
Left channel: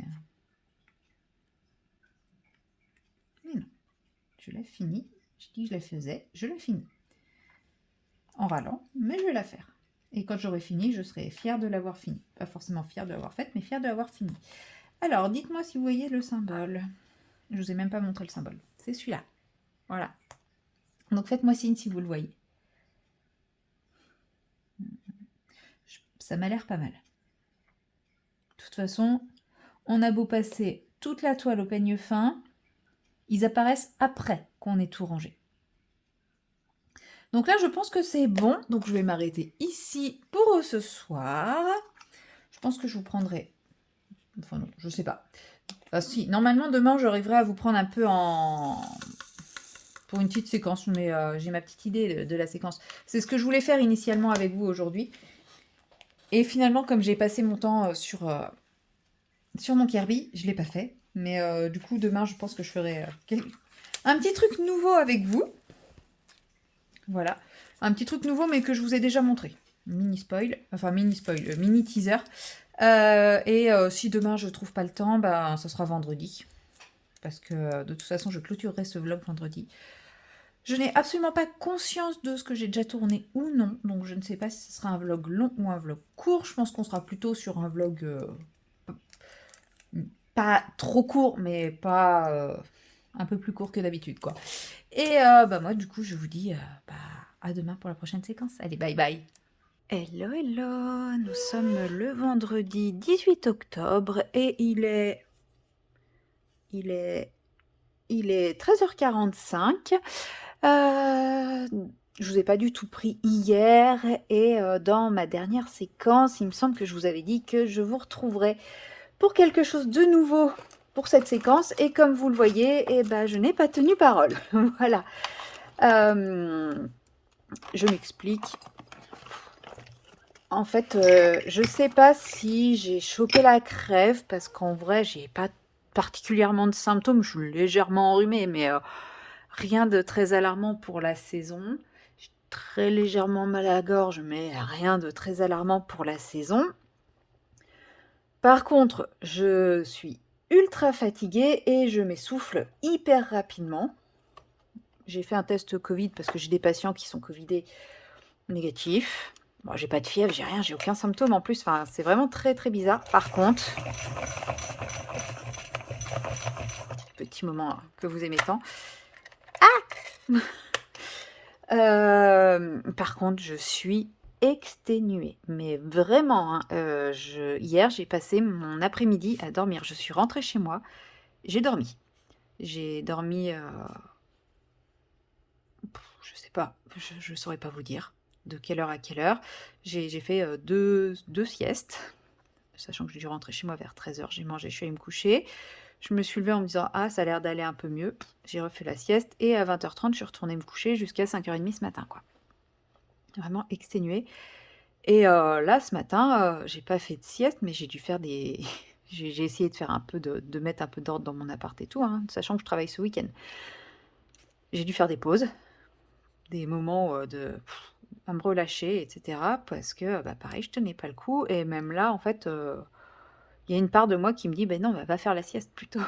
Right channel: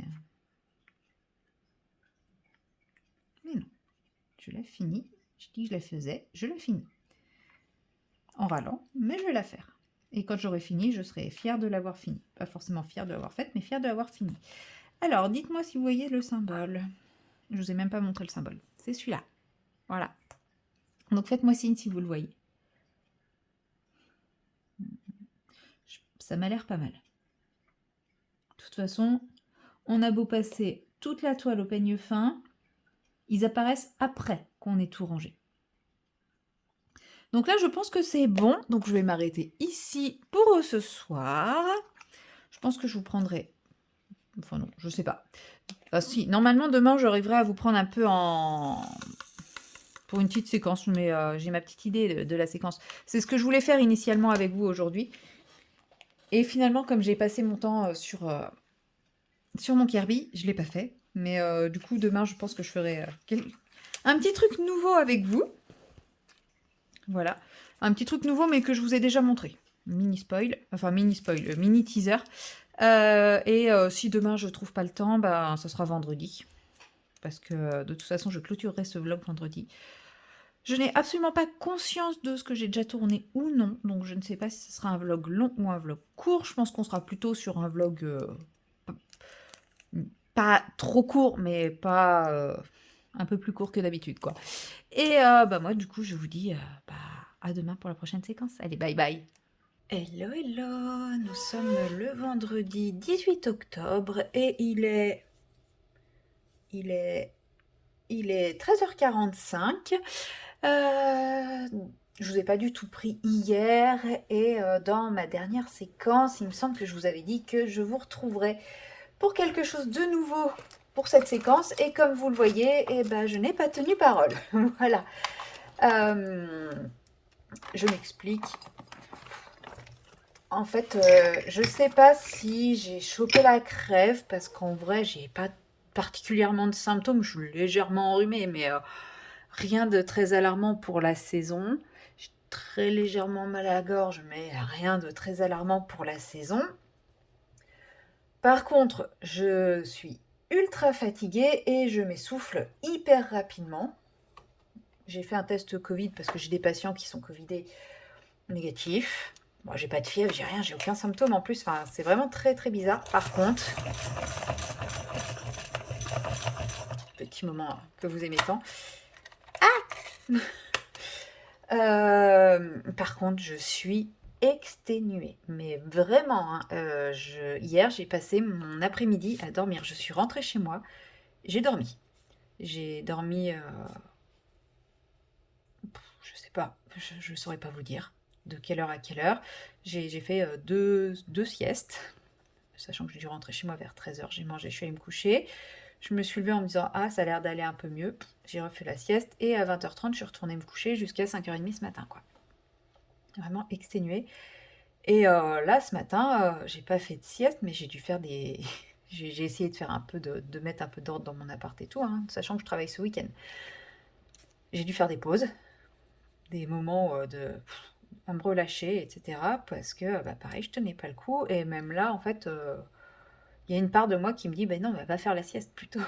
Mais non, je la finis. J'ai dit que je la faisais, je la finis. En râlant, mais je vais la faire. Et quand j'aurai fini, je serai fière de l'avoir fini. Pas forcément fière de l'avoir faite, mais fière de l'avoir fini. Alors, dites-moi si vous voyez le symbole. Je ne vous ai même pas montré le symbole. C'est celui-là. Voilà. Donc, faites-moi signe si vous le voyez. Ça m'a l'air pas mal. De toute façon, on a beau passer toute la toile au peigne fin, ils apparaissent après qu'on ait tout rangé. Donc là, je pense que c'est bon. Donc, je vais m'arrêter ici pour ce soir. Je pense que je vous prendrai Enfin non, je sais pas. Enfin si, normalement demain j'arriverai à vous prendre un peu en... pour une petite séquence, mais j'ai ma petite idée de la séquence. C'est ce que je voulais faire initialement avec vous aujourd'hui. Et finalement, comme j'ai passé mon temps sur mon Kirby, je ne l'ai pas fait. Mais du coup, demain, je pense que je ferai un petit truc nouveau avec vous. Voilà. Un petit truc nouveau, mais que je vous ai déjà montré. Mini spoil, enfin mini spoil, mini teaser. Et si demain je trouve pas le temps, bah, ça sera vendredi. Parce que de toute façon, je clôturerai ce vlog vendredi. Je n'ai absolument pas conscience de ce que j'ai déjà tourné ou non. Donc je ne sais pas si ce sera un vlog long ou un vlog court. Je pense qu'on sera plutôt sur un vlog pas trop court, mais pas un peu plus court que d'habitude, quoi. Et bah moi, du coup, je vous dis bah, à demain pour la prochaine séquence. Allez, bye bye. Hello, hello, nous sommes le vendredi 18 octobre et il est 13h45. Je vous ai pas du tout pris hier et dans ma dernière séquence, il me semble que je vous avais dit que je vous retrouverai pour quelque chose de nouveau pour cette séquence et comme vous le voyez, eh ben, je n'ai pas tenu parole. Voilà. Je m'explique. En fait, je sais pas si j'ai chopé la crève parce qu'en vrai, j'ai pas particulièrement de symptômes. Je suis légèrement enrhumée, mais rien de très alarmant pour la saison. J'ai très légèrement mal à la gorge, mais rien de très alarmant pour la saison. Par contre, je suis ultra fatiguée et je m'essouffle hyper rapidement. J'ai fait un test Covid parce que j'ai des patients qui sont Covidés négatifs. Bon, j'ai pas de fièvre, j'ai rien, j'ai aucun symptôme en plus. Enfin, c'est vraiment très très bizarre. Par contre, petit moment que vous aimez tant. Par contre, je suis exténuée. Mais vraiment, hein, hier, j'ai passé mon après-midi à dormir. Je suis rentrée chez moi, j'ai dormi. J'ai dormi, je sais pas, je saurais pas vous dire de quelle heure à quelle heure. J'ai fait deux siestes, sachant que j'ai dû rentrer chez moi vers 13h. J'ai mangé, je suis allée me coucher. Je me suis levée en me disant ah, ça a l'air d'aller un peu mieux. J'ai refait la sieste et à 20h30, je suis retournée me coucher jusqu'à 5h30 ce matin, quoi. Vraiment exténuée. Et là, ce matin, j'ai pas fait de sieste, mais j'ai dû faire des. J'ai essayé de faire un peu de mettre un peu d'ordre dans mon appart et tout, hein, sachant que je travaille ce week-end. J'ai dû faire des pauses, des moments à me relâcher, etc. Parce que, bah, pareil, je tenais pas le coup. Et même là, en fait, il y a une part de moi qui me dit, ben non, bah, va faire la sieste plutôt.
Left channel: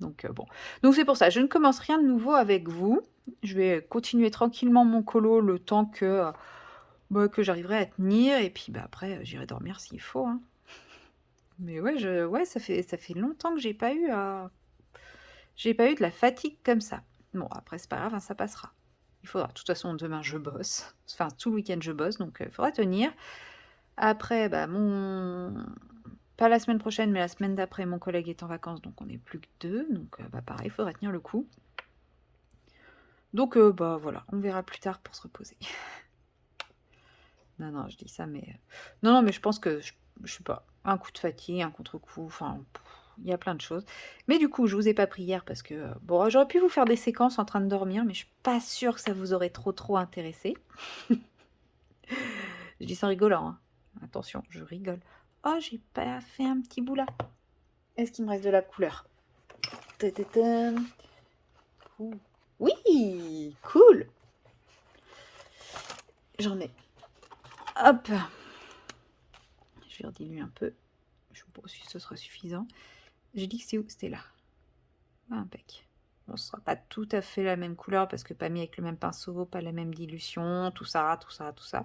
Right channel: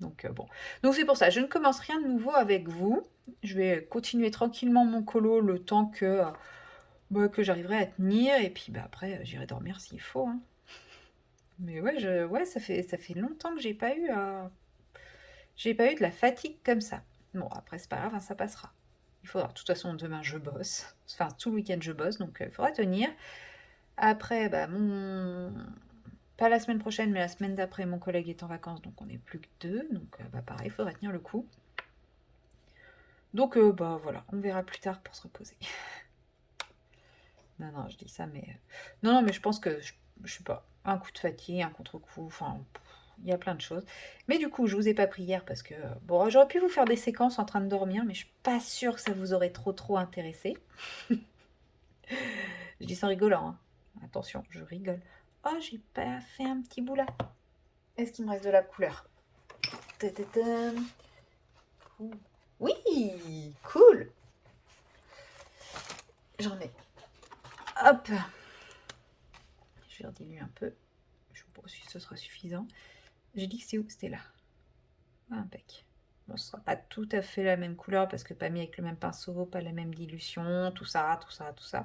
Donc bon. Donc c'est pour ça, je ne commence rien de nouveau avec vous. Je vais continuer tranquillement mon colo le temps bah, que j'arriverai à tenir. Et puis bah, après, j'irai dormir s'il faut, hein. Mais ouais, ouais, ça fait longtemps que j'ai pas eu de la fatigue comme ça. Bon, après, c'est pas grave, hein, ça passera. Il faudra. De toute façon, demain, je bosse. Enfin, tout le week-end, je bosse, donc il faudra tenir. Après, bah, pas la semaine prochaine, mais la semaine d'après, mon collègue est en vacances, donc on n'est plus que deux. Donc, bah, pareil, il faudra tenir le coup. Donc, bah, voilà, on verra plus tard pour se reposer. Non, non, je dis ça, mais... Non, non, mais je pense que, je sais pas, un coup de fatigue, un contre-coup, enfin, il y a plein de choses. Mais du coup, je vous ai pas pris hier parce que, bon, j'aurais pu vous faire des séquences en train de dormir, mais je suis pas sûre que ça vous aurait trop intéressé. Je dis ça en rigolant, hein. Attention, je rigole. Oh, j'ai pas fait un petit bout là. Est-ce qu'il me reste de la couleur? Ta-ta-ta. Oui, cool. J'en ai. Hop. Je vais rediluer un peu. Je sais pas si ce sera suffisant. J'ai dit que c'est où? C'était là. Ah, impec. Bon, ce sera pas tout à fait la même couleur parce que pas mis avec le même pinceau, pas la même dilution, tout ça, tout ça, tout ça.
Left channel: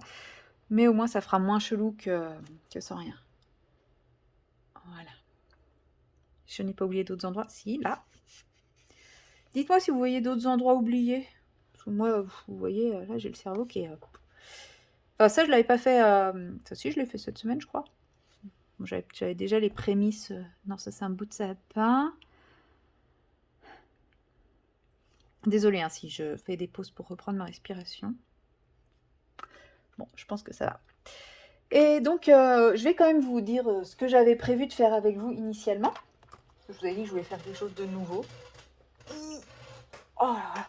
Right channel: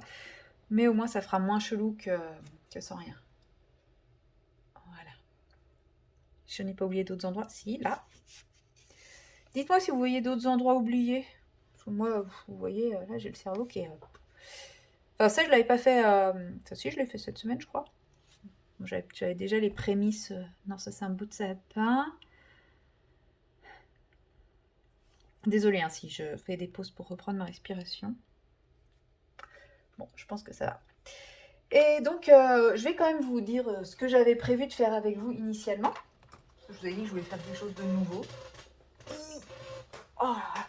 Mais au moins, ça fera moins chelou que sans rien. Voilà. Je n'ai pas oublié d'autres endroits. Si, là. Dites-moi si vous voyez d'autres endroits oubliés. Parce que moi, vous voyez, là, j'ai le cerveau qui est... Enfin, ça, je l'avais pas fait... Ça, si, je l'ai fait cette semaine, je crois. Bon, j'avais déjà les prémices. Non, ça, c'est un bout de sapin. Désolée hein, si je fais des pauses pour reprendre ma respiration. Bon, je pense que ça va. Et donc, je vais quand même vous dire ce que j'avais prévu de faire avec vous initialement. Je vous ai dit que je voulais faire quelque chose de nouveau. Oh là là.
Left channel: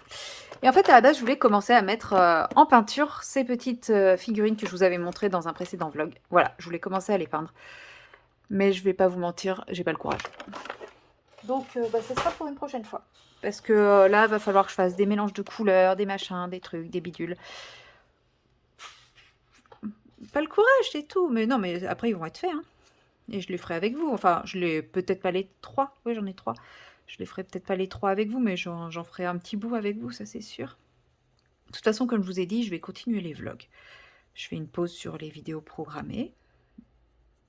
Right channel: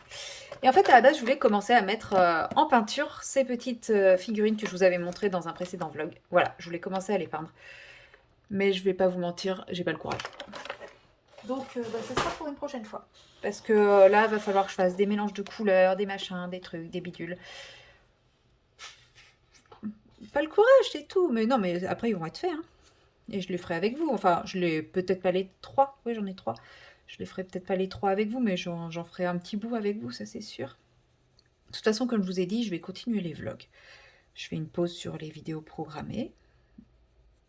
Et en fait, à la base, je voulais commencer à mettre en peinture ces petites figurines que je vous avais montrées dans un précédent vlog. Voilà, je voulais commencer à les peindre. Mais je vais pas vous mentir, j'ai pas le courage. Donc, ce sera pour une prochaine fois. Parce que là, il va falloir que je fasse des mélanges de couleurs, des machins, des trucs, des bidules. Pas le courage, c'est tout. Mais non, mais après, ils vont être faits. Hein. Et je les ferai avec vous. Enfin, je les peut-être pas les 3. Oui, j'en ai 3. Je les ferai peut-être pas les 3 avec vous, mais j'en ferai un petit bout avec vous, ça c'est sûr. De toute façon, comme je vous ai dit, je vais continuer les vlogs. Je fais une pause sur les vidéos programmées.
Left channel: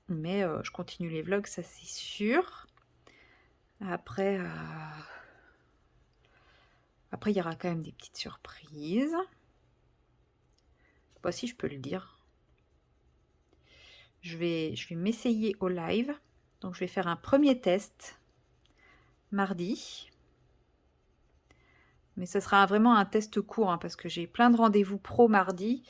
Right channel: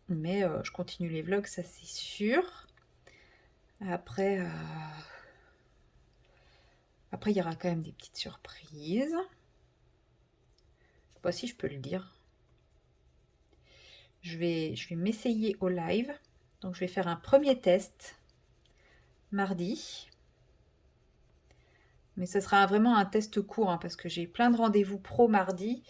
Mais je continue les vlogs, ça c'est sûr. Après, il y aura quand même des petites surprises. Voici, je peux le dire. Je vais m'essayer au live. Donc, je vais faire un premier test mardi. Mais ce sera vraiment un test court, hein, parce que j'ai plein de rendez-vous pro mardi.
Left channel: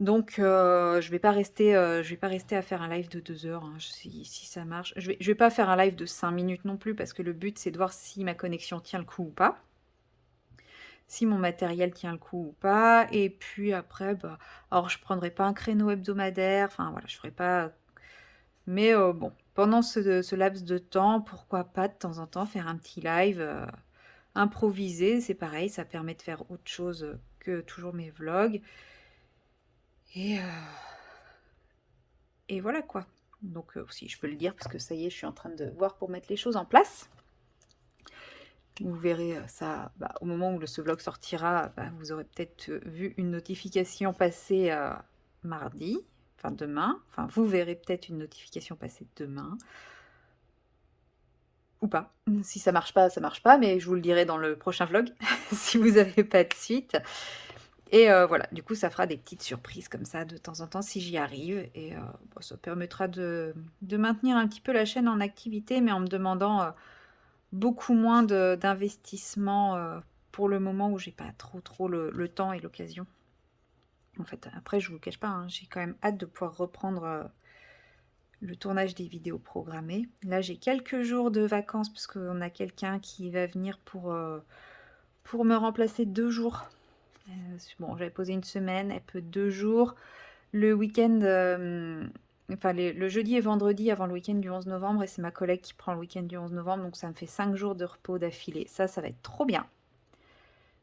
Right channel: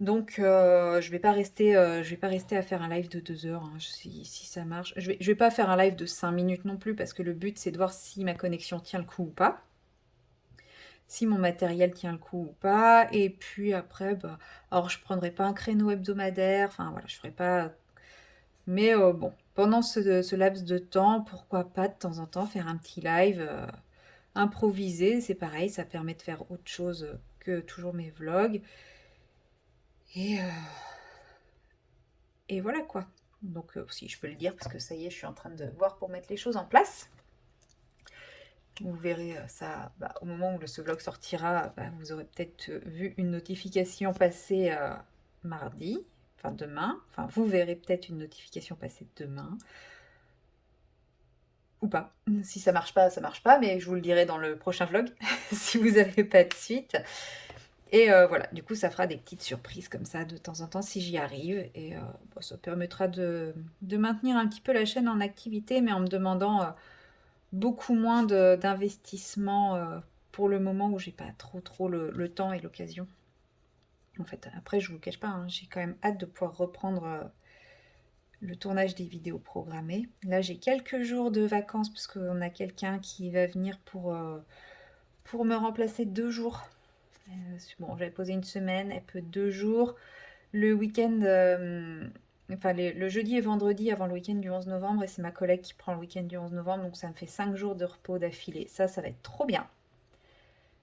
Donc, je vais pas rester à faire un live de 2 heures, hein, si ça marche. Je vais pas faire un live de 5 minutes non plus, parce que le but, c'est de voir si ma connexion tient le coup ou pas. Si mon matériel tient le coup ou pas. Et puis après, alors je prendrai pas un créneau hebdomadaire. Enfin, voilà, je ferai pas... Mais bon, pendant ce laps de temps, pourquoi pas de temps en temps faire un petit live improvisé. C'est pareil, ça permet de faire autre chose que toujours mes vlogs. Et voilà quoi. Donc aussi, je peux le dire, parce que ça y est, je suis en train de voir pour mettre les choses en place. Vous verrez ça au moment où ce vlog sortira. Vous aurez peut-être vu une notification passer mardi, enfin demain. Enfin, vous verrez peut-être une notification passer demain. Ou pas. Si ça marche pas, ça marche pas, mais je vous le dirai dans le prochain vlog, si vous n'avez pas de suite. Et voilà, du coup, ça fera des petites surprises comme ça de temps en temps si j'y arrive. Et ça permettra de maintenir un petit peu la chaîne en activité, mais en me demandant beaucoup moins d'investissement pour le moment où j'ai pas trop le temps et l'occasion. En fait, après, je vous cache pas, hein, j'ai quand même hâte de pouvoir reprendre le tournage des vidéos programmées. Là, j'ai quelques jours de vacances parce qu'on a quelqu'un qui va venir pour me remplacer 2 jours. Bon, j'avais posé une semaine, elle peut 2 jours. Le week-end, enfin le jeudi et vendredi avant le week-end du 11 novembre, et c'est ma collègue qui prend le week-end du 11 novembre, donc ça me fait 5 jours de repos d'affilée. Ça va être trop bien.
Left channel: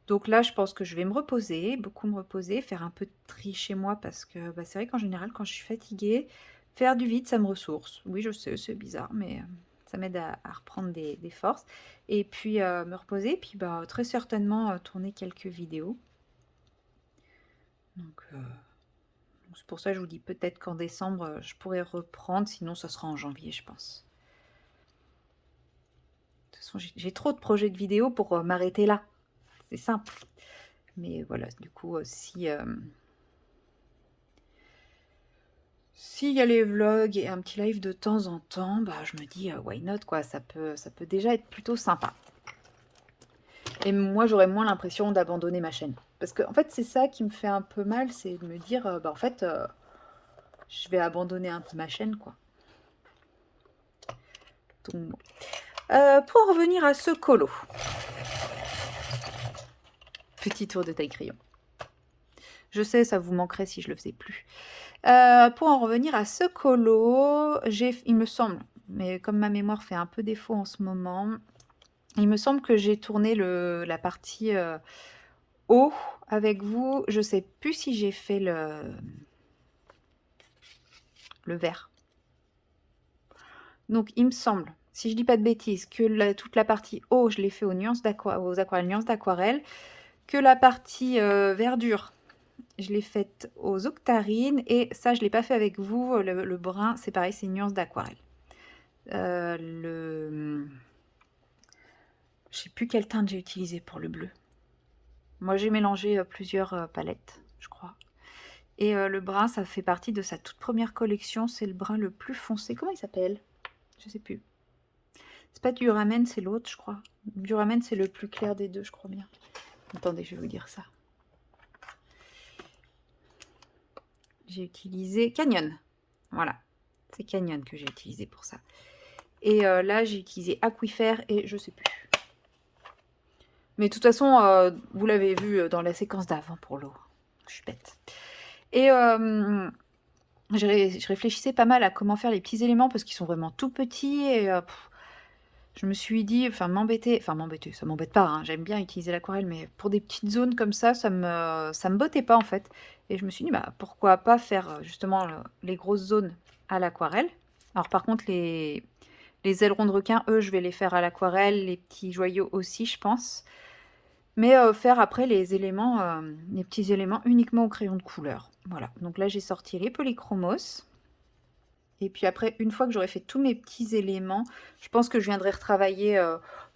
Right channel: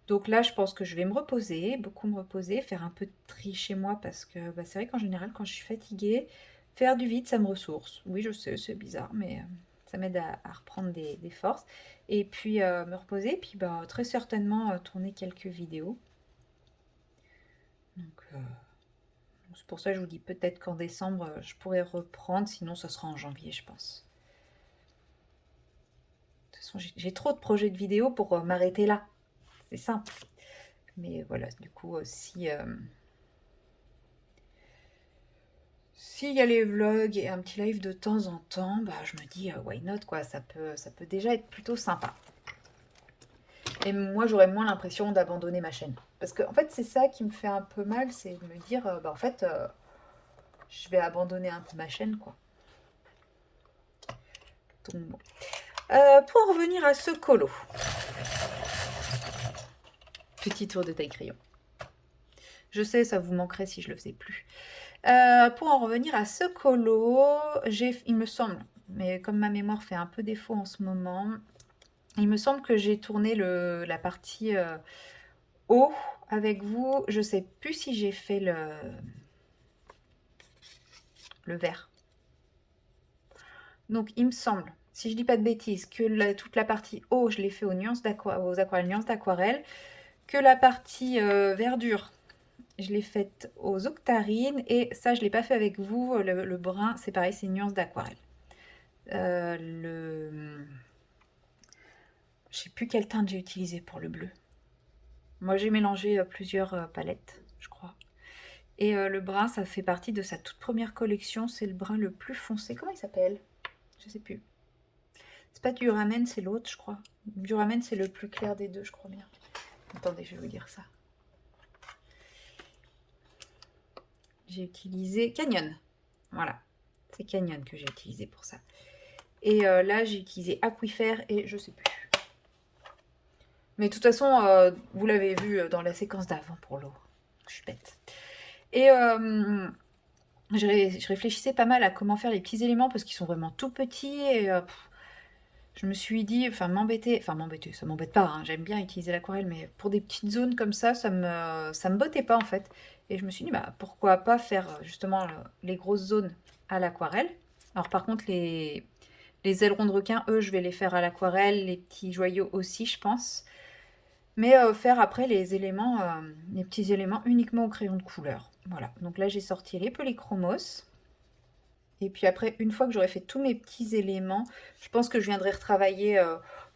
Donc là, je pense que je vais me reposer, beaucoup me reposer, faire un peu de tri chez moi, parce que c'est vrai qu'en général, quand je suis fatiguée, faire du vide, ça me ressource. Oui, je sais, c'est bizarre, mais ça m'aide à reprendre des forces. Et puis me reposer, puis très certainement tourner quelques vidéos. Donc c'est pour ça que je vous dis peut-être qu'en décembre, je pourrais reprendre, sinon ça sera en janvier, je pense. De toute façon, j'ai trop de projets de vidéos pour m'arrêter là. C'est simple. Mais voilà, du coup, s'il y a les vlogs et un petit live de temps en temps, je me dis, why not, quoi. Ça peut déjà être plutôt sympa. Et moi, j'aurais moins l'impression d'abandonner ma chaîne. Parce que, en fait, c'est ça qui me fait un peu mal, c'est de me dire, en fait, je vais abandonner un peu ma chaîne, quoi. Donc, pour revenir à ce colo. Petit tour de taille crayon. Je sais, ça vous manquerait si je le faisais plus. Pour en revenir à ce colo, il me semble, mais comme ma mémoire fait un peu défaut en ce moment, il me semble que j'ai tourné la partie haut avec vous. Je sais plus si j'ai fait le vert. Donc il me semble, si je dis pas de bêtises, que toute la partie haut, je l'ai fait aux aquarelles nuances d'aquarelle, que la partie verdure, je l'ai faite aux octarines, et ça, je ne l'ai pas fait avec vous. Le brun, c'est pareil, c'est une nuance d'aquarelle. Je sais plus quelle teinte j'ai utilisé pour le bleu. Moi, j'ai mélangé plusieurs palettes, je crois. Et le brun, ça fait partie de sa toute première collection. C'est le brun le plus foncé. Comment il s'appelle? Je sais plus. C'est pas Duramen, c'est l'autre, je crois. Duramen, c'est le plus clair des deux, je crois bien. Attendez, je vais vous dire ça. J'ai utilisé Canyon. Voilà, c'est Canyon que j'ai utilisé pour ça. Et là, j'ai utilisé Aquifère et je sais plus. Mais de toute façon, vous l'avez vu dans la séquence d'avant pour l'eau. Je suis bête. Et je réfléchissais pas mal à comment faire les petits éléments parce qu'ils sont vraiment tout petits. Et je me suis dit, enfin m'embêter, ça m'embête pas, hein, j'aime bien utiliser l'aquarelle, mais pour des petites zones comme ça me bottait pas en fait. Et je me suis dit, bah pourquoi pas faire justement les grosses zones à l'aquarelle. Alors par contre, les ailerons de requin, eux, je vais les faire à l'aquarelle, les petits joyaux aussi, je pense. Mais faire après les petits éléments uniquement au crayon de couleur. Voilà, donc là j'ai sorti les polychromos. Et puis après, une fois que j'aurai fait tous mes petits éléments, je pense que je viendrai retravailler,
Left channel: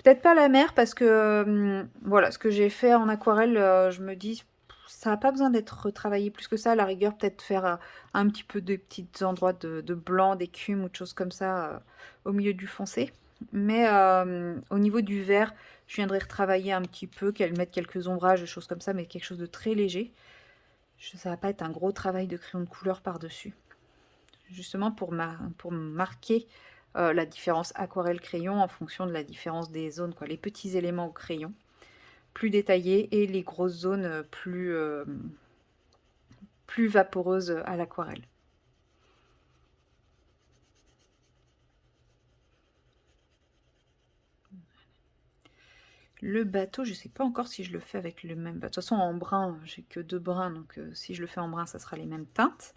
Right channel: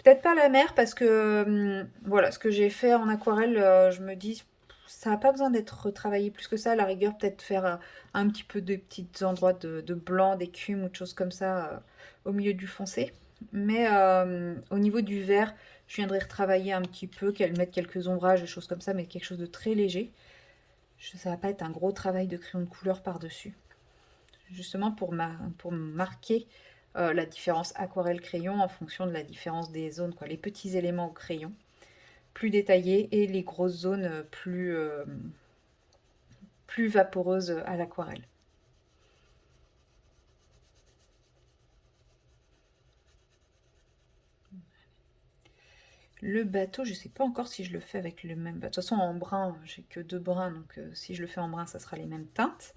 peut-être pas la mer, parce que voilà, ce que j'ai fait en aquarelle, je me dis, ça n'a pas besoin d'être retravaillé plus que ça. À la rigueur, peut-être faire un petit peu de petits endroits de blanc, d'écume ou de choses comme ça au milieu du foncé. Mais au niveau du vert, je viendrai retravailler un petit peu, qu'elle mette quelques ombrages, des choses comme ça, mais quelque chose de très léger. Ça va pas être un gros travail de crayon de couleur par-dessus. Justement pour marquer la différence aquarelle-crayon en fonction de la différence des zones, quoi. Les petits éléments au crayon, plus détaillés, et les grosses zones plus vaporeuses à l'aquarelle. Le bateau, je sais pas encore si je le fais avec le même bateau. De toute façon, en brun, j'ai que 2 brins, donc si je le fais en brun, ça sera les mêmes teintes.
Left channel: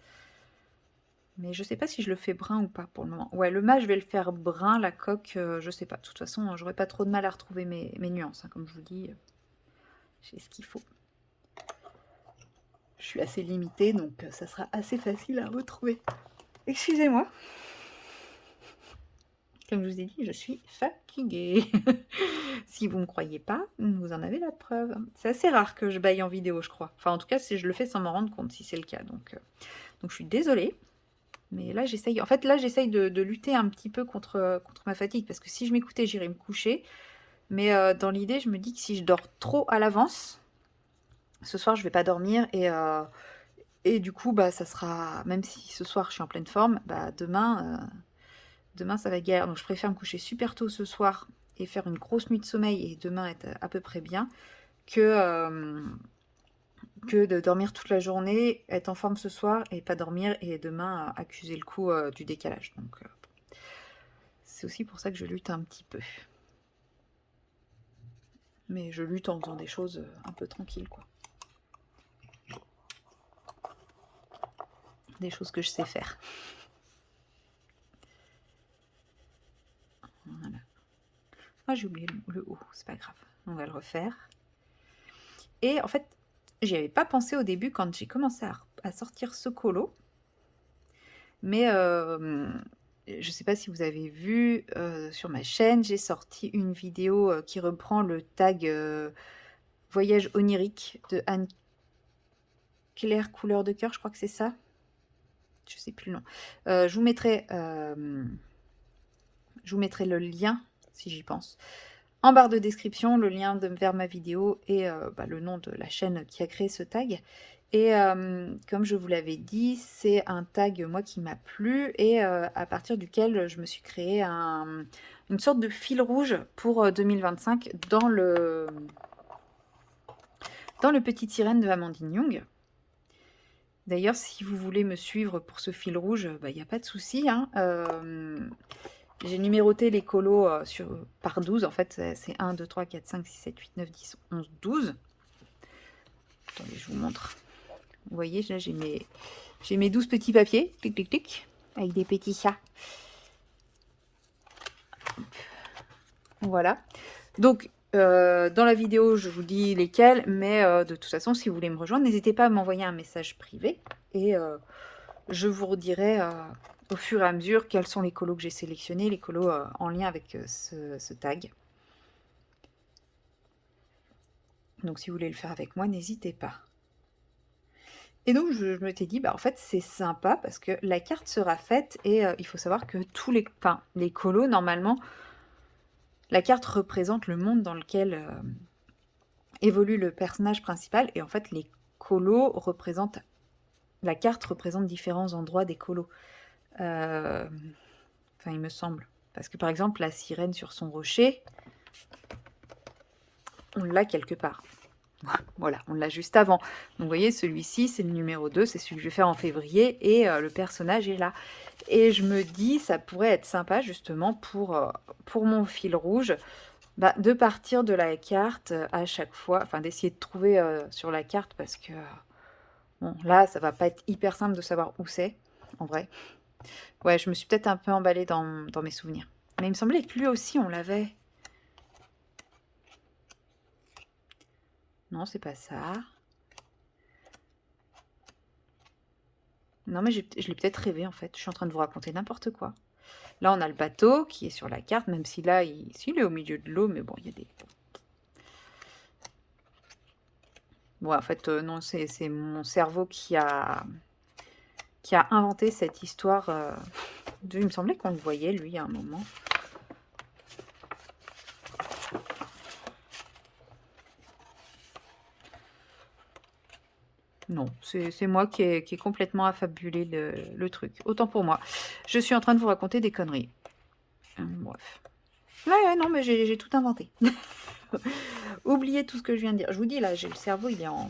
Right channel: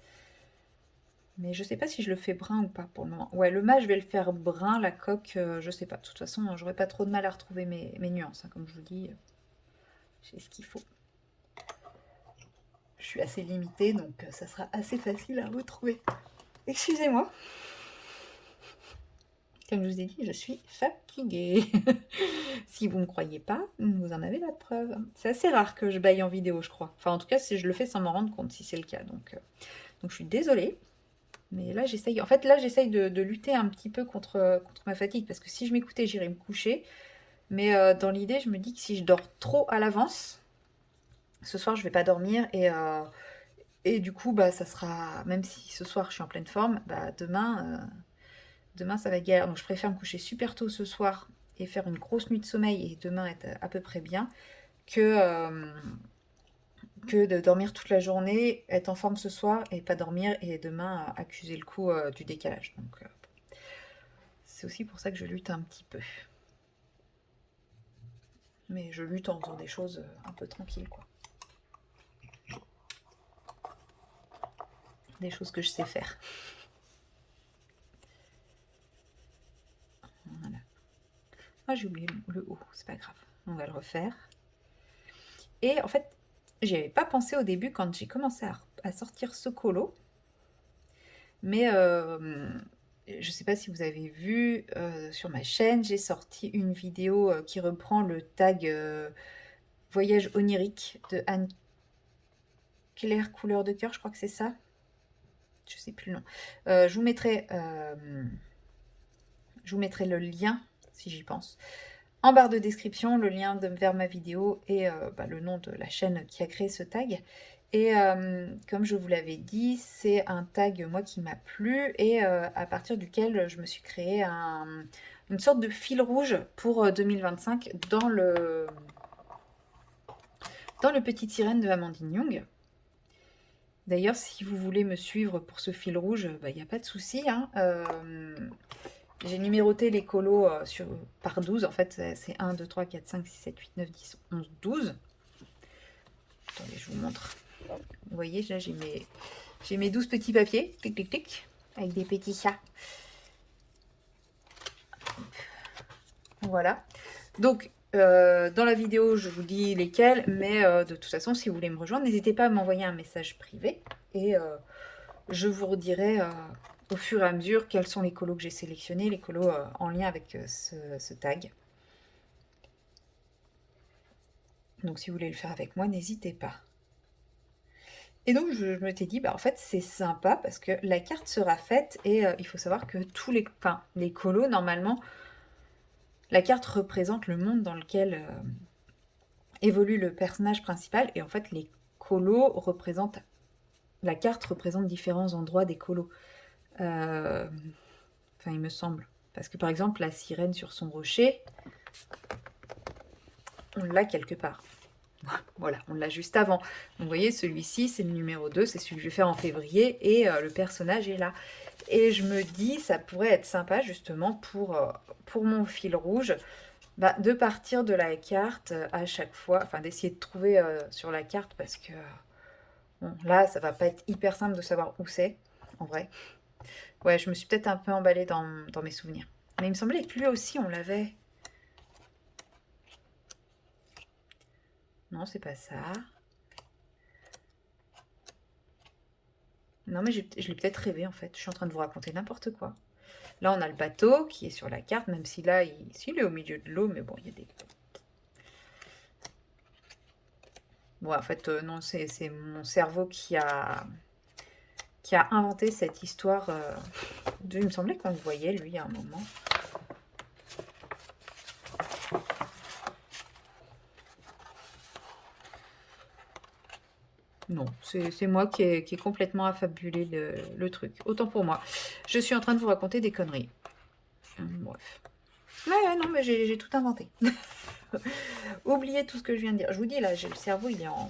Mais je sais pas si je le fais brun ou pas pour le moment. Ouais, le mât, je vais le faire brun, la coque, je sais pas. De toute façon, j'aurai pas trop de mal à retrouver mes nuances, hein, comme je vous dis. J'ai ce qu'il faut. Je suis assez limitée, donc ça sera assez facile à retrouver. Excusez-moi. Comme je vous ai dit, je suis fatiguée. Si vous ne me croyez pas, vous en avez la preuve. C'est assez rare que je baille en vidéo, je crois. Enfin, en tout cas, si je le fais sans m'en rendre compte, si c'est le cas. Donc je suis désolée. Mais là, j'essaye. En fait, là, j'essaye de lutter un petit peu contre ma fatigue. Parce que si je m'écoutais, j'irais me coucher. Mais dans l'idée, je me dis que si je dors trop à l'avance, ce soir, je vais pas dormir. Et du coup, bah, ça sera. Même si ce soir, je suis en pleine forme, bah, demain, ça va être galère. Donc, je préfère me coucher super tôt ce soir et faire une grosse nuit de sommeil et demain être à peu près bien que de dormir toute la journée, être en forme ce soir et pas dormir et demain accuser le coup du décalage. Donc, c'est aussi pour ça que je lutte un petit peu. Mais je lutte en faisant des choses un peu tranquilles, quoi. Des choses que je sais faire. Voilà. Ah, j'ai oublié le haut, c'est pas grave. On va le refaire. Et en fait, j'y avais pas pensé au début quand j'ai commencé à sortir ce colo. Mais je sais pas si vous avez vu sur ma chaîne, j'ai sorti une vidéo qui reprend le tag Voyage onirique de Anne-Claire Couleur de cœur, je crois que c'est ça. Je sais plus le nom. Je vous mettrai le lien, si j'y pense, en barre de description, le lien vers ma vidéo et le nom de la chaîne qui a créé ce tag. Et comme je vous l'avais dit, c'est un tag, moi, qui m'a plu et à partir duquel je me suis créé une sorte de fil rouge pour 2025 dans le Petite Sirène de Amandine Young. D'ailleurs, si vous voulez me suivre pour ce fil rouge, il n'y a pas de souci, hein. J'ai numéroté les colos par 12. En fait, c'est 1, 2, 3, 4, 5, 6, 7, 8, 9, 10, 11, 12. Attendez, je vous montre. Vous voyez, là, j'ai mes 12 petits papiers, clic, clic, clic, avec des petits chats. Voilà. Donc, dans la vidéo, je vous dis lesquels, mais de toute façon, si vous voulez me rejoindre, n'hésitez pas à m'envoyer un message privé et je vous redirai au fur et à mesure quels sont les colos que j'ai sélectionnés, les colos en lien avec ce tag. Donc, si vous voulez le faire avec moi, n'hésitez pas. Et donc, je me t'ai dit, en fait, c'est sympa parce que la carte sera faite et il faut savoir que les colos, normalement, la carte représente le monde dans lequel évolue le personnage principal. Et en fait, la carte représente différents endroits des colos. Enfin, il me semble. Parce que par exemple, la sirène sur son rocher, on l'a quelque part. Voilà, on l'a juste avant. Donc vous voyez, celui-ci, c'est le numéro 2, c'est celui que je vais faire en février, et le personnage est là. Et je me dis, ça pourrait être sympa justement pour mon fil rouge, de partir de la carte à chaque fois, enfin d'essayer de trouver sur la carte, parce que bon, là, ça va pas être hyper simple de savoir où c'est, en vrai. Ouais, je me suis peut-être un peu emballée dans mes souvenirs. Mais il me semblait que lui aussi, on l'avait. Non, c'est pas ça. Non, mais je l'ai peut-être rêvé, en fait. Je suis en train de vous raconter n'importe quoi. Là, on a le bateau qui est sur la carte, même si là, il est au milieu de l'eau, mais bon, il y a des... Ouais, en fait, non, c'est mon cerveau qui a inventé cette histoire. Il me semblait qu'on le voyait, lui, à un moment. Non, c'est moi qui ai complètement affabulé le truc. Autant pour moi. Je suis en train de vous raconter des conneries. Bref. Ouais, non, mais j'ai tout inventé. Oubliez tout ce que je viens de dire. Je vous dis, là, j'ai le cerveau, il est en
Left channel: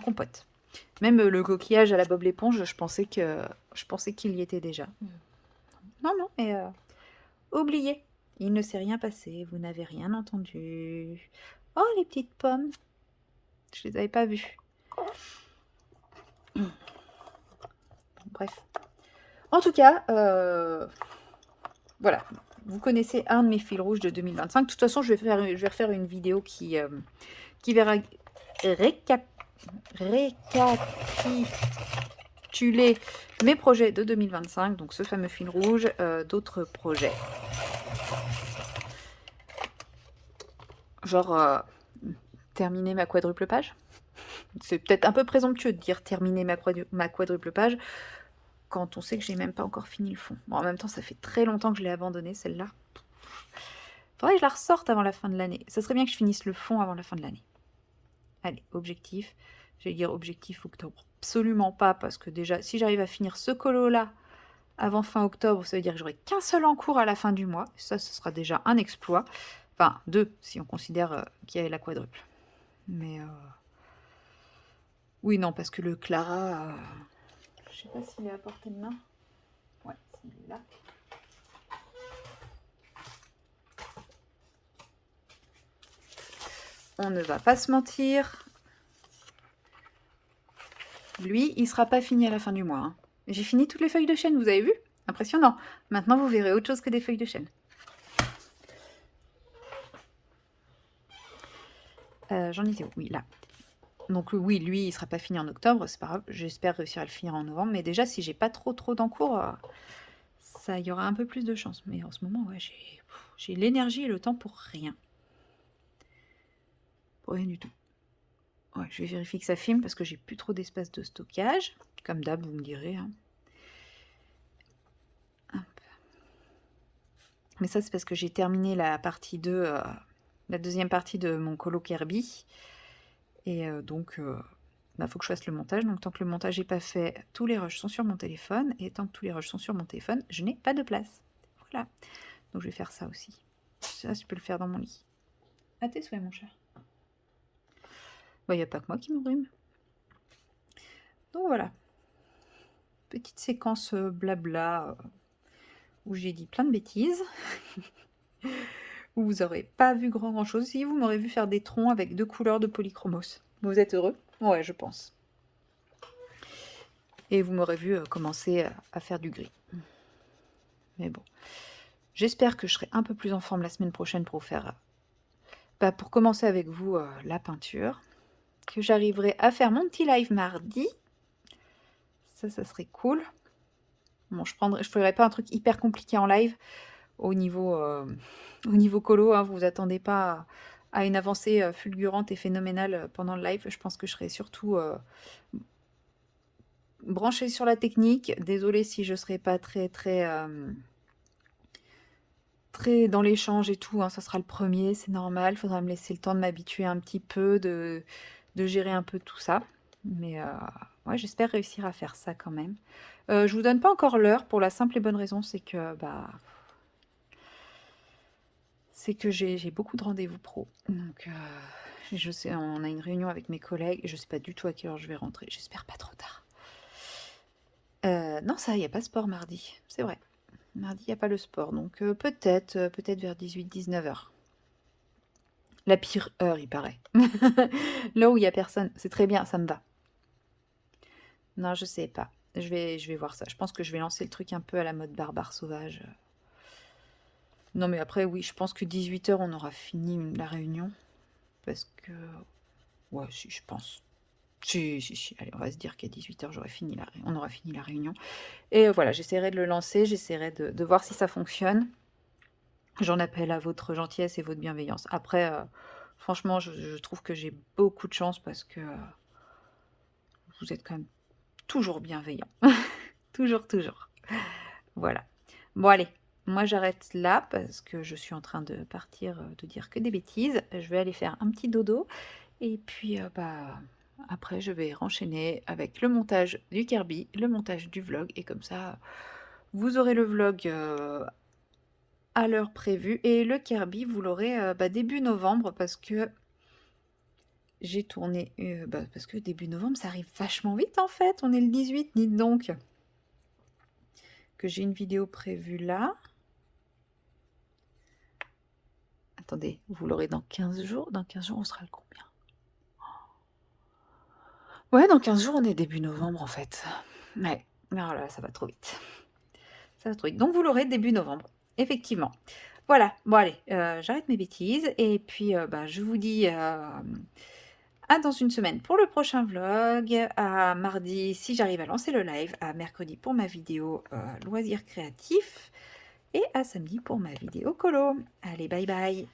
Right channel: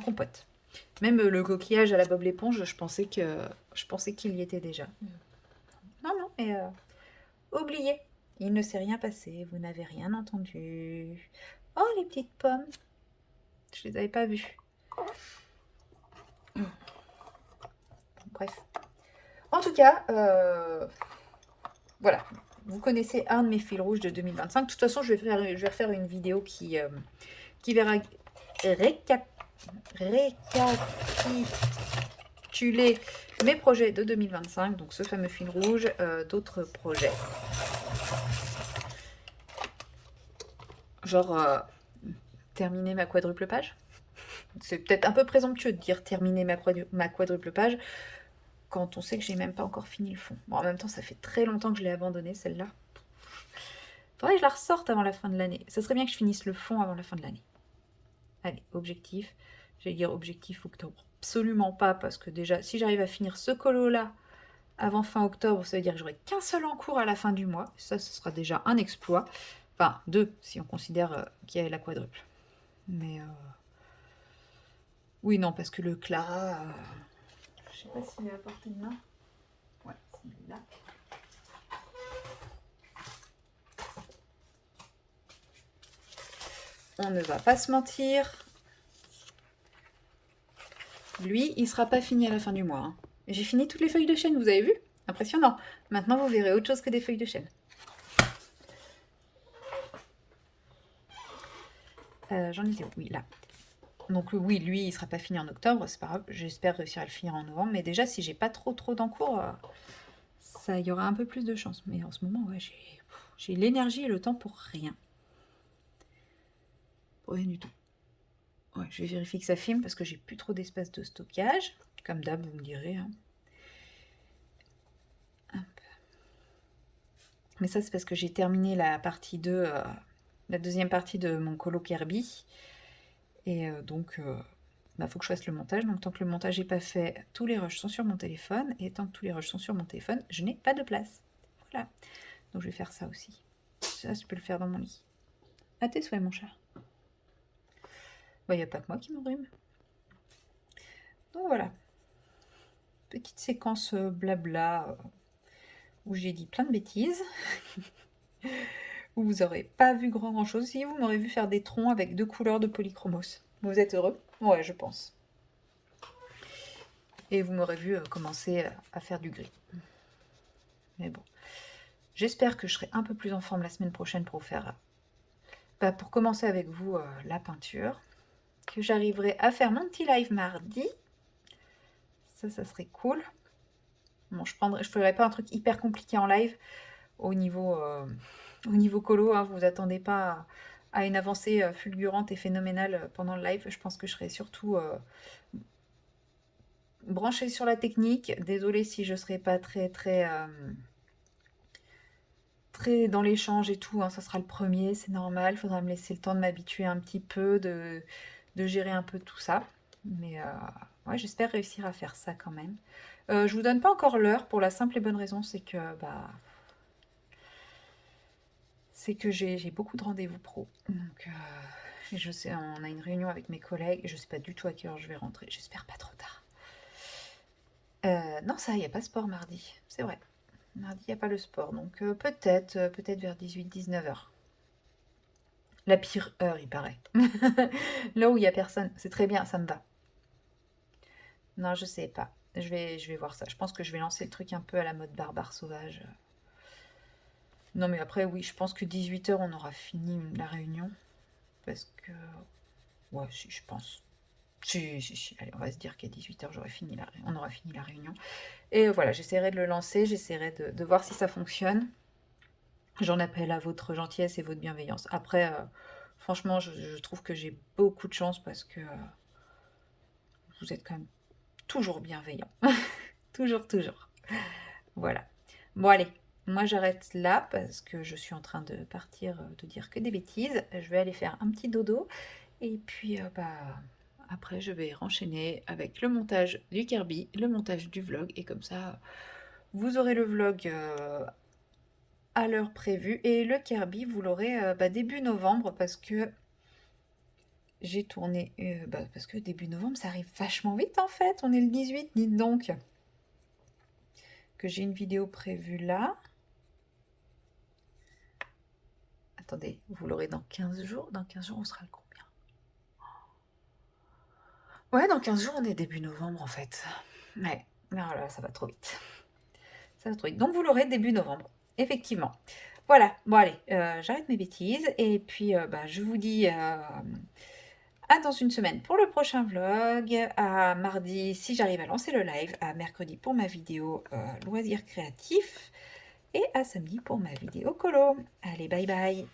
compote. Même le coquillage à la Bob l'éponge, je pensais qu'il y était déjà. Non, non, mais oubliez. Il ne s'est rien passé, vous n'avez rien entendu. Oh, les petites pommes. Je les avais pas vues. Bref. En tout cas, voilà. Vous connaissez un de mes fils rouges de 2025. De toute façon, je vais refaire une vidéo qui verra récapituler mes projets de 2025. Donc, ce fameux fil rouge, d'autres projets. Genre, terminer ma quadruple page. C'est peut-être un peu présomptueux de dire terminer ma quadruple page quand on sait que j'ai même pas encore fini le fond. Bon, en même temps, ça fait très longtemps que je l'ai abandonnée, celle-là. Faudrait que je la ressorte avant la fin de l'année. Ça serait bien que je finisse le fond avant la fin de l'année. Allez, objectif. J'allais dire objectif octobre. Absolument pas, parce que déjà, si j'arrive à finir ce colo-là avant fin octobre, ça veut dire que j'aurai qu'un seul en cours à la fin du mois. Ça, ce sera déjà un exploit. Enfin, 2, si on considère qu'il y a la quadruple. Mais oui, non, parce que le Clara, je sais pas s'il est à portée de main. Ouais, s'il est là. On ne va pas se mentir. Lui, il sera pas fini à la fin du mois. Hein. J'ai fini toutes les feuilles de chêne, vous avez vu? Impressionnant. Maintenant, vous verrez autre chose que des feuilles de chêne. J'en étais où? Oui, là. Donc oui, lui, il sera pas fini en octobre, c'est pas grave. J'espère réussir à le finir en novembre. Mais déjà, si j'ai pas trop d'encours, ça y aura un peu plus de chance. Mais en ce moment, ouais, j'ai l'énergie et le temps pour rien. Pour rien du tout. Ouais, je vais vérifier que ça filme parce que j'ai plus trop d'espace de stockage. Comme d'hab, vous me direz. Hein. Mais ça, c'est parce que j'ai terminé la partie 2, la deuxième partie de mon colo Kirby. Et donc, faut que je fasse le montage. Donc, tant que le montage n'est pas fait, tous les rushs sont sur mon téléphone. Et tant que tous les rushs sont sur mon téléphone, je n'ai pas de place. Voilà. Donc, je vais faire ça aussi. Ça, je peux le faire dans mon lit. À tes souhaits, mon cher. Il n'y a pas que moi qui m'enrhume. Donc, voilà. Petite séquence blabla où j'ai dit plein de bêtises. Où vous n'aurez pas vu grand chose. Si, vous m'aurez vu faire des troncs avec 2 couleurs de polychromos. Vous êtes heureux? Ouais, je pense. Et vous m'aurez vu commencer à faire du gris. Mais bon. J'espère que je serai un peu plus en forme la semaine prochaine pour faire... pour commencer avec vous la peinture. Que j'arriverai à faire mon petit live mardi. Ça serait cool. Bon, je ferai pas un truc hyper compliqué en live. Au niveau colo, hein, vous vous attendez pas à une avancée fulgurante et phénoménale pendant le live. Je pense que je serai surtout branchée sur la technique. Désolée si je serai pas très dans l'échange et tout. Hein, ça sera le premier, c'est normal. Faudra me laisser le temps de m'habituer un petit peu, de gérer un peu tout ça. Mais ouais, j'espère réussir à faire ça quand même. Je vous donne pas encore l'heure pour la simple et bonne raison, c'est que j'ai beaucoup de rendez-vous pro. Donc, je sais, on a une réunion avec mes collègues, je sais pas du tout à quelle heure je vais rentrer. J'espère pas trop tard. Non, ça, il y a pas sport mardi, c'est vrai. Mardi, il y a pas le sport, donc peut-être vers 18-19 heures. La pire heure, il paraît. Là où il y a personne, c'est très bien, ça me va. Non, je sais pas. Je vais voir ça. Je pense que je vais lancer le truc un peu à la mode barbare sauvage. Non, mais après, oui, je pense que 18 heures, on aura fini la réunion. Parce que... Ouais, si, je pense. Si, si, si. Allez, on va se dire qu'à 18 heures, on aura fini la réunion. Et voilà, j'essaierai de le lancer, j'essaierai de voir si ça fonctionne. J'en appelle à votre gentillesse et votre bienveillance. Après, franchement, je trouve que j'ai beaucoup de chance parce que vous êtes quand même toujours bienveillant. Toujours, toujours. Voilà. Bon, allez, moi j'arrête là parce que je suis en train de partir, de dire que des bêtises. Je vais aller faire un petit dodo et puis après je vais renchaîner avec le montage du Kirby, le montage du vlog et comme ça vous aurez le vlog à l'heure prévue et le Kirby vous l'aurez début novembre parce que j'ai tourné, parce que début novembre ça arrive vachement vite en fait, on est le 18, dites donc que j'ai une vidéo prévue là. Attendez, vous l'aurez dans 15 jours. Dans 15 jours, on sera le combien? Ouais, dans 15 jours, on est début novembre en fait. Ouais, oh là, ça va trop vite. Ça va trop vite. Donc vous l'aurez début novembre, effectivement. Voilà, bon allez, j'arrête mes bêtises et puis je vous dis à dans une semaine pour le prochain vlog, à mardi si j'arrive à lancer le live, à mercredi pour ma vidéo loisirs créatifs et à samedi pour ma vidéo colo. Allez, bye bye.